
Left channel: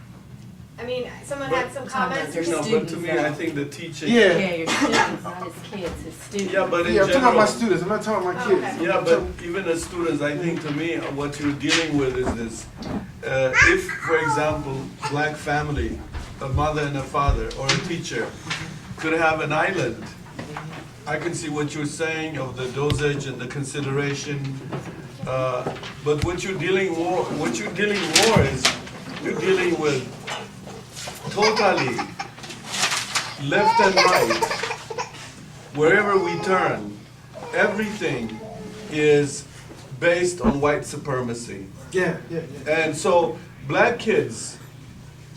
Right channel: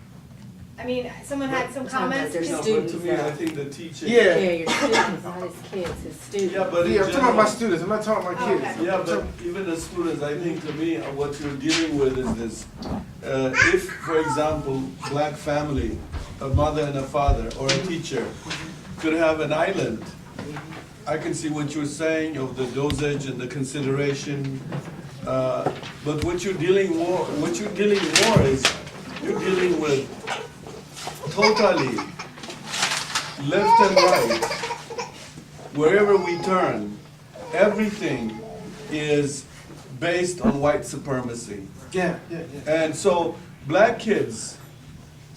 I mean, someone had some comments. No, but to me, I think the teaching. Yeah. Your students, not his kids, his students. Yeah, but in I'm talking about general- my students. I'm not talking about my kids. Okay. Yeah, but even as students, I think to me, what you're dealing with is this. If, for example, black family, a mother and a father, or a teacher, could have an island, I can see what you're saying of the dosage and the consideration. But what you're dealing more is you're dealing with totally left and right. Wherever we turn, everything is based on white supremacy. Yeah. And so black kids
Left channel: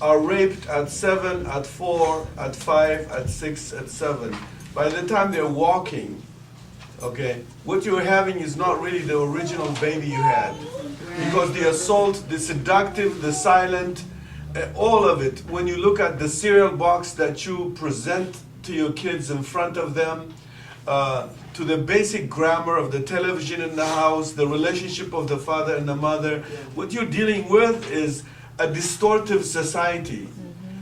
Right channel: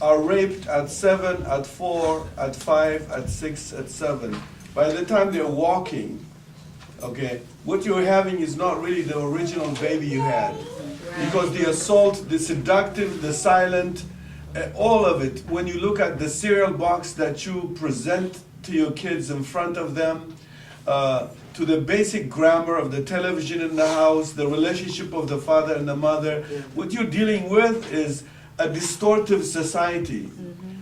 are raped at 7, at 4, at 5, at 6, at 7. By the time they're walking, okay, what you're having is not really the original baby you had. Because the assault, the seductive, the silent, all of it, when you look at the cereal box that you present to your kids in front of them, to the basic grammar of the television in the house, the relationship of the father and the mother, what you're dealing with is a distortive society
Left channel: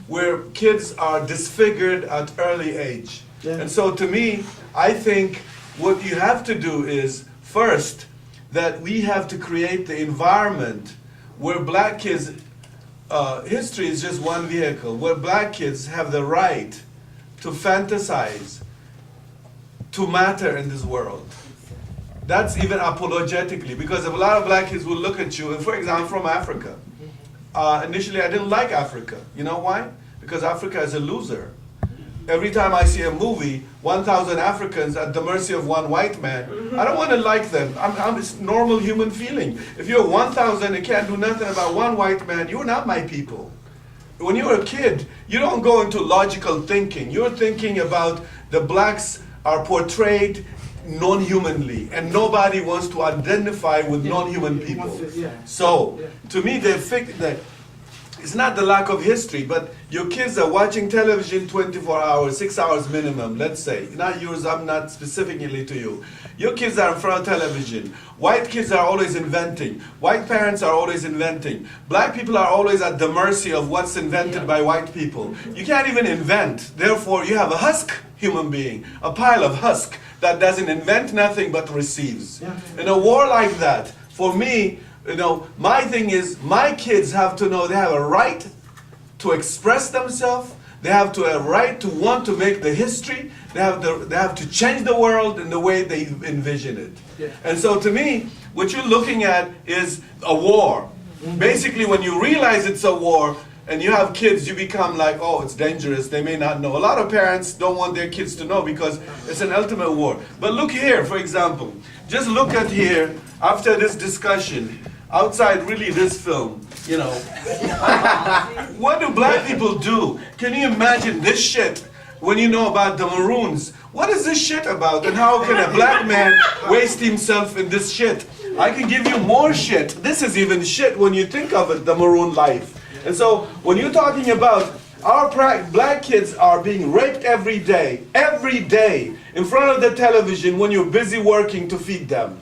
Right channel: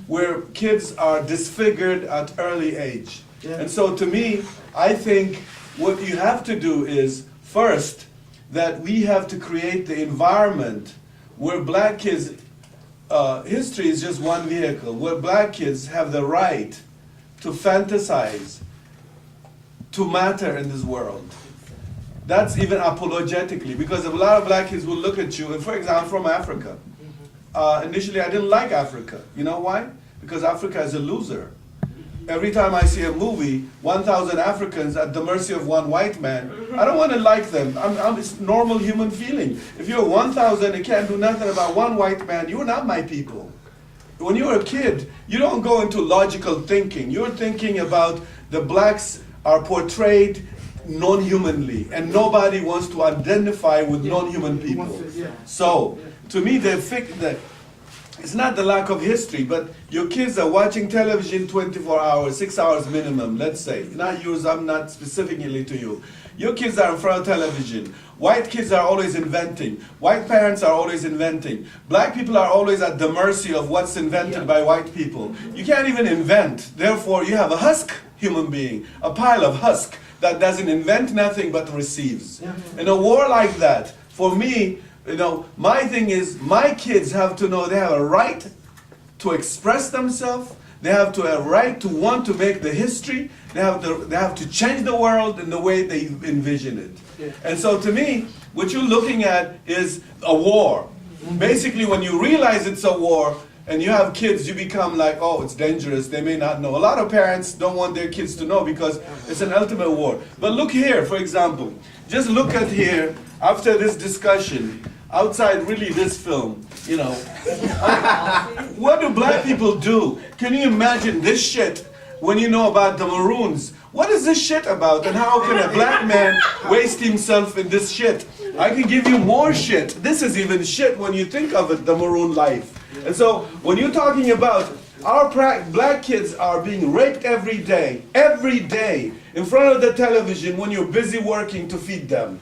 where kids are disfigured at early age. And so to me, I think what you have to do is, first, that we have to create the environment where black kids, history is just one vehicle, where black kids have the right to fantasize, to matter in this world. That's even apologetically, because a lot of black kids will look at you, and for example, from Africa. Initially, I didn't like Africa. You know why? Because Africa is a loser. Every time I see a movie, 1,000 Africans at the mercy of one white man, I don't want to like them. It's normal human feeling. If you're 1,000 and can't do nothing about one white man, you're not my people. When you're a kid, you don't go into logical thinking. You're thinking about the blacks are portrayed non-humanly, and nobody wants to identify with non-human people. So, to me, it's not the lack of history, but your kids are watching television 24 hours, 6 hours minimum, let's say. Not yours, I'm not specifically to you. Your kids are in front of television. White kids are always inventing. White parents are always inventing. Black people are always at the mercy of what's invented by white people. You can't even invent. Therefore, you have a husk human being, a pile of husk that doesn't invent nothing but receives. In a war like that, for me, my thing is, my kids have to know they have a right to express themselves. They have a right to want to make the history. They have to change the world in the way they envision it. And so to me, what you're looking at is a war. Basically, when you realize it's a war and you have kids, you become like, oh, it's dangerous. They may not know. A lot of parents don't want their kids to know because it's an ultimate war. But look here, for example. Just look at here, after this discussion, outside really this film, what do black people do? Can you imagine this shit when you know about the Maroons? What is this shit about, and how can a black man waste himself in this shit? I can give you more shit. This is even shit when you think of it, the Maroon life. And so when you're talking about Our black kids are being raped every day, in front of the television when you're busy working to feed them.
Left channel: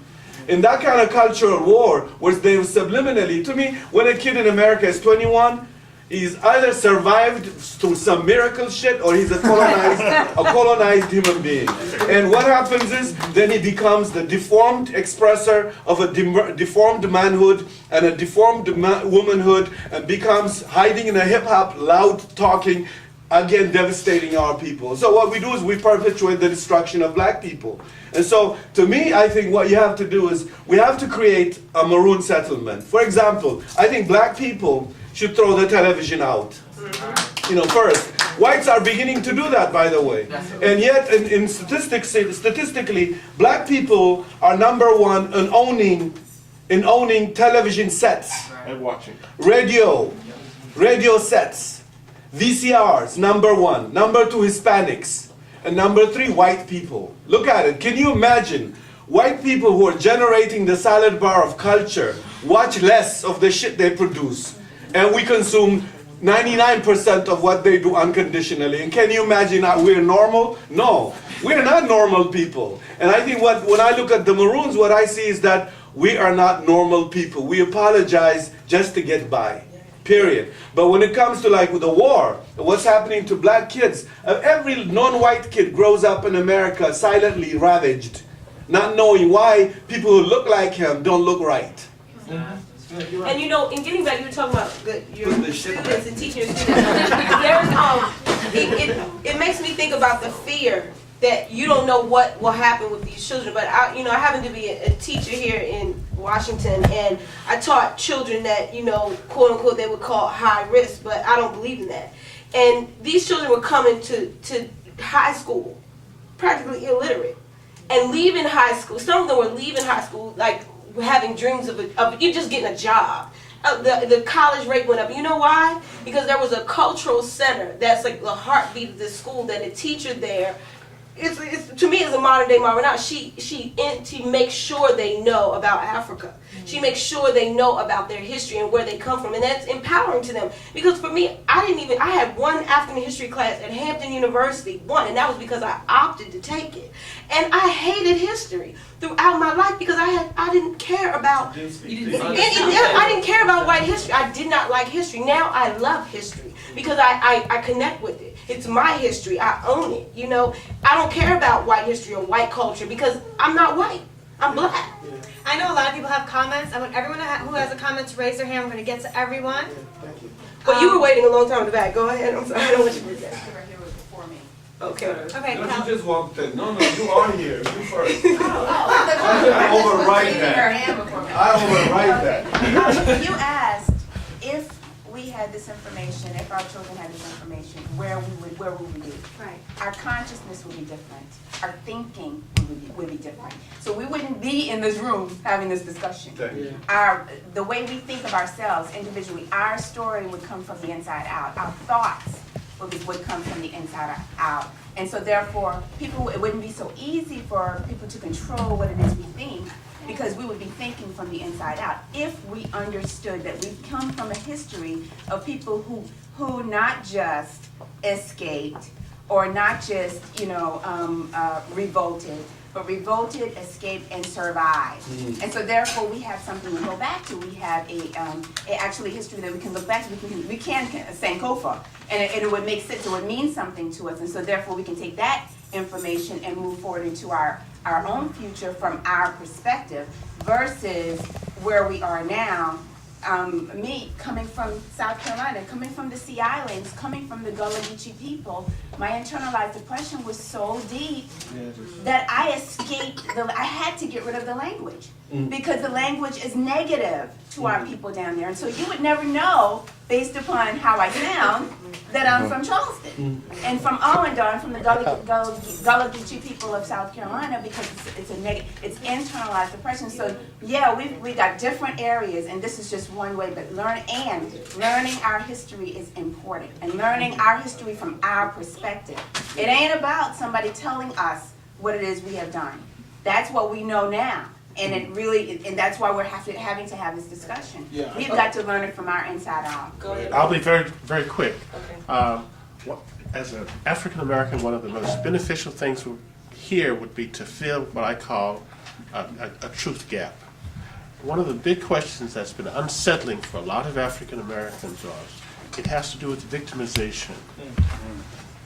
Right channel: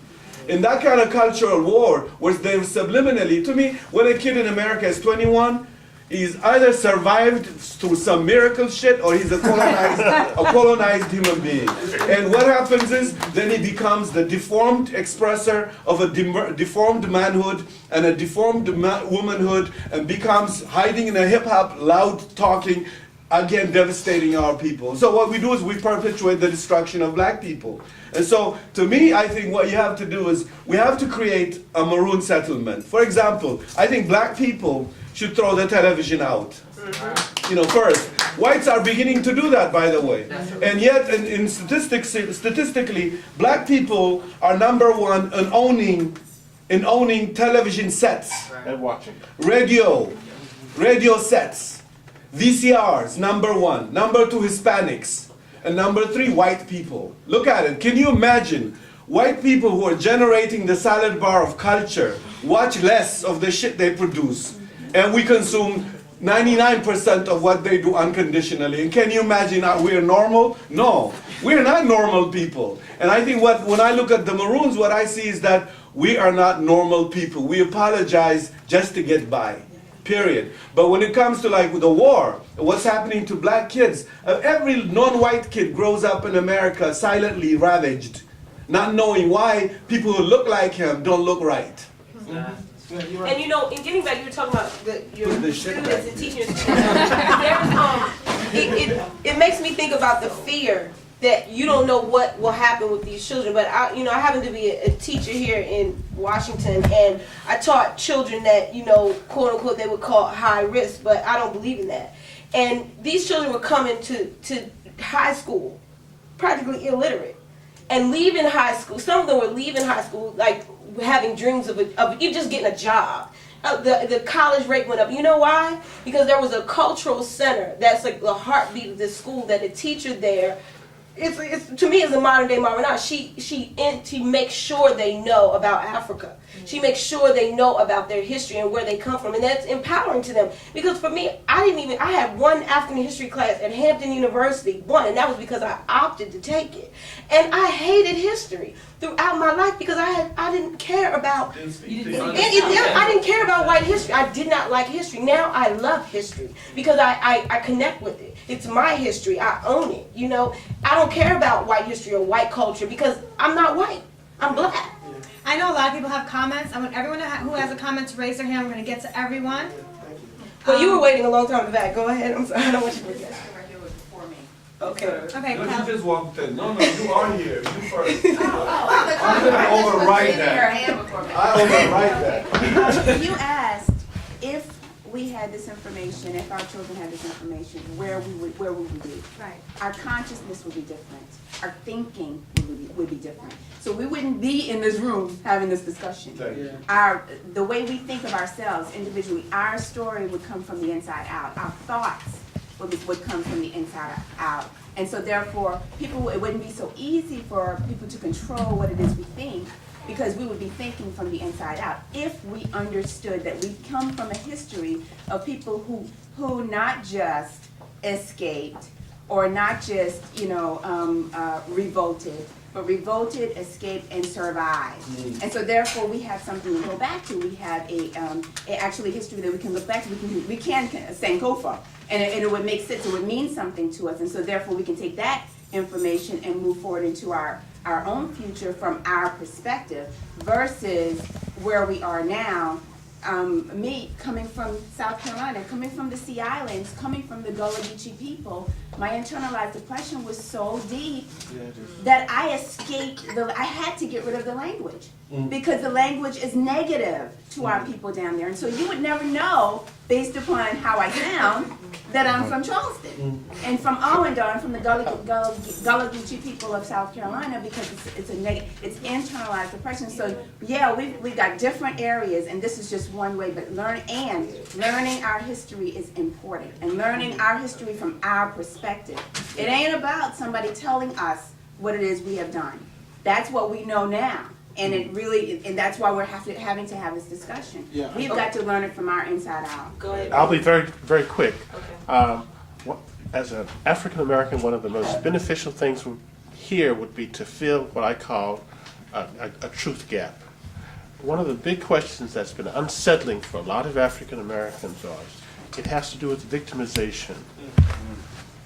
In that kind of cultural war, where they subliminally, to me, when a kid in America is 21, he's either survived through some miracle shit or he's a colonized woman being. And what happens is, then he becomes the deformed expresser of a deformed manhood and a deformed womanhood, and becomes hiding in a hip-hop, loud talking, again devastating our people. So what we do is we perpetuate the destruction of black people. And so, to me, I think what you have to do is, we have to create a Maroon settlement. For example, I think black people should throw the television out. You know, first. Whites are beginning to do that, by the way. And yet, statistically, black people are number one in owning television sets. And watching. Radio sets. VCRs, number one. Number two, Hispanics. And number three, white people. Look at it. Can you imagine white people who are generating the salad bar of culture watch less of the shit they produce, and we consume 99% of what they do unconditionally? And can you imagine that we're normal? No, we're not normal people. And I think when I look at the Maroons, what I see is that we are not normal people. We apologize just to get by. Period. But when it comes to like the war, what's happening to black kids, every non-white kid grows up in America silently ravaged, not knowing why people who look like him don't look right. And you know, in getting back, you were talking about Put the shit back. teachers. It makes me think about the fear that you don't know what will happen with these children. But I happen to be a teacher here in Washington, and I taught children that, quote unquote, they would call high risk, but I don't believe in that. And these children were coming to high school, practically illiterate, and leaving high school. Some of them were leaving high school like having dreams of you just getting a job. The college rate went up. You know why? Because there was a cultural center that's like the heartbeat of this school, that a teacher there, it's to me, it's a modern day Maroon. She makes sure they know about Africa. She makes sure they know about their history and where they come from, and that's empowering to them. Because for me, I had one African history class at Hampton University, and that was because I opted to take it. And I hated history throughout my life because I didn't care about I didn't care about white history. I did not like history. Now I love history because I connect with it. It's my history. I own it. I don't care about white history or white culture because I'm not white. I'm black. I know a lot of people have comments. I want everyone who has a comment to raise their hand. We're going to get to everyone. But you were waiting a long time in the back. Go ahead. I'm sorry. I don't want you to forget. Okay. Okay. You just walked in. No, you are here. You first. I override that. You asked if we had this information, if our children had this information, where would we be? Right. Our consciousness would be different. Our thinking would be different. So we wouldn't be in this room having this discussion. The way we think of ourselves individually, our story would come from the inside out. Our thoughts would come from the inside out. And so therefore, it wouldn't be so easy for people to control what it is we think, because we would be thinking from the inside out if we understood that we come from a history of people who not just escaped or not just revolted, but revolted, escaped, and survived. And so therefore we have something to go back to. We have actually history that we can look back to. We can Sankofa, and it would make sense. It would mean something to us, and so therefore we can take that information and move forward into our own future from our perspective versus where we are now. Me coming from South Carolina, coming from the Sea Islands, coming from the Gullah Geechee people, my internalized depression was so deep that I escaped. I had to get rid of the language because the language is negative to our people down there, and so you would never know based upon how I sound that I'm from Charleston and from Owendar and from the Gullah Geechee people of South Carolina, because it's internalized depression. So yeah, we got different areas, and this is just one way. But learning our history is important, and learning our history from our perspective. It ain't about somebody telling us what it is we have done. That's what we know now. And and that's why we're having to have this discussion. We've got to learn it from our inside out. I'll be very, very quick. As an African American, one of the most beneficial things here would be to fill what I call a truth gap. One of the big questions that's been unsettling for a lot of African Americans was, it has to do with victimization.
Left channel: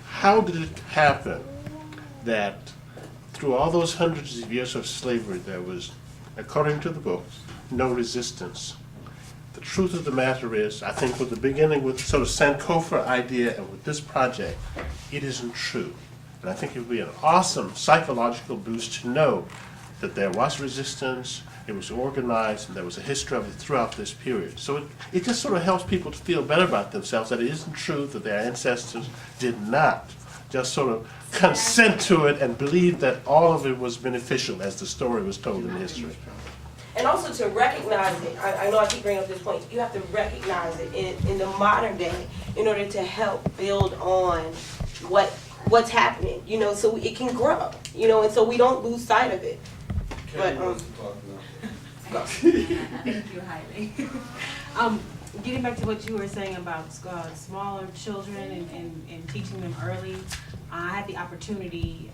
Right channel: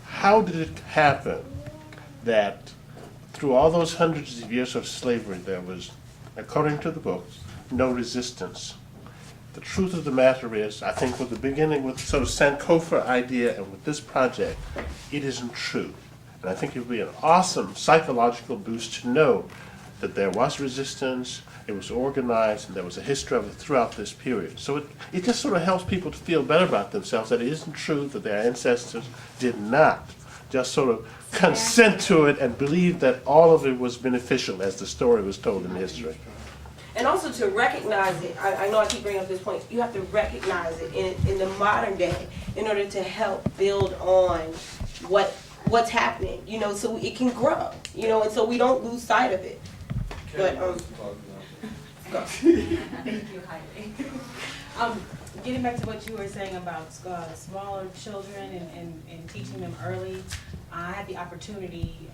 How did it happen that through all those hundreds of years of slavery there was, according to the books, no resistance? The truth of the matter is, I think with the beginning with sort of Sankofa idea and with this project, it isn't true. And I think it would be an awesome psychological boost to know that there was resistance, it was organized, and there was a history of it throughout this period. So it just sort of helps people to feel better about themselves, that it isn't true that their ancestors did not just sort of consent to it and believe that all of it was beneficial as the story was told in history. And also to recognize it, I know I keep bringing up this point, you have to recognize it in the modern day in order to help build on what's happening, you know, so it can grow, you know, and so we don't lose sight of it. But, go. Thank you, Heidi. Getting back to what you were saying about smaller children and teaching them early, I had the opportunity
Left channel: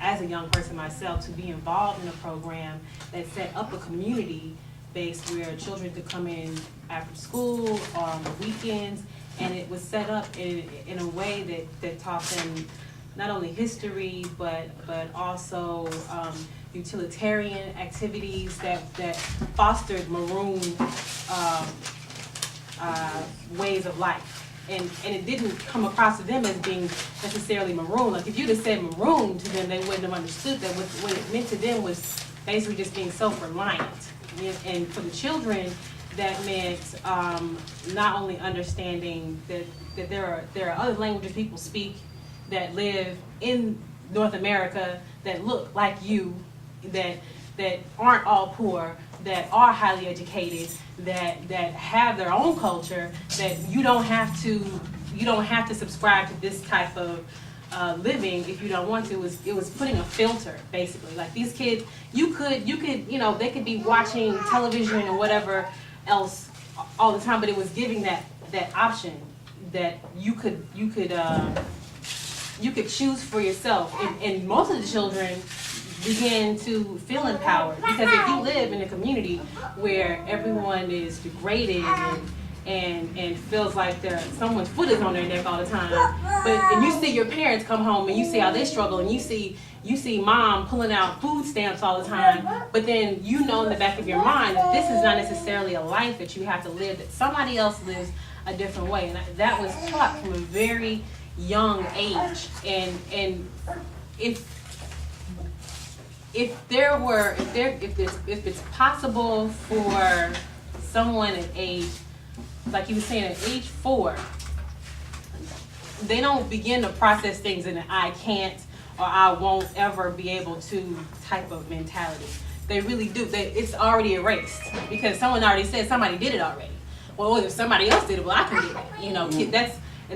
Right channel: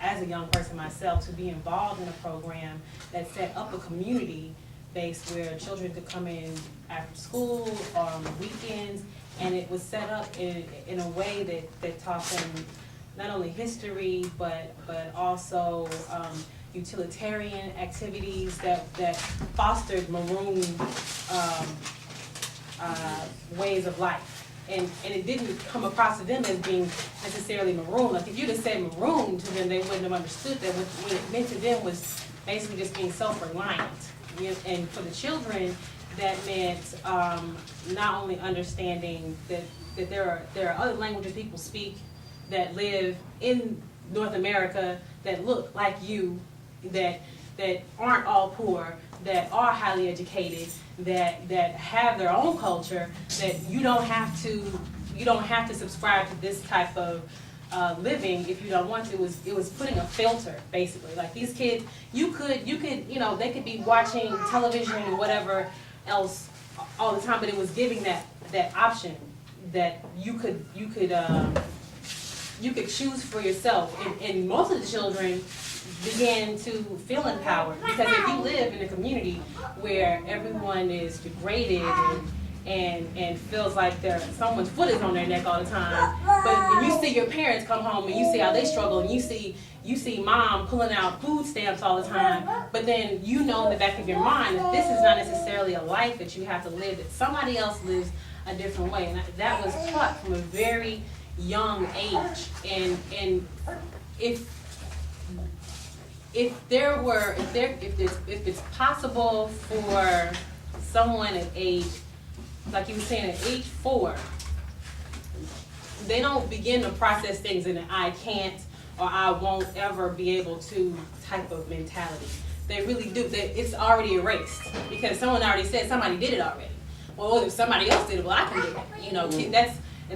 as a young person myself to be involved in a program that set up a community based where children could come in after school or on the weekends, and it was set up in a way that taught them not only history but also utilitarian activities that fostered Maroon ways of life. And it didn't come across to them as being necessarily Maroon. Like if you'd have said Maroon to them, they wouldn't have understood that. What it meant to them was basically just being self-reliant. And for the children, that meant not only understanding that there are other languages people speak that live in North America that look like you, that aren't all poor, that are highly educated, that have their own culture, that you don't have to subscribe to this type of living if you don't want to. It was putting a filter, basically. Like these kids, you could they could be watching television and whatever else all the time, but it was giving that option that you could choose for yourself. And most of the children began to feel empowered, because if you live in a community where everyone is degraded and feels like someone's foot is on their neck all the time, and you see your parents come home and you see how they struggle, and you see mom pulling out food stamps all the time, but then you know in the back of your mind that this is not necessarily a life that you have to live, that somebody else lives a different way. And that was taught from a very young age. And if it's possible for someone at age, like you were saying, at age 4, they don't begin to process things in an I can't or I won't ever be able to type of mentality. They really do. It's already erased because someone already said somebody did it already. Well, if somebody else did it, well, I can do it. You know,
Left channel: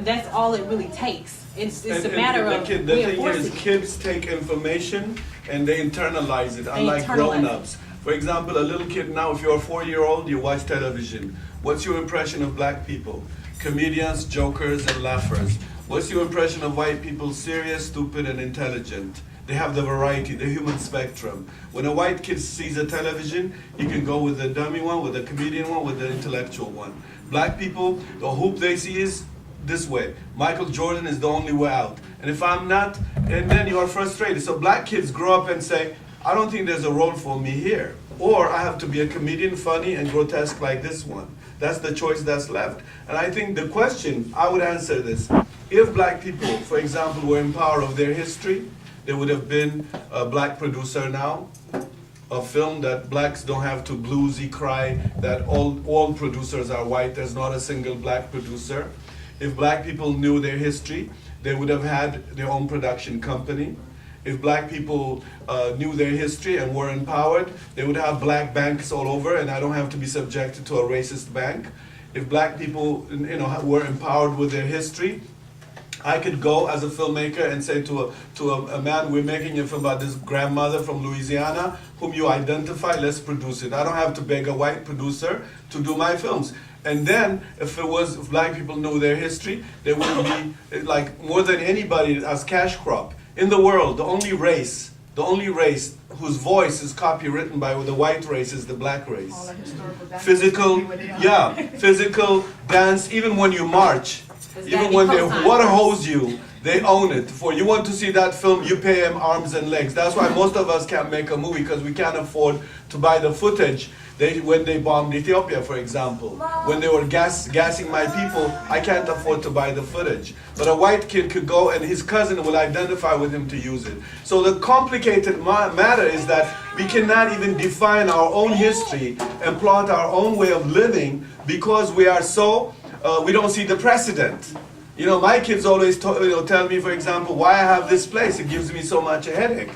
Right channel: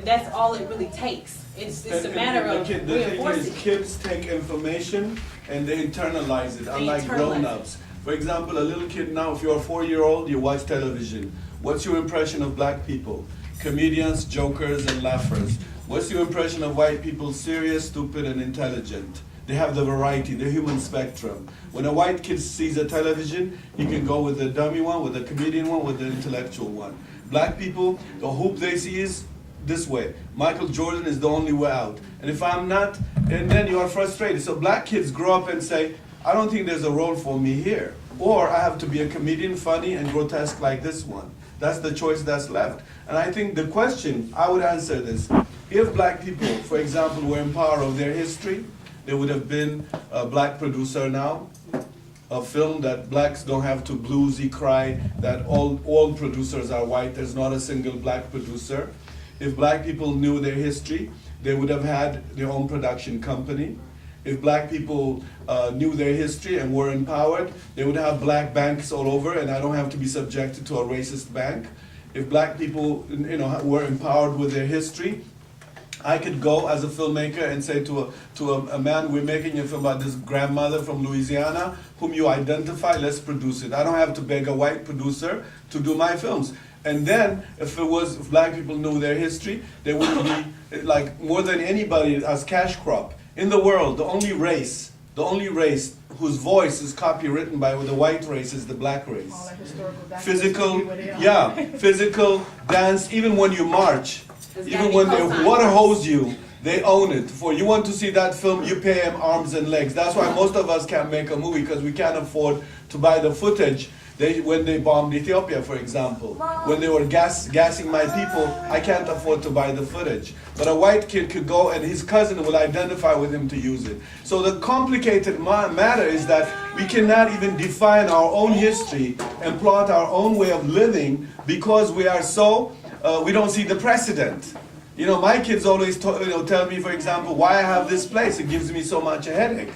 that's all it really takes. It's a matter of the thing is, kids take information and they internalize it, unlike grown-ups. For example, a little kid now, if you're a 4-year-old, you watch television. What's your impression of black people? Comedians, jokers, and laughers. What's your impression of white people? Serious, stupid, and intelligent. They have the variety, the human spectrum. When a white kid sees a television, he can go with the dummy one, with the comedian one, with the intellectual one. Black people, the hope they see is this way. Michael Jordan is the only way out. And if I'm not, and then you're frustrated. So black kids grow up and say, I don't think there's a role for me here. Or I have to be a comedian, funny and grotesque like this one. That's the choice that's left. And I think the question, I would answer this. If black people, for example, were in power of their history, there would have been a black producer now, a film that blacks don't have to bluesy cry, that all producers are white, there's not a single black producer. If black people knew their history, they would have had their own production company. If black people knew their history and were empowered, they would have black banks all over, and I don't have to be subjected to a racist bank. If black people, were empowered with their history, I could go as a filmmaker and say to a man, we're making a film about this grandmother from Louisiana, whom you identify, let's produce it. I don't have to beg a white producer to do my films. And then, if black people knew their history, they would be, like, more than anybody as cash crop. In the world, the only race whose voice is copywritten by the white race is the black race. Physical, physical dance, even when you march, even when they water hose you, they own it. For you want to see that film, you pay them arms and legs. That's why most of us can't make a movie, because we can't afford to buy the footage. When they bombed Ethiopia, for example, when they were gassing my people, I can't afford to buy the footage. But a white kid could go and his cousin will identify with him to use it. So the complicated matter is that we cannot even define our own history and plot our own way of living because we are so, we don't see the precedent. You know, my kids always tell me, for example, why I have this place. It gives me so much a headache.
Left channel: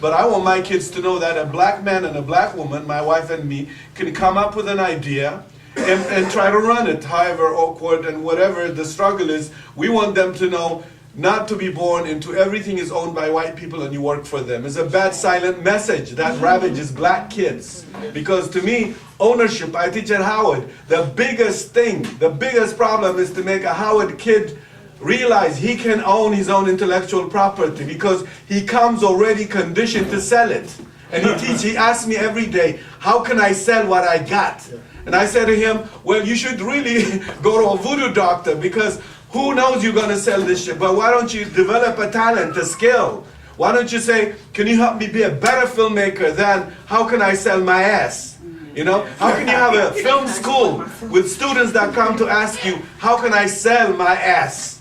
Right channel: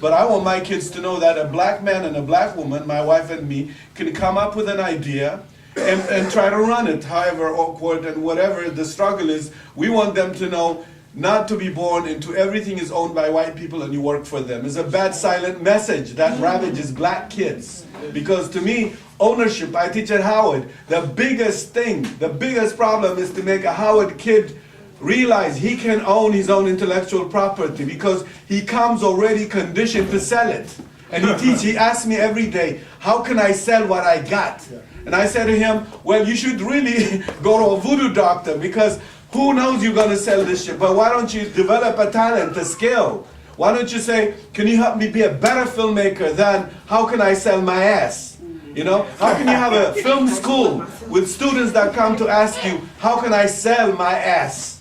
But I want my kids to know that a black man and a black woman, my wife and me, can come up with an idea and try to run it, however awkward and whatever the struggle is. We want them to know not to be born into everything is owned by white people and you work for them. It's a bad silent message that ravages black kids. Because to me, ownership, I teach at Howard, the biggest problem is to make a Howard kid realize he can own his own intellectual property because he comes already conditioned to sell it. And he asks me every day, how can I sell what I got? And I said to him, well, you should really go to a voodoo doctor because who knows you're going to sell this shit, but why don't you develop a talent, a skill? Why don't you say, can you help me be a better filmmaker than how can I sell my ass? You know, how can you have a film school with students that come to ask you, how can I sell my ass?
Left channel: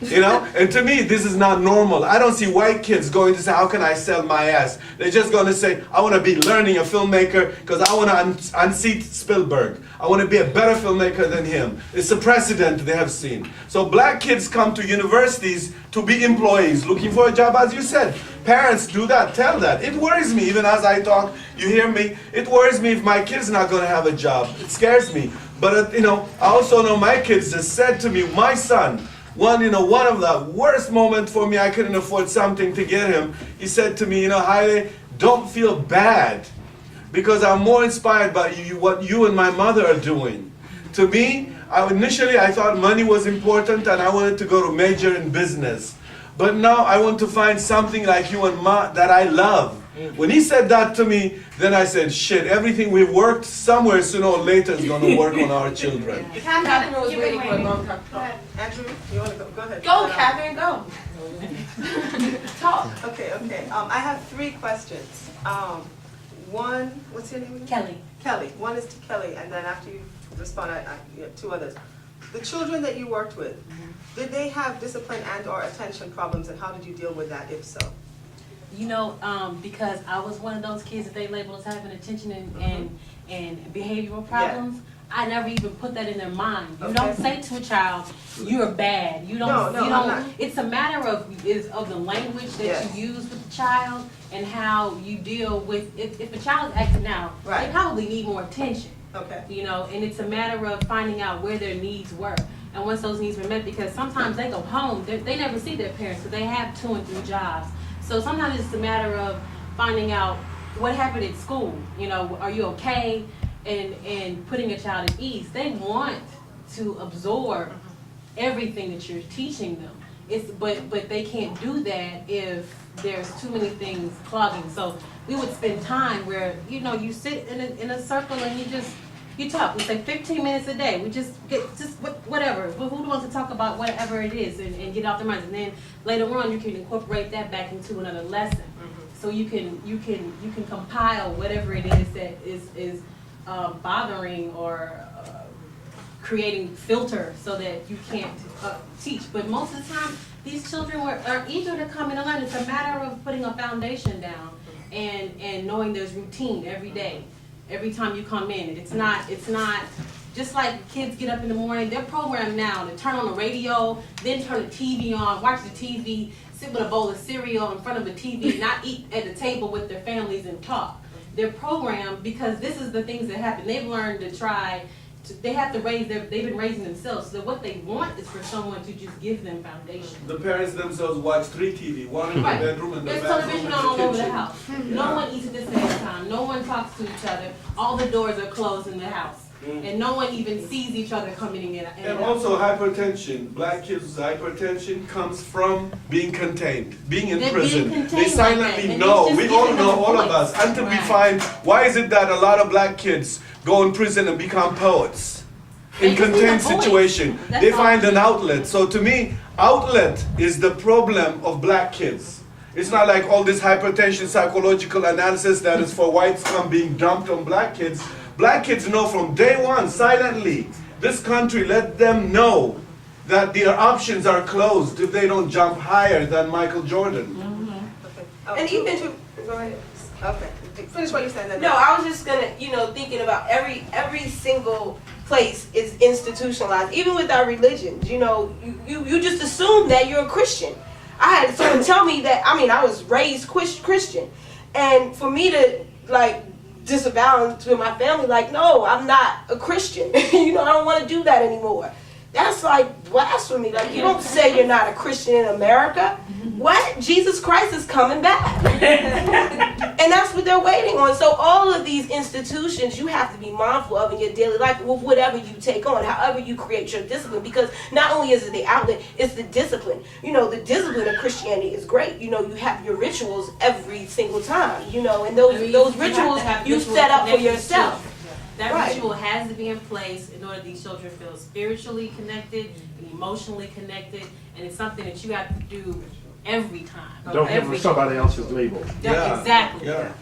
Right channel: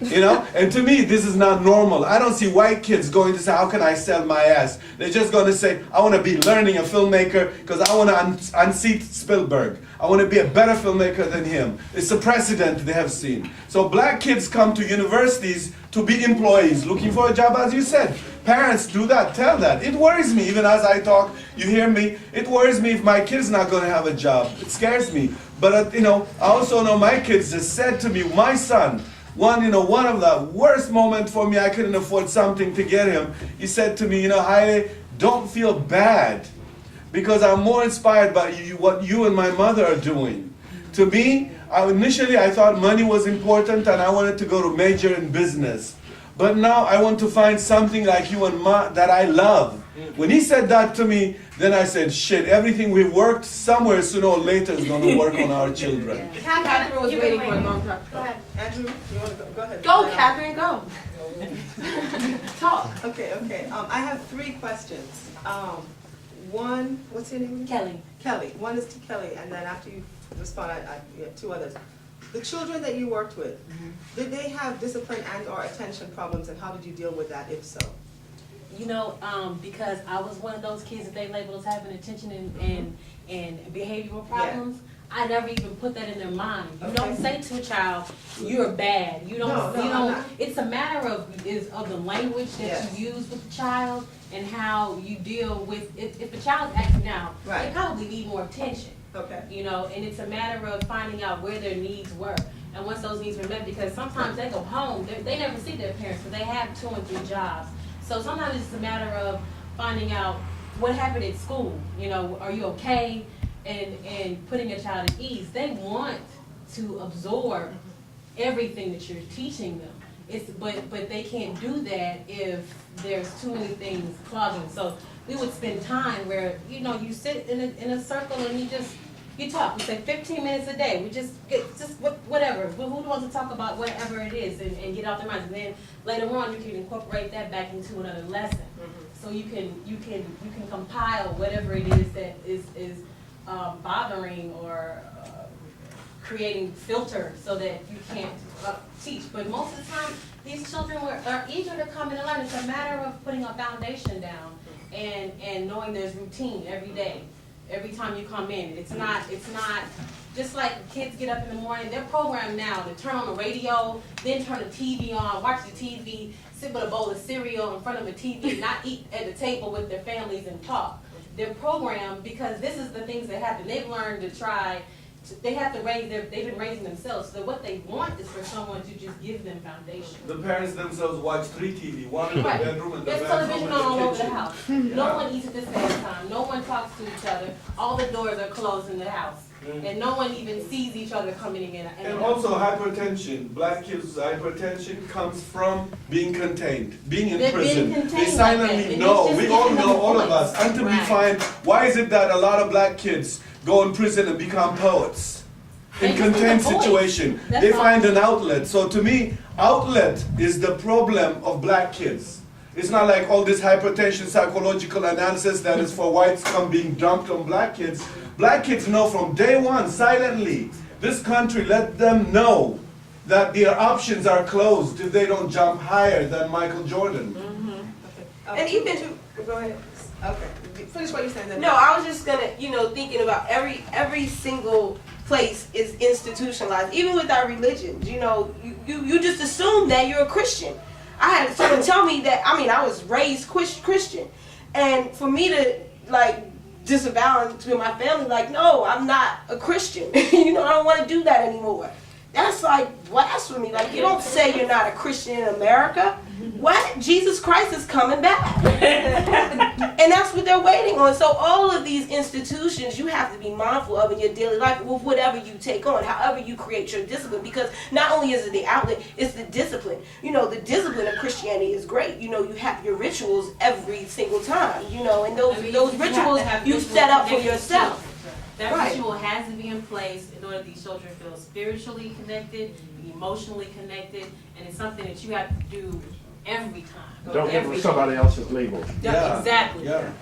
You know, and to me, this is not normal. I don't see white kids going to say, how can I sell my ass? They're just going to say, I want to be learning a filmmaker because I want to unseat Spielberg. I want to be a better filmmaker than him. It's a precedent they have seen. So black kids come to universities to be employees, looking for a job, as you said. Parents do that, tell that. It worries me, even as I talk, you hear me. It worries me if my kid's not going to have a job. It scares me. But, you know, I also know my kids just said to me, my son, one of the worst moments for me, I couldn't afford something to get him. He said to me, you know, Haile, don't feel bad because I'm more inspired by what you and my mother are doing. To me, initially I thought money was important and I wanted to go to major in business. But now I want to find something like you and Ma that I love. When he said that to me, then I said, shit, everything we've worked somewhere sooner or later is going to work on our children. Catherine was waiting for a long time. Andrew, you want to go? Go ahead. Go, Catherine, go. Talk. Okay. I have 3 questions. One, what's your name again? Kelly. Kelly. One is to Kelly, and then after you respond, you have 2 others. The children that you worked with, did they have discipline and or attention problems, and how did you deal with that, if so? You know, because I was one of those kids that they labeled as having attention and behavioral problems. Yeah. I never even put that in their mind. You don't say to a child, "You're bad." You don't. No, it's a matter of the language that you use with the child and how you deal with. If a child's acting out, they probably need more attention. Okay. You know, and it's a matter of finding out where their needs were. And once those needs were met, because sometimes they go home, they never see their parents, because they have 2 and 3 jobs. So sometimes it's a matter of finding out what happened at school. You know, are you okay? And putting a child at ease. They want to absorb everything that you're teaching them. But they can't do that if there's too many things clogging. So we would spend time where, you know, you sit in a circle and you talk. We say 15 minutes a day. We just whatever. Who wants to talk about whatever it is and get off their minds. And then later on you can incorporate that back into another lesson. So you can compile whatever it is that is bothering or creating filter so that you can't teach. But most of the time, these children are eager to come in and learn. It's a matter of putting a foundation down and knowing there's routine every day. Every time you come in, it's not just like kids get up in the morning. They're programmed now to turn on the radio, then turn the TV on, watch the TV, sit with a bowl of cereal in front of the TV, not eat at the table with their families and talk. They're programmed because this is the things that happen. They've learned to they have to they've been raising themselves. So what they want is for someone to just give them foundation. The parents themselves watch 3 TV, one in the bedroom and the There's television all over the house. No one eats at the same time. No one talks to each other. All the doors are closed in the house. And no one even sees each other coming in. And also hypertension. Black kids' hypertension comes from being contained, being in They're prison. being They contained silently like that, and know. it's We just all giving know, them all of voice. us, until we find why is it that a lot of black kids go in prison and become poets in They just need contained a voice. situation. That's They all. find an outlet. So to me, outlet is the problem of black kids. It's not like all this hypertension psychological analysis that is for white scum being dumped on black kids. Black kids know from day one, silently, this country let them know that their options are closed if they don't jump higher than Michael Jordan. And even, go ahead. Okay, finish what you're saying then. No, I was just gonna, thinking about every single place is institutionalized, even with our religions. You just assume that you're a Christian. I had someone tell me that, I was raised Christian. And for me to, disavow to my family, no, I'm not a Christian. I don't want to do that anymore. That's like blasphemy. You don't say you're not a Christian in America. What? Jesus Christ is coming back. And that's what they're waiting on. So all of these institutions you have to be mindful of in your daily life with whatever you take on, however you create your discipline. Because not only is it the outlet, it's the discipline. The discipline of Christianity is great. You have your rituals every single time, and those rituals you set up for yourself. That Right. ritual has to be in place in order these children feel spiritually connected, and emotionally connected, and it's something that you have to do every time. Don't give them somebody else's label. Yeah, exactly. Yeah.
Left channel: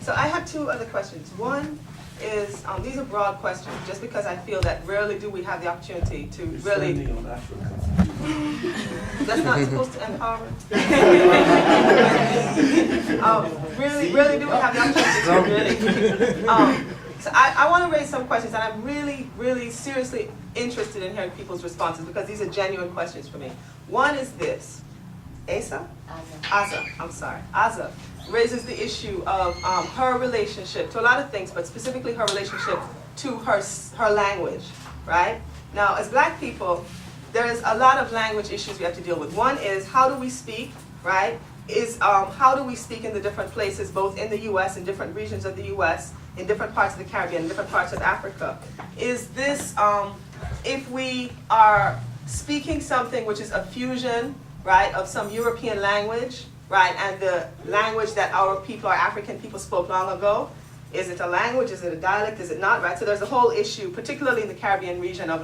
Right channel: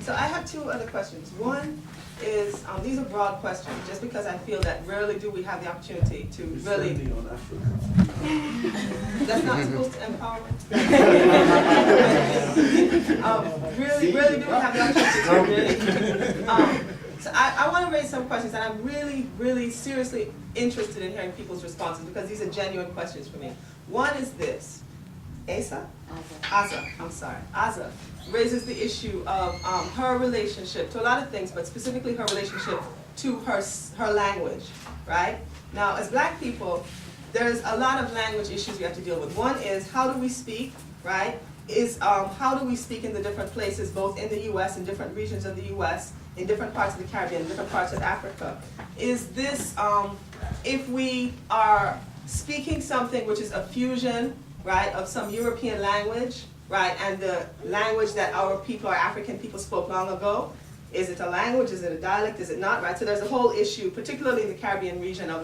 So I have two other questions. One is, these are broad questions, just because I feel that rarely do we have the opportunity to really. Spending on Africa. That's not supposed to empower us. Really do we have the opportunity to really. So I want to raise some questions, and I'm really seriously interested in hearing people's responses, because these are genuine questions for me. One is this. Asa, raises the issue of her relationship to a lot of things, but specifically her relationship to her language, right? Now, as black people, there's a lot of language issues we have to deal with. One is, how do we speak, right? How do we speak in the different places, both in the U.S., in different regions of the U.S., in different parts of the Caribbean, in different parts of Africa? Is this, if we are speaking something which is a fusion, right, of some European language, right, and the language that our African people spoke long ago, is it a language, is it a dialect, is it not, right? So there's a whole issue, particularly in the Caribbean region, of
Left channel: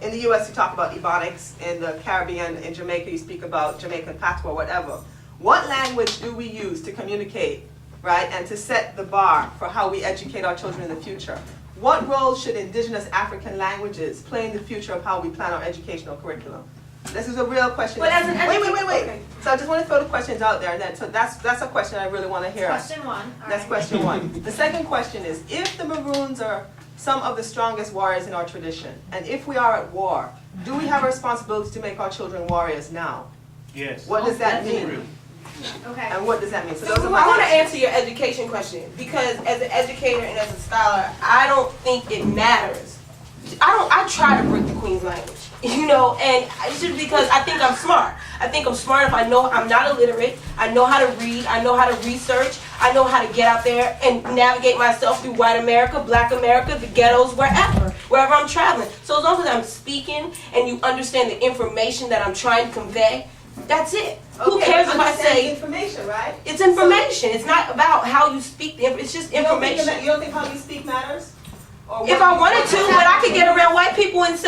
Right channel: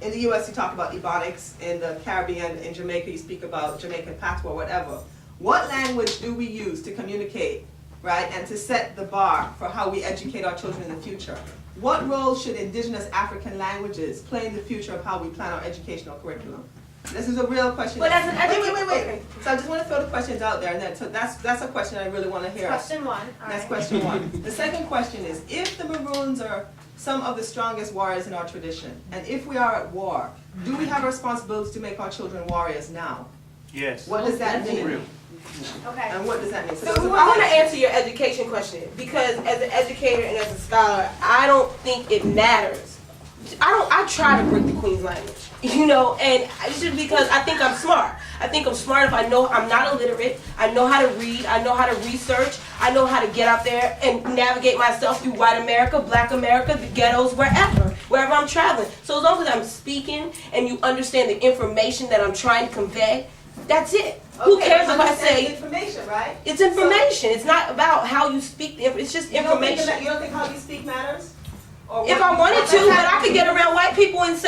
in the US you talk about Ebonics, in the Caribbean, in Jamaica you speak about Jamaican patois, whatever. What language do we use to communicate, right, and to set the bar for how we educate our children in the future? What role should indigenous African languages play in the future of how we plan our educational curriculum? This is a real question. Wait. So I just want to throw the questions out there, and then so that's a question I really want to hear. Question one. That's question one. The second question is, if the Maroons are some of the strongest warriors in our tradition, and if we are at war, do we have a responsibility to make our children warriors now? Yes. What does that mean? Okay. And what does that mean? So those are my I want to questions. answer your education question, because as an educator and as a scholar, I don't think it matters. I try to break the Queen's language, and it's just because I think I'm smart. I think I'm smart if I know I'm not illiterate. I know how to read. I know how to research. I know how to get out there and navigate myself through white America, black America, the ghettos, wherever I'm traveling. So as long as I'm speaking and you understand the information that I'm trying to convey, that's it. Who cares if I say information, right? It's information. It's not about how you speak. It's just information. You don't think how you speak matters? If I wanted to, but I could get around white people and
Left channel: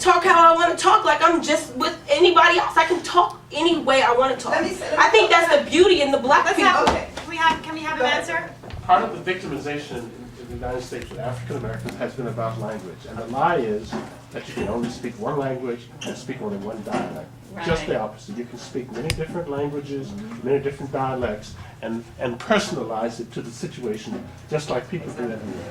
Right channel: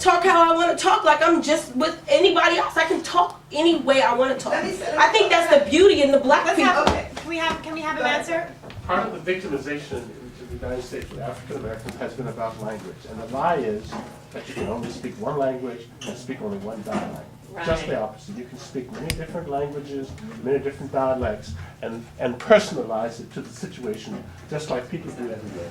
talk how I want to talk, like I'm just with anybody else. I can talk any way I want to talk. I think that's the beauty in the black people. Can we have him answer? Part of the victimization in the United States with African Americans has been about language, and the lie is that you can only speak one language and speak only one dialect. Right. Just the opposite. You can speak many different languages, many different dialects, and personalize it to the situation, just like people do everywhere.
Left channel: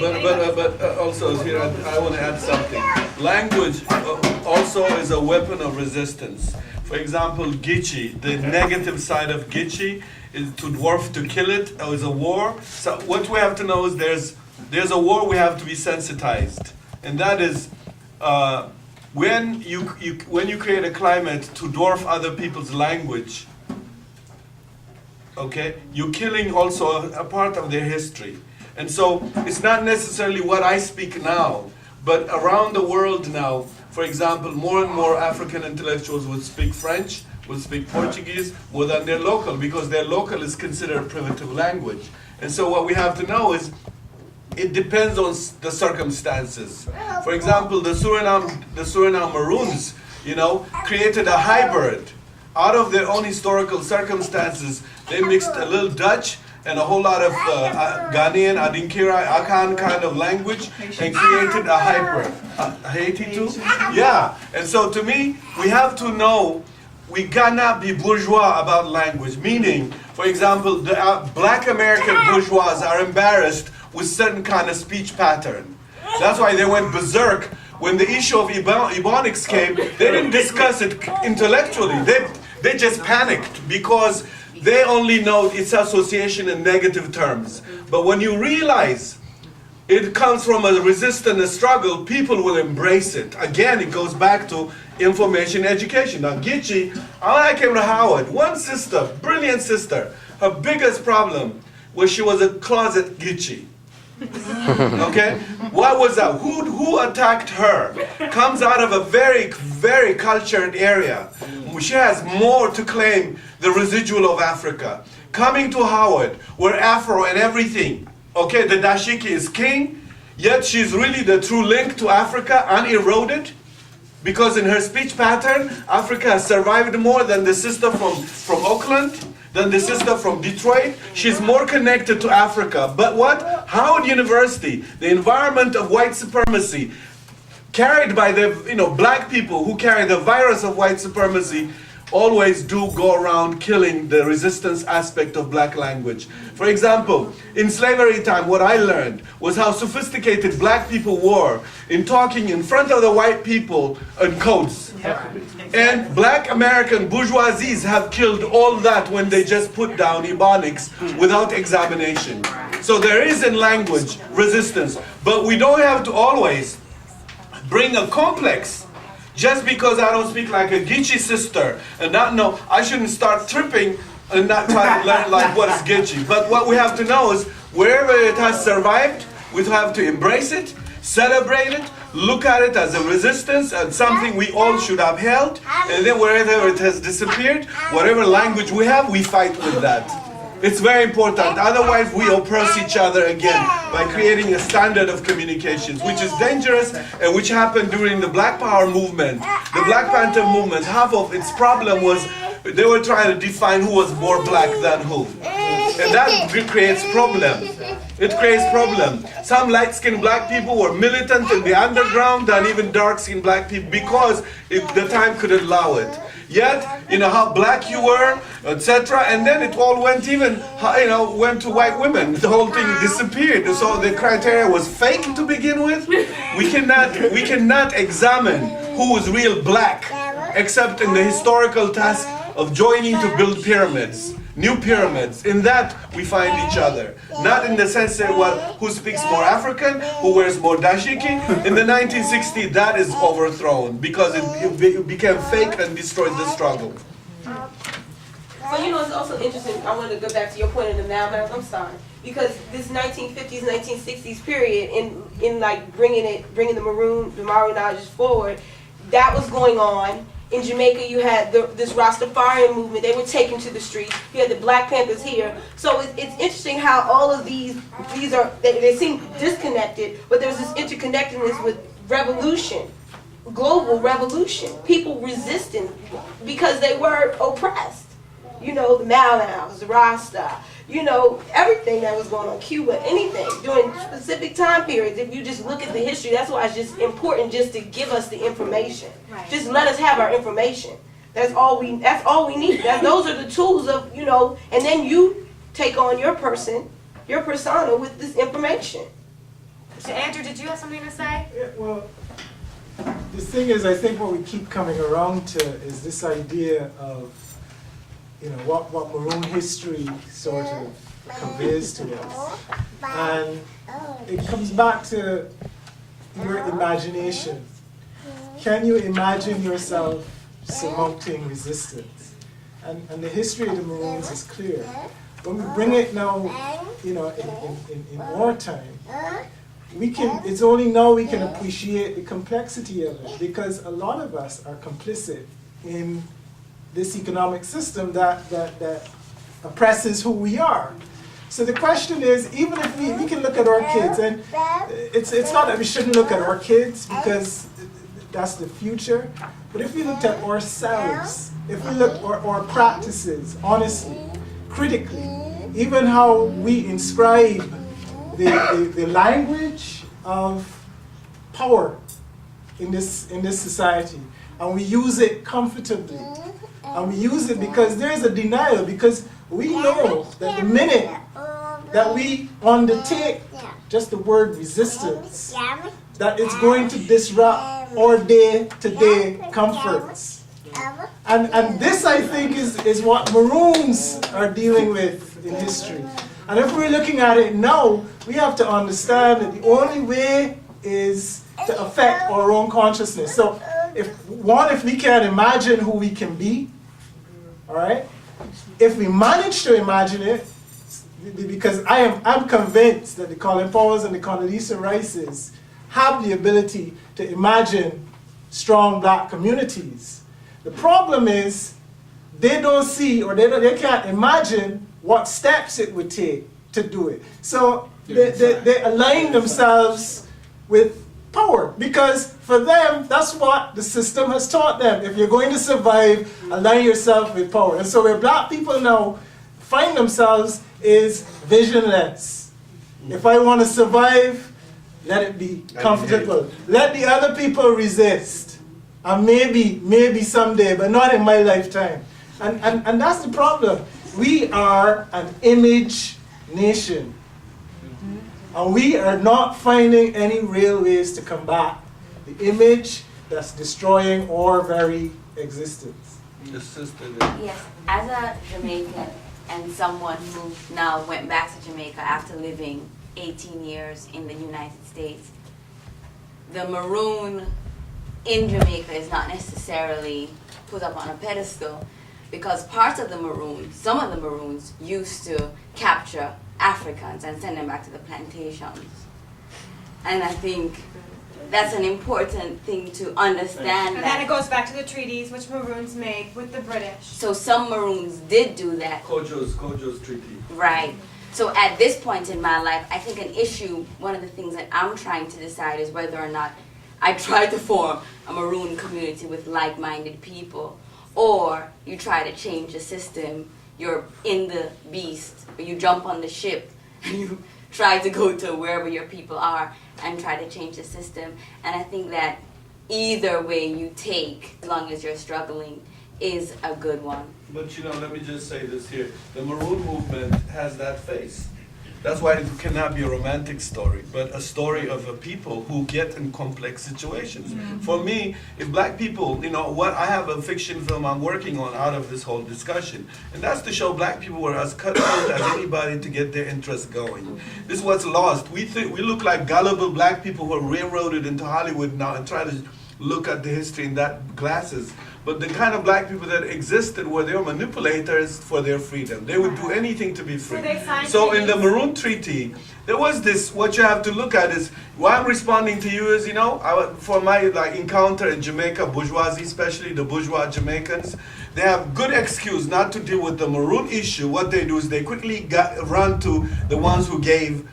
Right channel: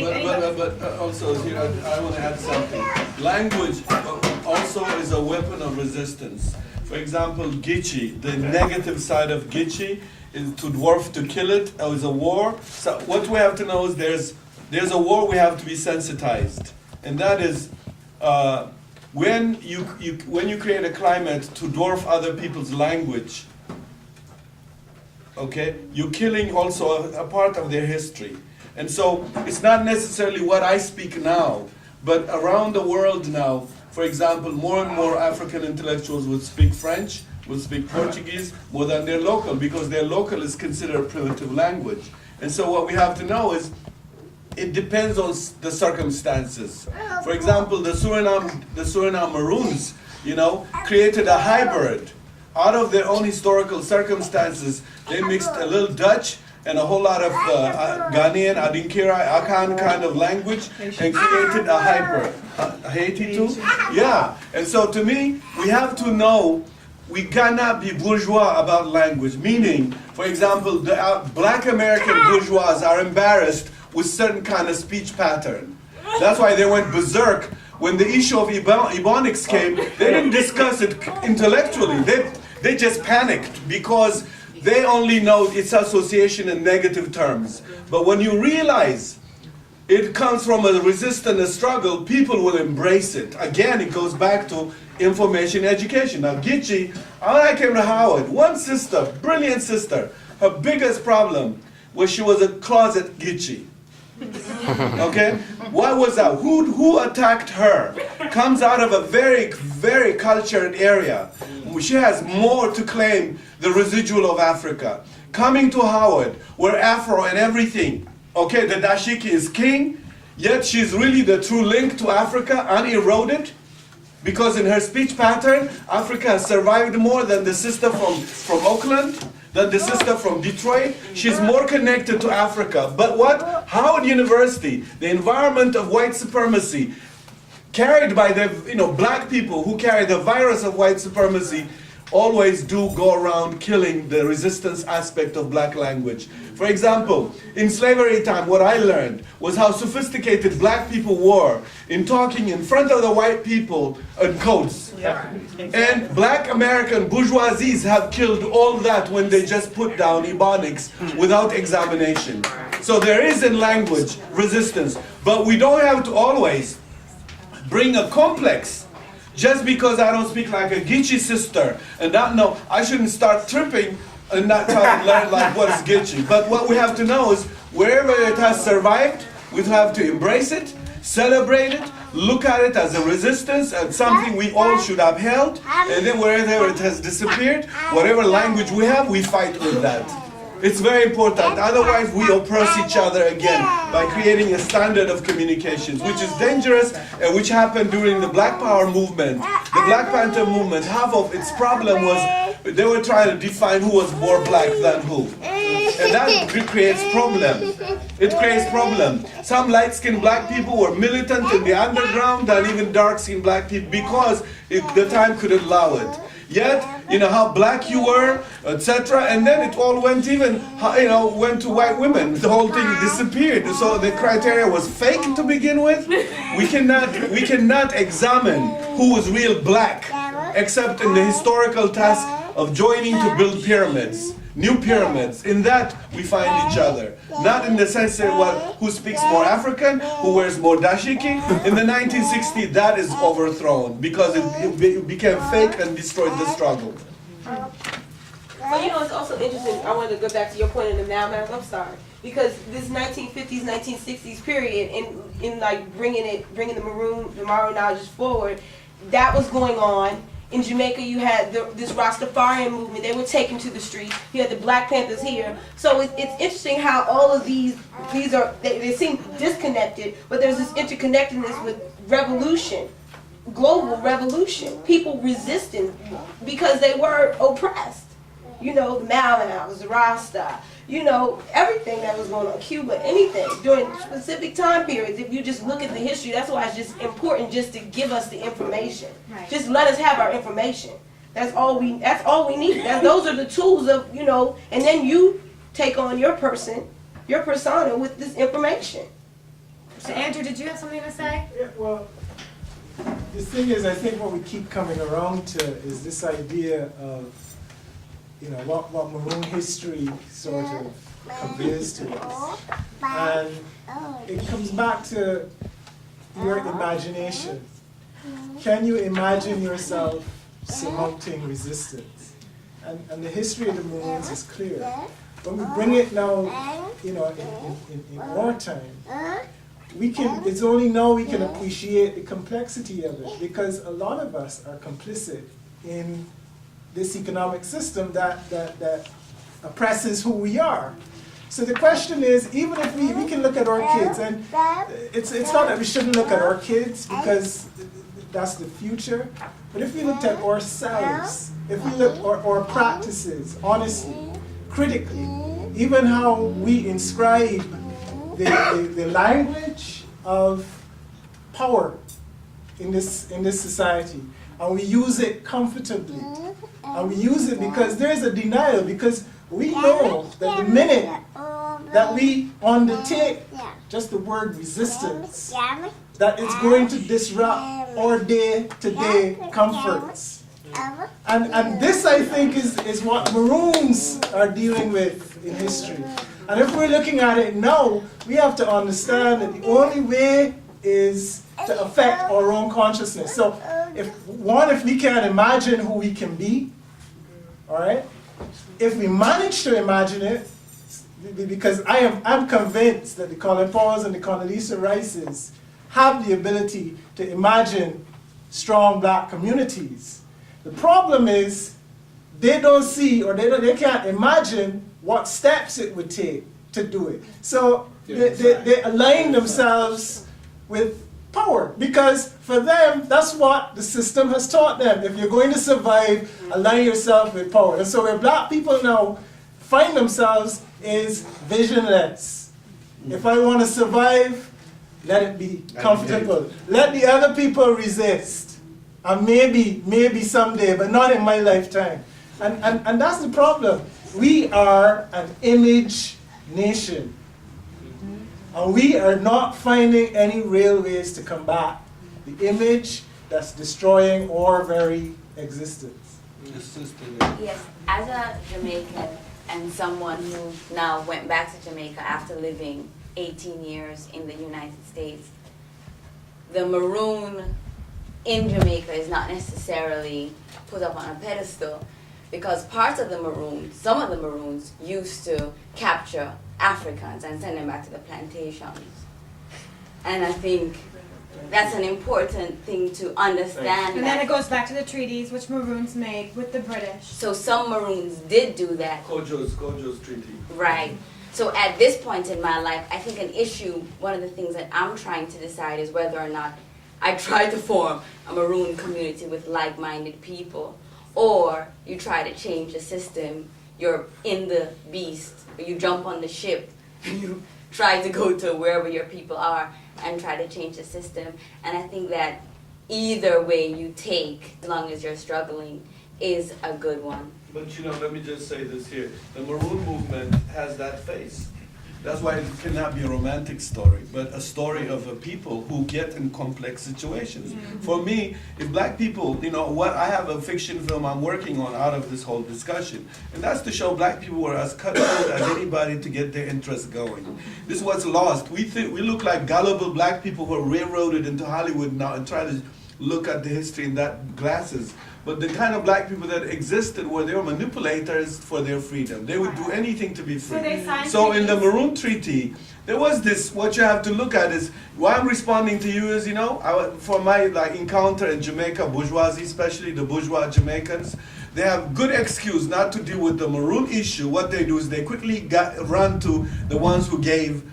But also here I want to add something. Language also is a weapon of resistance. For example, Gitchi, the negative side of Gitchi is to dwarf, to kill it, or is a war. So what we have to know is there's a war we have to be sensitized, and that is when you create a climate to dwarf other people's language. Okay, you're killing also a part of their history. And so it's not necessarily what I speak now, but around the world now, for example, more and more African intellectuals would speak French, would speak Portuguese more than their local, because their local is considered a primitive language. And so what we have to know is it depends on the circumstances. For example, the Suriname Maroons, created a hybrid. Out of their own historical circumstances, they mixed a little Dutch and a whole lot of Ghanaian, Adinkira, Akan kind of language, and created a hybrid. Haiti too? Yeah. And so to me, we have to know we cannot be bourgeois about language. Meaning, for example, the black American bourgeois are embarrassed with certain kind of speech pattern. That's why they went berserk. When the issue of Ebonics came, they didn't discuss it intellectually. They just panicked because they only know its association in negative terms. But when you realize it comes from a resistance, a struggle, people will embrace it. Again, it goes back to information education. Now, Gitchi, I came to Howard, one sister, brilliant sister, her biggest problem was she was a closet Gitchi. Okay? What was that? Who attacked her? Comes out of a very, very cultured area. She has more to claim the residual of Africa. Coming to Howard, where Afro and everything, okay, the dashiki is king, yet she's really the true link to Africa, uneroded, because in her speech pattern, Africa has survived more than the sister from Oakland, than the sister from Detroit. She's more connected to Africa. But what? Howard University, the environment of white supremacy, carried by the black people who carry the virus of white supremacy, always do go around killing the resistance aspect of black language. For example, in slavery time, what I learned was how sophisticated black people were in talking in front of the white people in codes. And black American bourgeoisies have killed all that when they just put down Ebonics without examination. So there is in language resistance, but we don't have to always bring a complex. Just because I don't speak like a Geechee sister and not know, I shouldn't start tripping and not try to learn like what is Geechee. But what we have to know is wherever it has survived, we have to embrace it, celebrate it, look at it as a resistance and something we all should upheld. And then wherever it has disappeared, whatever language we have, we fight with that. It's very important. Otherwise, we oppress each other again by creating a standard of communications, which is dangerous and which happened during the Black Power movement. The Black Panther movement, half of its problem was they were trying to define who was more black than who. And that creates problem. It creates problem. Some light-skinned black people were militant in the underground than even dark-skinned black people because the time could allow it. Yet, how black you were, etc. And then it all went went to white women. The whole thing disappeared. So the criteria was fake to begin with. We cannot examine who was real black, except in the historical task of joining to build pyramids. New pyramids. In that, we find each other. Not in the sense that who speaks more African, who wears more dashiki. In the 1960s, that is overthrown because it became fake and destroyed the struggle. Well, it's also interesting. I wanted to go back to your point in the Mal Math. I'm sorry, because this 1950s, 1960s period, in like bringing the Maroon knowledge forward, that was going on. In Jamaica, you had this Rastafari movement. They were taken to the streets. You had the Black Panthers here. So it's interesting how all of these they seem disconnected, but there's this interconnectedness with revolution, global revolution. People resisting because they were oppressed. The Malans, the Rasta, everything that was going on, Cuba, anything during specific time periods. If you just look at the history, that's why it's just important just to give us the information. Right. Just let us have our information. That's all we need. Those are the tools of, and then you take on your persona with this information. So Andrew, did you have something to say? Yeah, well, the thing is, I think what we keep coming around to is this idea of what Maroon history sort of conveys to us. And it comes back to your imagination. Can you imagine yourself surmounting resistance? And the history of the Maroons is clear. when we bring it now, in our time, it's only now we can appreciate the complexity of it, because a lot of us are complicit in this economic system that oppresses who we are. So the question is, even if we can look at our kids, and it's not that we shouldn't look at our kids because that's the future, but if we looked at ourselves, if we look at our practices, honestly, critically, even how we inscribe the language of power in this society, and we use it comfortably, and we use it because there's a denial, because we know that the minute that we undertake just the word resistance, that it's going to disrupt our day-to-day comforts. And this, I think, is what Maroons are dealing with in history. And if we're looking at it now, we have to understand that the only way is to affect our own consciousness. So if we can imagine who we can be, all right? If we manage to imagine it, because I'm convinced that the Colin Powells and the Condoleezza Rices have the ability to imagine strong black communities. The problem is they don't see, or they can't imagine what steps it would take to do it. So they align themselves with power, because for them, that's what the system has taught them. If you're going to survive, align yourself with power. And so where black people now find themselves is visionless. If I want to survive, let it be comfortable. Let the other people resist. And maybe someday, but not in my lifetime. And that's the problem. We are an image nation. And we are not finding any real ways to combat the image that's destroying our very existence. Yes, as a Jamaican and someone who now went back to Jamaica after living 18 years in the United States, the Maroon in Jamaica is not necessarily put up on a pedestal, because parts of the Maroons, some of the Maroons, used to capture Africans and send them back to the plantations. And I think that's an important thing to understand. And then it goes back to the treaties which Maroons made with the British. So some Maroons did do that. Kojo's treaty. Right. So at this point in my life, I think an issue, one of the things that I'm trying to decide is whether or not I try to form a Maroon community with like-minded people, or you try to change the system. You're in the beast, or you jump on the ship and you try to go to wherever your people are and try to change the system. And I think that either way you take, as long as you're struggling, is a good one. But let me just say this here. The Maroon movement has that face. That's why it cannot be a romantic story, but a story of a people who get in complex situations. Mm-hmm. For me, if black people, I have a fiction film I'm working on out of this whole discussion, and that's to show black people were as cutthroat as anybody to get their interest going. This is what's lost. We look like gullible black people who are railroaded into Hollywood now and try to look at the history in that glasses. But the kind of black people that existed were they were manipulators for their freedom. They would do anything to be free. So in the Maroon Treaty, there was this, what you have to look at is, why I'm responding to you is, for my encounter in Jamaica, bourgeoisie, especially the bourgeois Jamaicans, they have good excuse not to deal with the Maroon issue. What they do is they quickly run to the ones who gave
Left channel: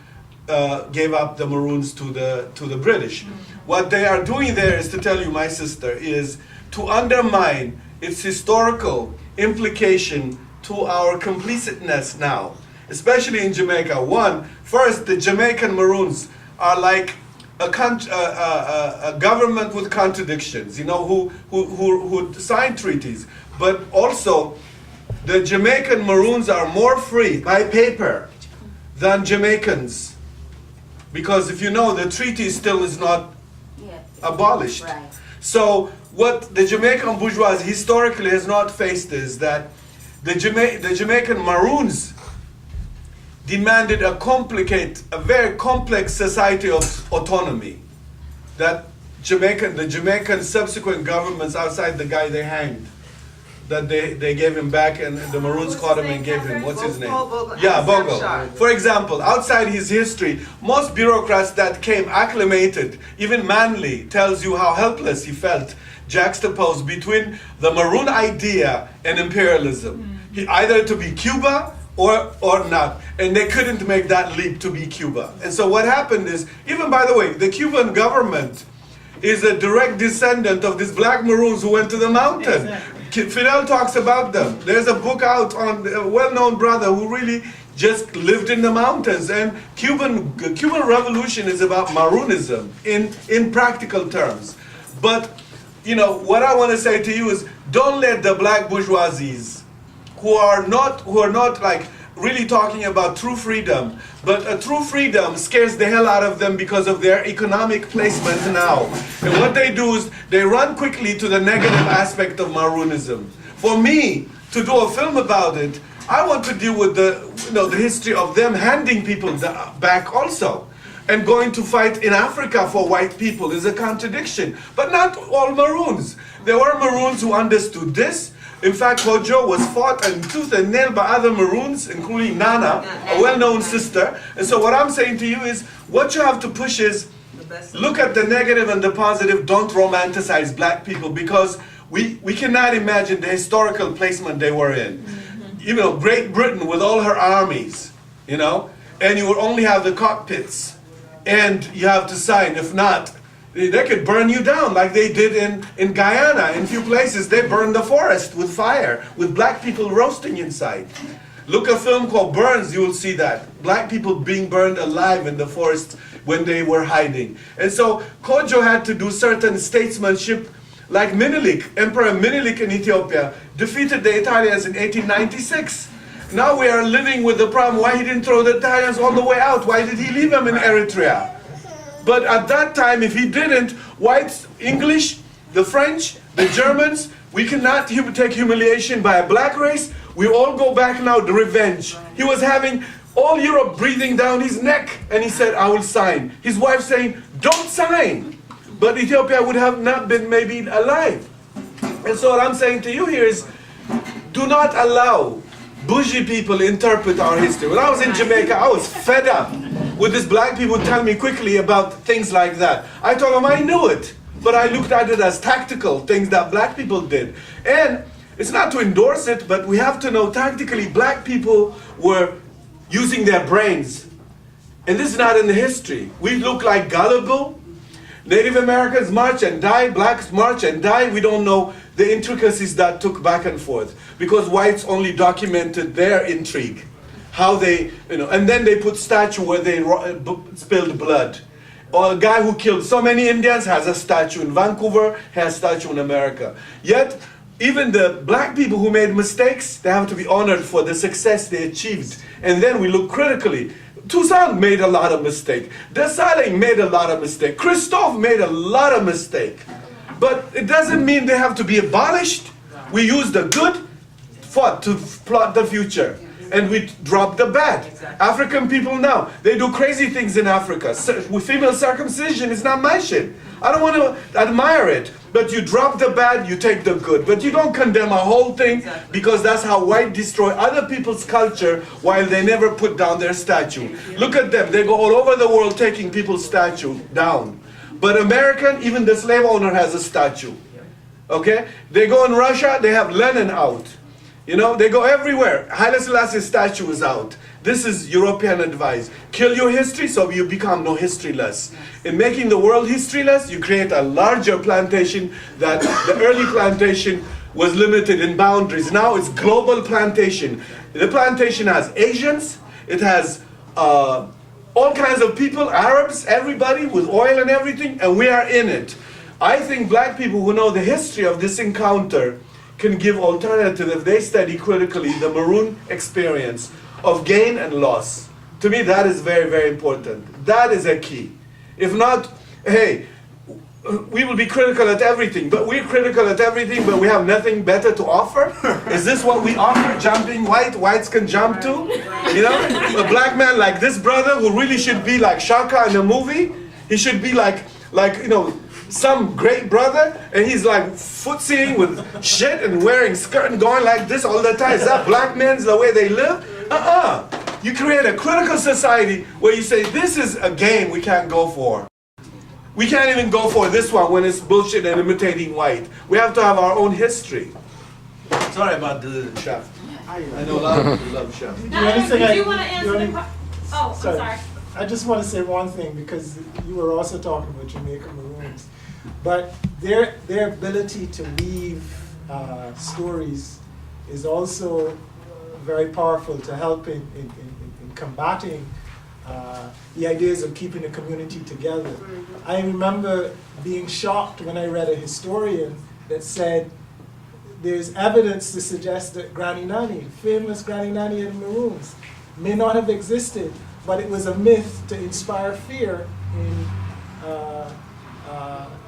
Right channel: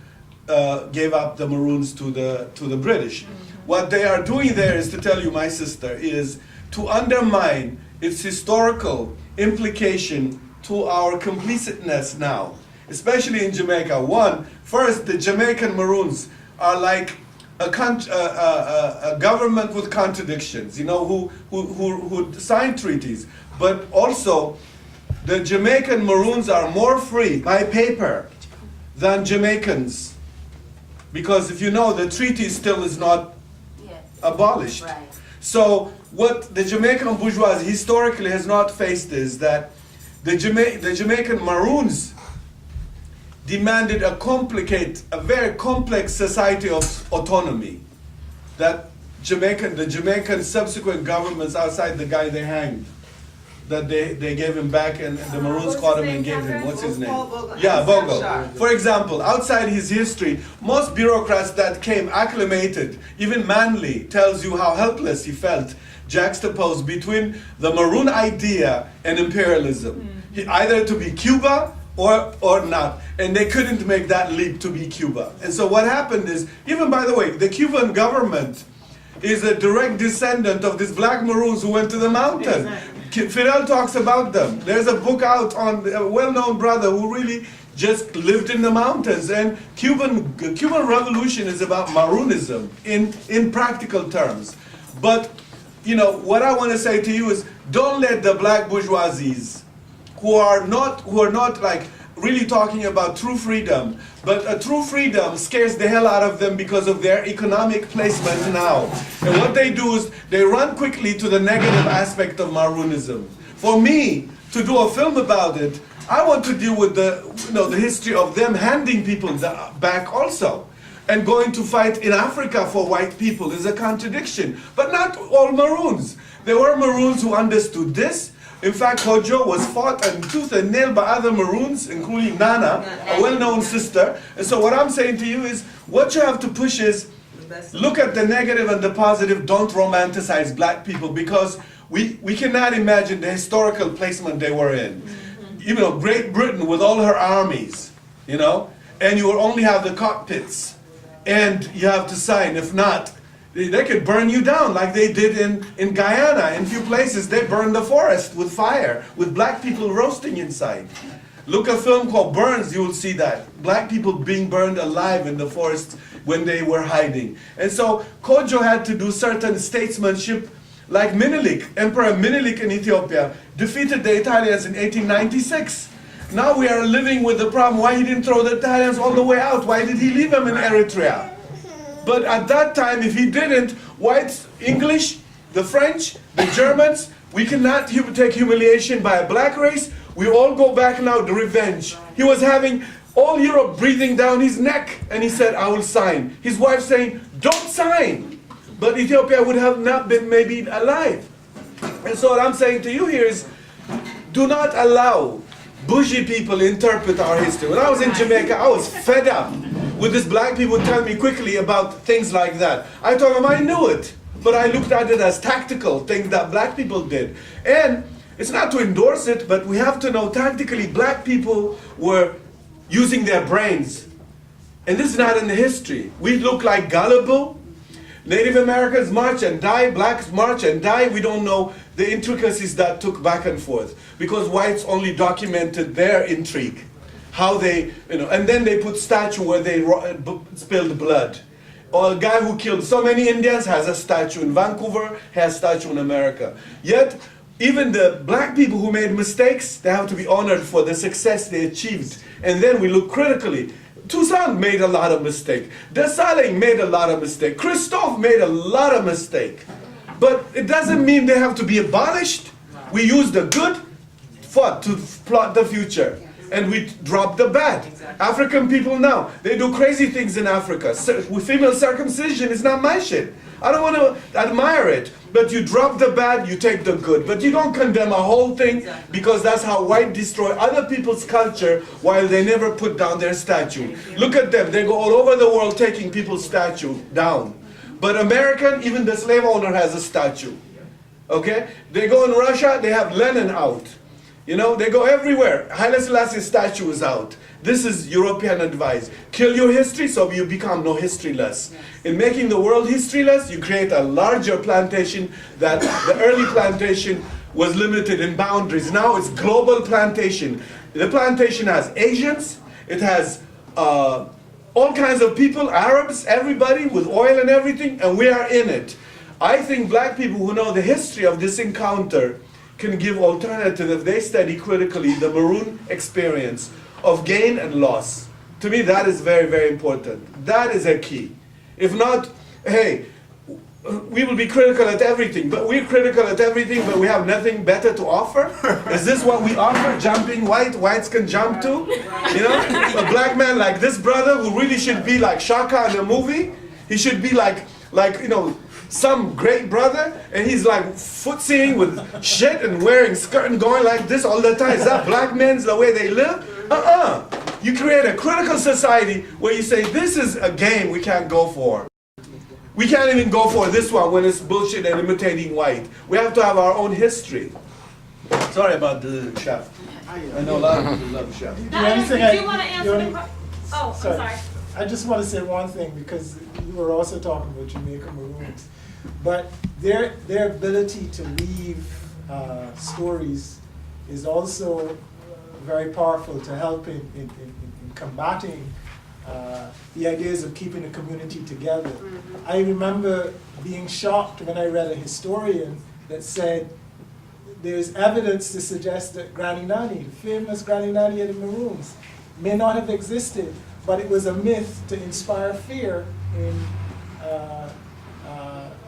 up the Maroons to the British. What they are doing there is to tell you, my sister, is to undermine its historical implication to our complicitness now, especially in Jamaica. First, the Jamaican Maroons are like a government with contradictions, who signed treaties. But also, the Jamaican Maroons are more free by paper than Jamaicans. Because if the treaty still is not abolished. Right. So what the Jamaican bourgeoisie historically has not faced is that the Jamaican Maroons demanded a very complex society of autonomy that the Jamaican subsequent governments outside the guy they hanged that they gave him back, and the Maroons caught him and gave him, what's his name? Bogle, Yeah, and Bogle. Snapshot. For example, outside his history, most bureaucrats that came acclimated, even Manley tells you how helpless he felt, juxtaposed between the Maroon idea and imperialism. He, either to be Cuba or not. And they couldn't make that leap to be Cuba. And so what happened is, even by the way, the Cuban government is a direct descendant of these black Maroons who went to the mountain. Fidel talks about them. There's a book out on a well-known brother who really just lived in the mountains. And Cuban Revolution is about Maroonism in practical terms. But you know what I want to say to you is, don't let the black bourgeoisies who are not like really talking about true freedom, but a true freedom scares the hell out of them because of their economic placement now. And what they do is they run quickly to the negative aspect of Maroonism. For me to do a film about it, I want to deal with the history of them handing people back also. And going to fight in Africa for white people is a contradiction. But not all Maroons. There were Maroons who understood this. In fact, Kojo was fought and tooth and nail by other Maroons, including Nana, a well-known sister. And so what I'm saying to you is, what you have to push is, look at the negative and the positive, don't romanticize black people, because we cannot imagine the historical placement they were in. You know, Great Britain with all her armies, you know, and you will only have the cockpits, and you have to sign. If not, they could burn you down like they did in Guyana. In a few places, they burned the forest with fire, with black people roasting inside. Look at a film called Burns, you will see that. Black people being burned alive in the forest when they were hiding. And so Kojo had to do certain statesmanship, like Menelik, Emperor Menelik in Ethiopia, defeated the Italians in 1896. Now we are living with the problem, why he didn't throw the Italians all the way out? Why did he leave them in Eritrea? But at that time, if he didn't, whites, English, the French, the Germans, we cannot take humiliation by a black race. We all go back now to revenge. He was having all Europe breathing down his neck, and he said, I will sign. His wife saying, don't sign. But Ethiopia would have not been maybe alive. And so what I'm saying to you here is, do not allow bougie people interpret our history. When I was in Jamaica, I was fed up with these black people tell me quickly about things like that. I told them I knew it, but I looked at it as tactical things that black people did. And it's not to endorse it, but we have to know tactically black people were using their brains. And this is not in the history. We look like gullible. Native Americans march and die, blacks march and die. We don't know the intricacies that took back and forth because whites only documented their intrigue. How they, and then they put statue where they spilled blood. Or a guy who killed so many Indians has a statue in Vancouver, has a statue in America. Yet, even the black people who made mistakes, they have to be honored for the success they achieved. And then we look critically. Toussaint made a lot of mistakes. Dessalines made a lot of mistakes. Christophe made a lot of mistakes. But it doesn't mean they have to be abolished. We use the good to plot the future. And we drop the bad. Exactly. African people now, they do crazy things in Africa. With female circumcision, it's not my shit. I don't want to admire it. But you drop the bad, you take the good. But you don't condemn a whole thing because that's how white destroy other people's culture while they never put down their statue. Look at them. They go all over the world taking people's statue down. But American, even the slave owner has a statue. Okay? They go in Russia, they have Lenin out. They go everywhere. Haile Selassie's statue is out. This is European advice. Kill your history so you become no historyless. In making the world historyless, you create a larger plantation that the early plantation was limited in boundaries. Now it's global plantation. The plantation has Asians. It has all kinds of people, Arabs, everybody with oil and everything, and we are in it. I think black people who know the history of this encounter can give alternative if they study critically the Maroon experience of gain and loss. To me, that is very, very important. That is a key. If not, hey, we will be critical at everything, but we're critical at everything, but we have nothing better to offer? Is this what we offer? Jumping whites can jump too? A black man like this brother who really should be like Shaka in a movie, he should be like some great brother, and he's like footsying with shit and wearing skirt and going like this all the time. Is that black men's the way they live? You create a critical society where you say, this is a game we can't go for. We can't even go for this one when it's bullshit and imitating white. We have to have our own history. Sorry about the chef. I know a lot of people love chef. Sorry. I just want to say one thing, because you were also talking about Jamaica Maroons. But their ability to weave stories is also very powerful to help in combating the ideas of keeping the community together. I remember being shocked when I read a historian that said there's evidence to suggest that Granny Nanny, famous Granny Nanny of the Maroons, may not have existed, but it was a myth to inspire fear in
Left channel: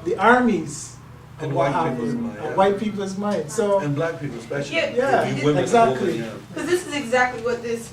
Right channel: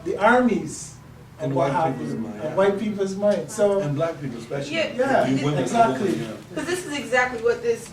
the armies and white people's mind. So and black people especially. Yeah, exactly. Because this is exactly what this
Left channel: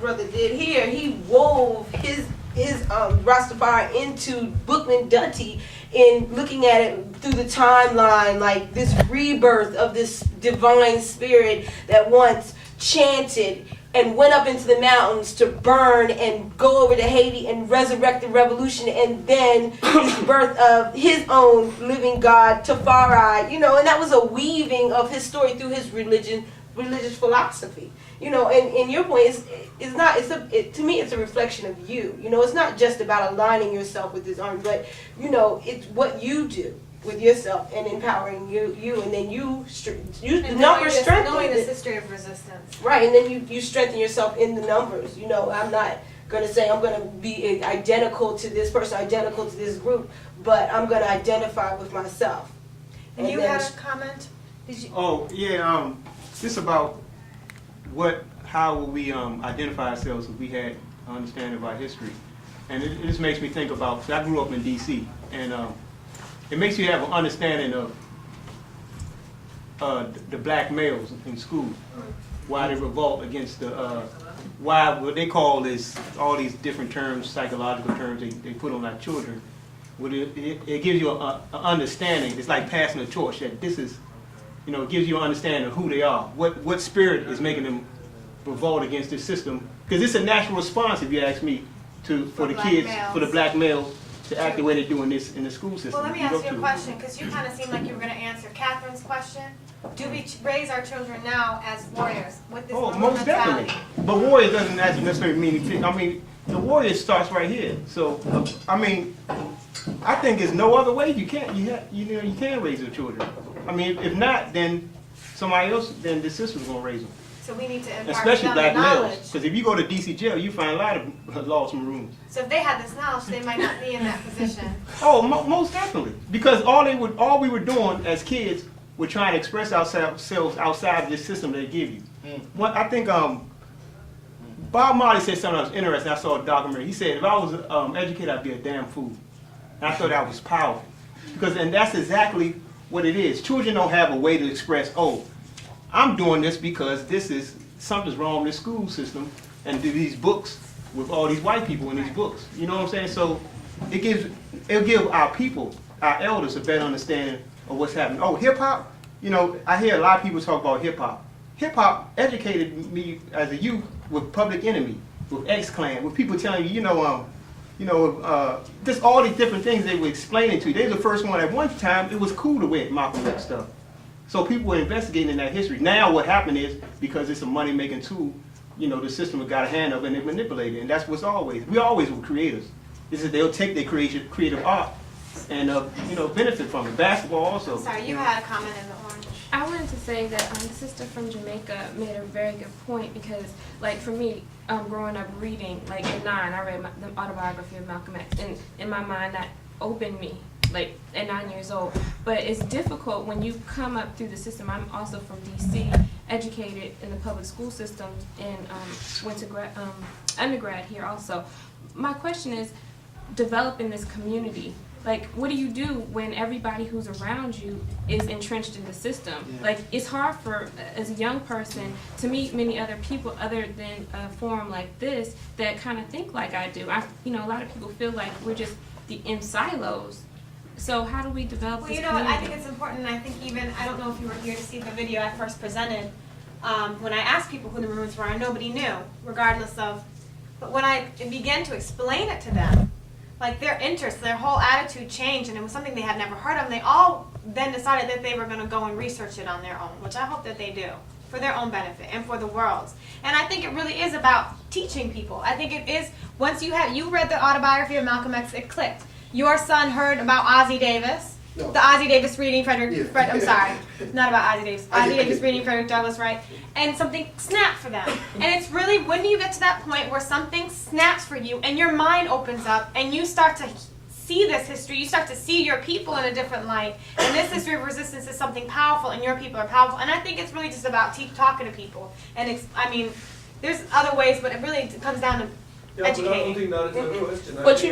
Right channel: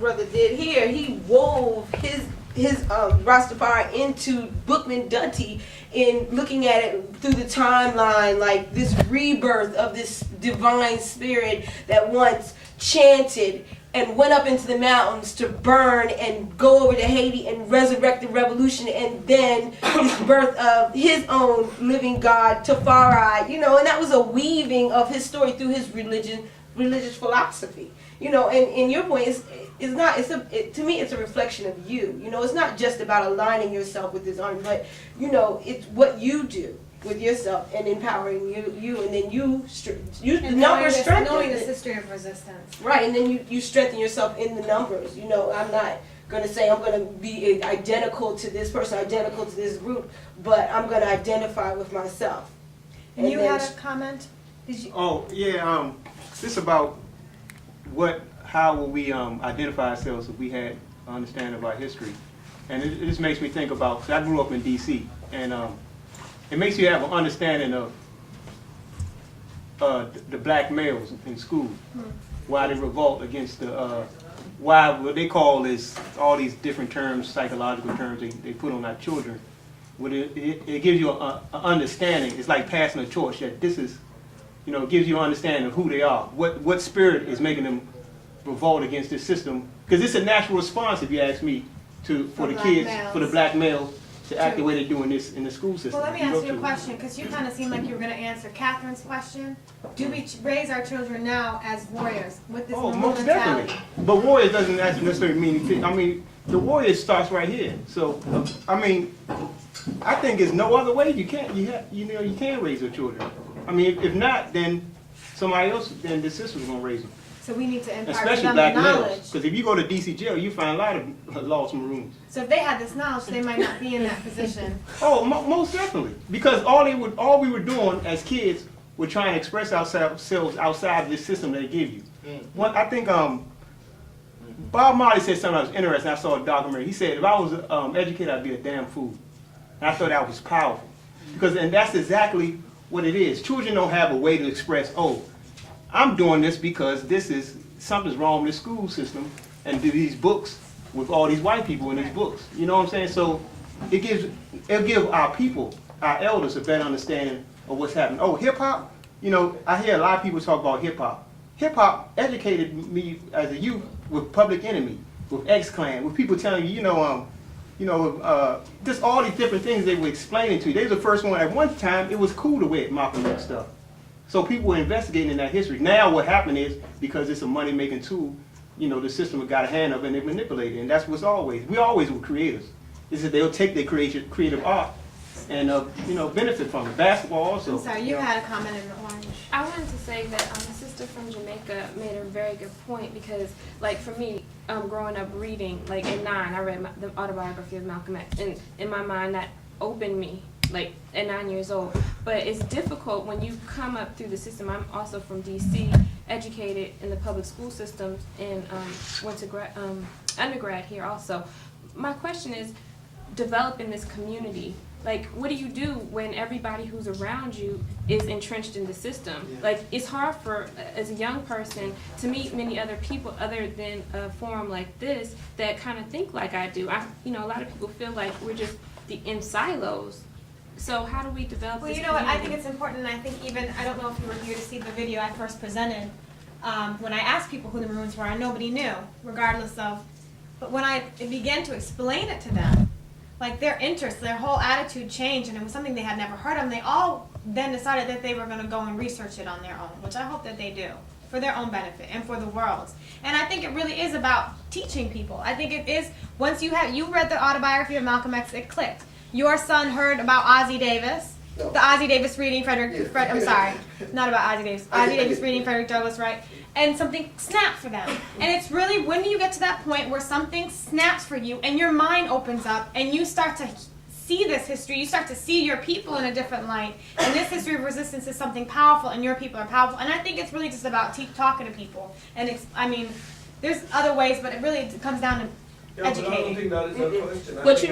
brother did here. He wove his Rastafari into Bookman Dunty in looking at it through the timeline, like this rebirth of this divine spirit that once chanted and went up into the mountains to burn and go over to Haiti and resurrect the revolution, and then his birth of his own living God, Tafari, and that was a weaving of his story through his religious philosophy. And your point is to me it's a reflection of you. It's not just about aligning yourself with this army, but it's what you do with yourself and empowering you, and then the numbers strengthen. Knowing this history of resistance. Right, and then you strengthen yourself in the numbers. I'm not going to say I'm going to be identical to this person, identical to this group, but I'm going to identify with myself. And you had a comment? Did you? Oh, yeah, this about how will we identify ourselves if we had an understanding of our history. And it just makes me think about, so I grew up in D.C., and it makes you have an understanding of the black males in school, why they revolt against why what they call is all these different terms, psychological terms they put on our children. It gives you an understanding. It's like passing a torch that this is, it gives you an understanding of who they are, what spirit is making them revolt against this system. Because it's a natural response, if you ask me, for the kids, for the black males, to act the way they're doing this in the school system. Well, let me ask you a question, because you kind of seemed like you were going to answer Catherine's question. Do we raise our children now as warriors with this most mentality? definitely. But warriors doesn't actually necessarily mean, the warrior starts right here. So, I think there's no other way you can raise your children. If not, then somebody else, then the system's going to raise them. So we need to impart especially them black the knowledge. males, because if you go to DC jail, you find a lot of lost Maroons. So if they had this knowledge, they might not be in that position. Oh, most definitely, because all we were doing as kids were trying to express ourselves outside of this system they give you. I think Bob Marley said something that was interesting. I saw a documentary. He said, if I was educated, I'd be a damn fool. And I thought that was powerful, and that's exactly what it is. Children don't have a way to express, I'm doing this because something's wrong with the school system and do these books with all these white people in these books. You know what I'm saying? So it'll give our people, our elders, a better understanding of what's happening. Hip hop, I hear a lot of people talk about hip hop. Hip hop educated me as a youth with Public Enemy, with X-Clan, with people telling you, just all these different things they were explaining to you. They were the first one. At one time, it was cool to wear Malcolm X stuff. So people were investigating in that history. Now what happened is, because it's a money-making tool, the system has got a hand up and they manipulate it. And that's what's we always were creators. It's that they'll take their creative art and, benefit from it. Basketball also. I'm sorry, you had a comment in the orange. I wanted to say that the sister from Jamaica made a very good point, because, for me, growing up reading, in 9, I read the autobiography of Malcolm X, and in my mind that opened me, at 9 years old. But it's difficult when you come up through the system. I'm also from D.C., educated in the public school systems, and went to undergrad here also. My question is, developing this community, what do you do when everybody who's around you is entrenched in the system? Yeah. It's hard as a young person, to meet many other people other than a forum like this that kind of think like I do. A lot of people feel like we're just in silos. So how do we develop Well, this you know what, I community? think it's important, and I think even, I don't know if you were here to see the video I first presented, when I asked people who the Maroons were, and nobody knew, regardless of, but when I began to explain it to them, like their interest, their whole attitude changed, and it was something they had never heard of, and they all then decided that they were gonna go and research it on their own, which I hope that they do, for their own benefit and for the world's. And I think it really is about teaching people. I think it is, once you read the autobiography of Malcolm X, it clicked. Your son heard about Ozzie Davis, the Ozzie Davis reading I'm sorry, not about Ozzie Davis, Ozzie Davis reading Frederick Douglass, right? And something snapped for them. And it's really, when do you get to that point where something snaps for you and your mind opens up and you start to see this history, you start to see your people in a different light, and this history of resistance is something powerful and your people are powerful. And I think it's really just about talking to people. And I mean, there's other ways, but it really comes down to educating. But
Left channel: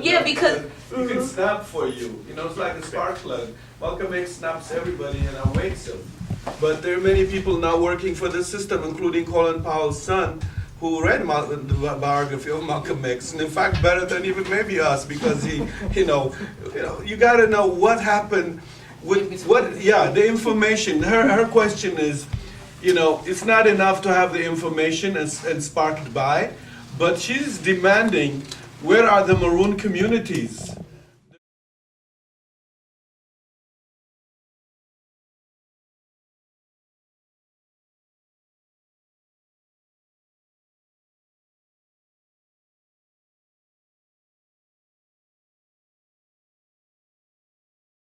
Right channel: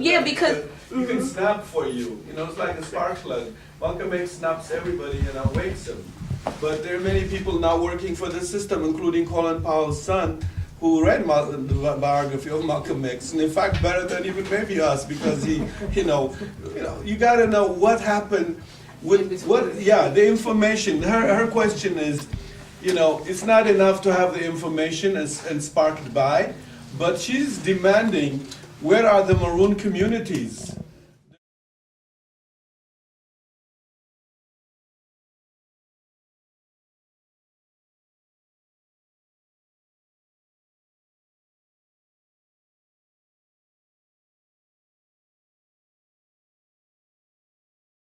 yeah, because it can snap for you. You know, it's like a spark plug. Malcolm X snaps everybody and awakes them. But there are many people now working for the system, including Colin Powell's son, who read the biography of Malcolm X, and in fact, better than even maybe us, because he, you got to know what happened with the information. Her question is, it's not enough to have the information and spark it by, but she's demanding, where are the Maroon communities?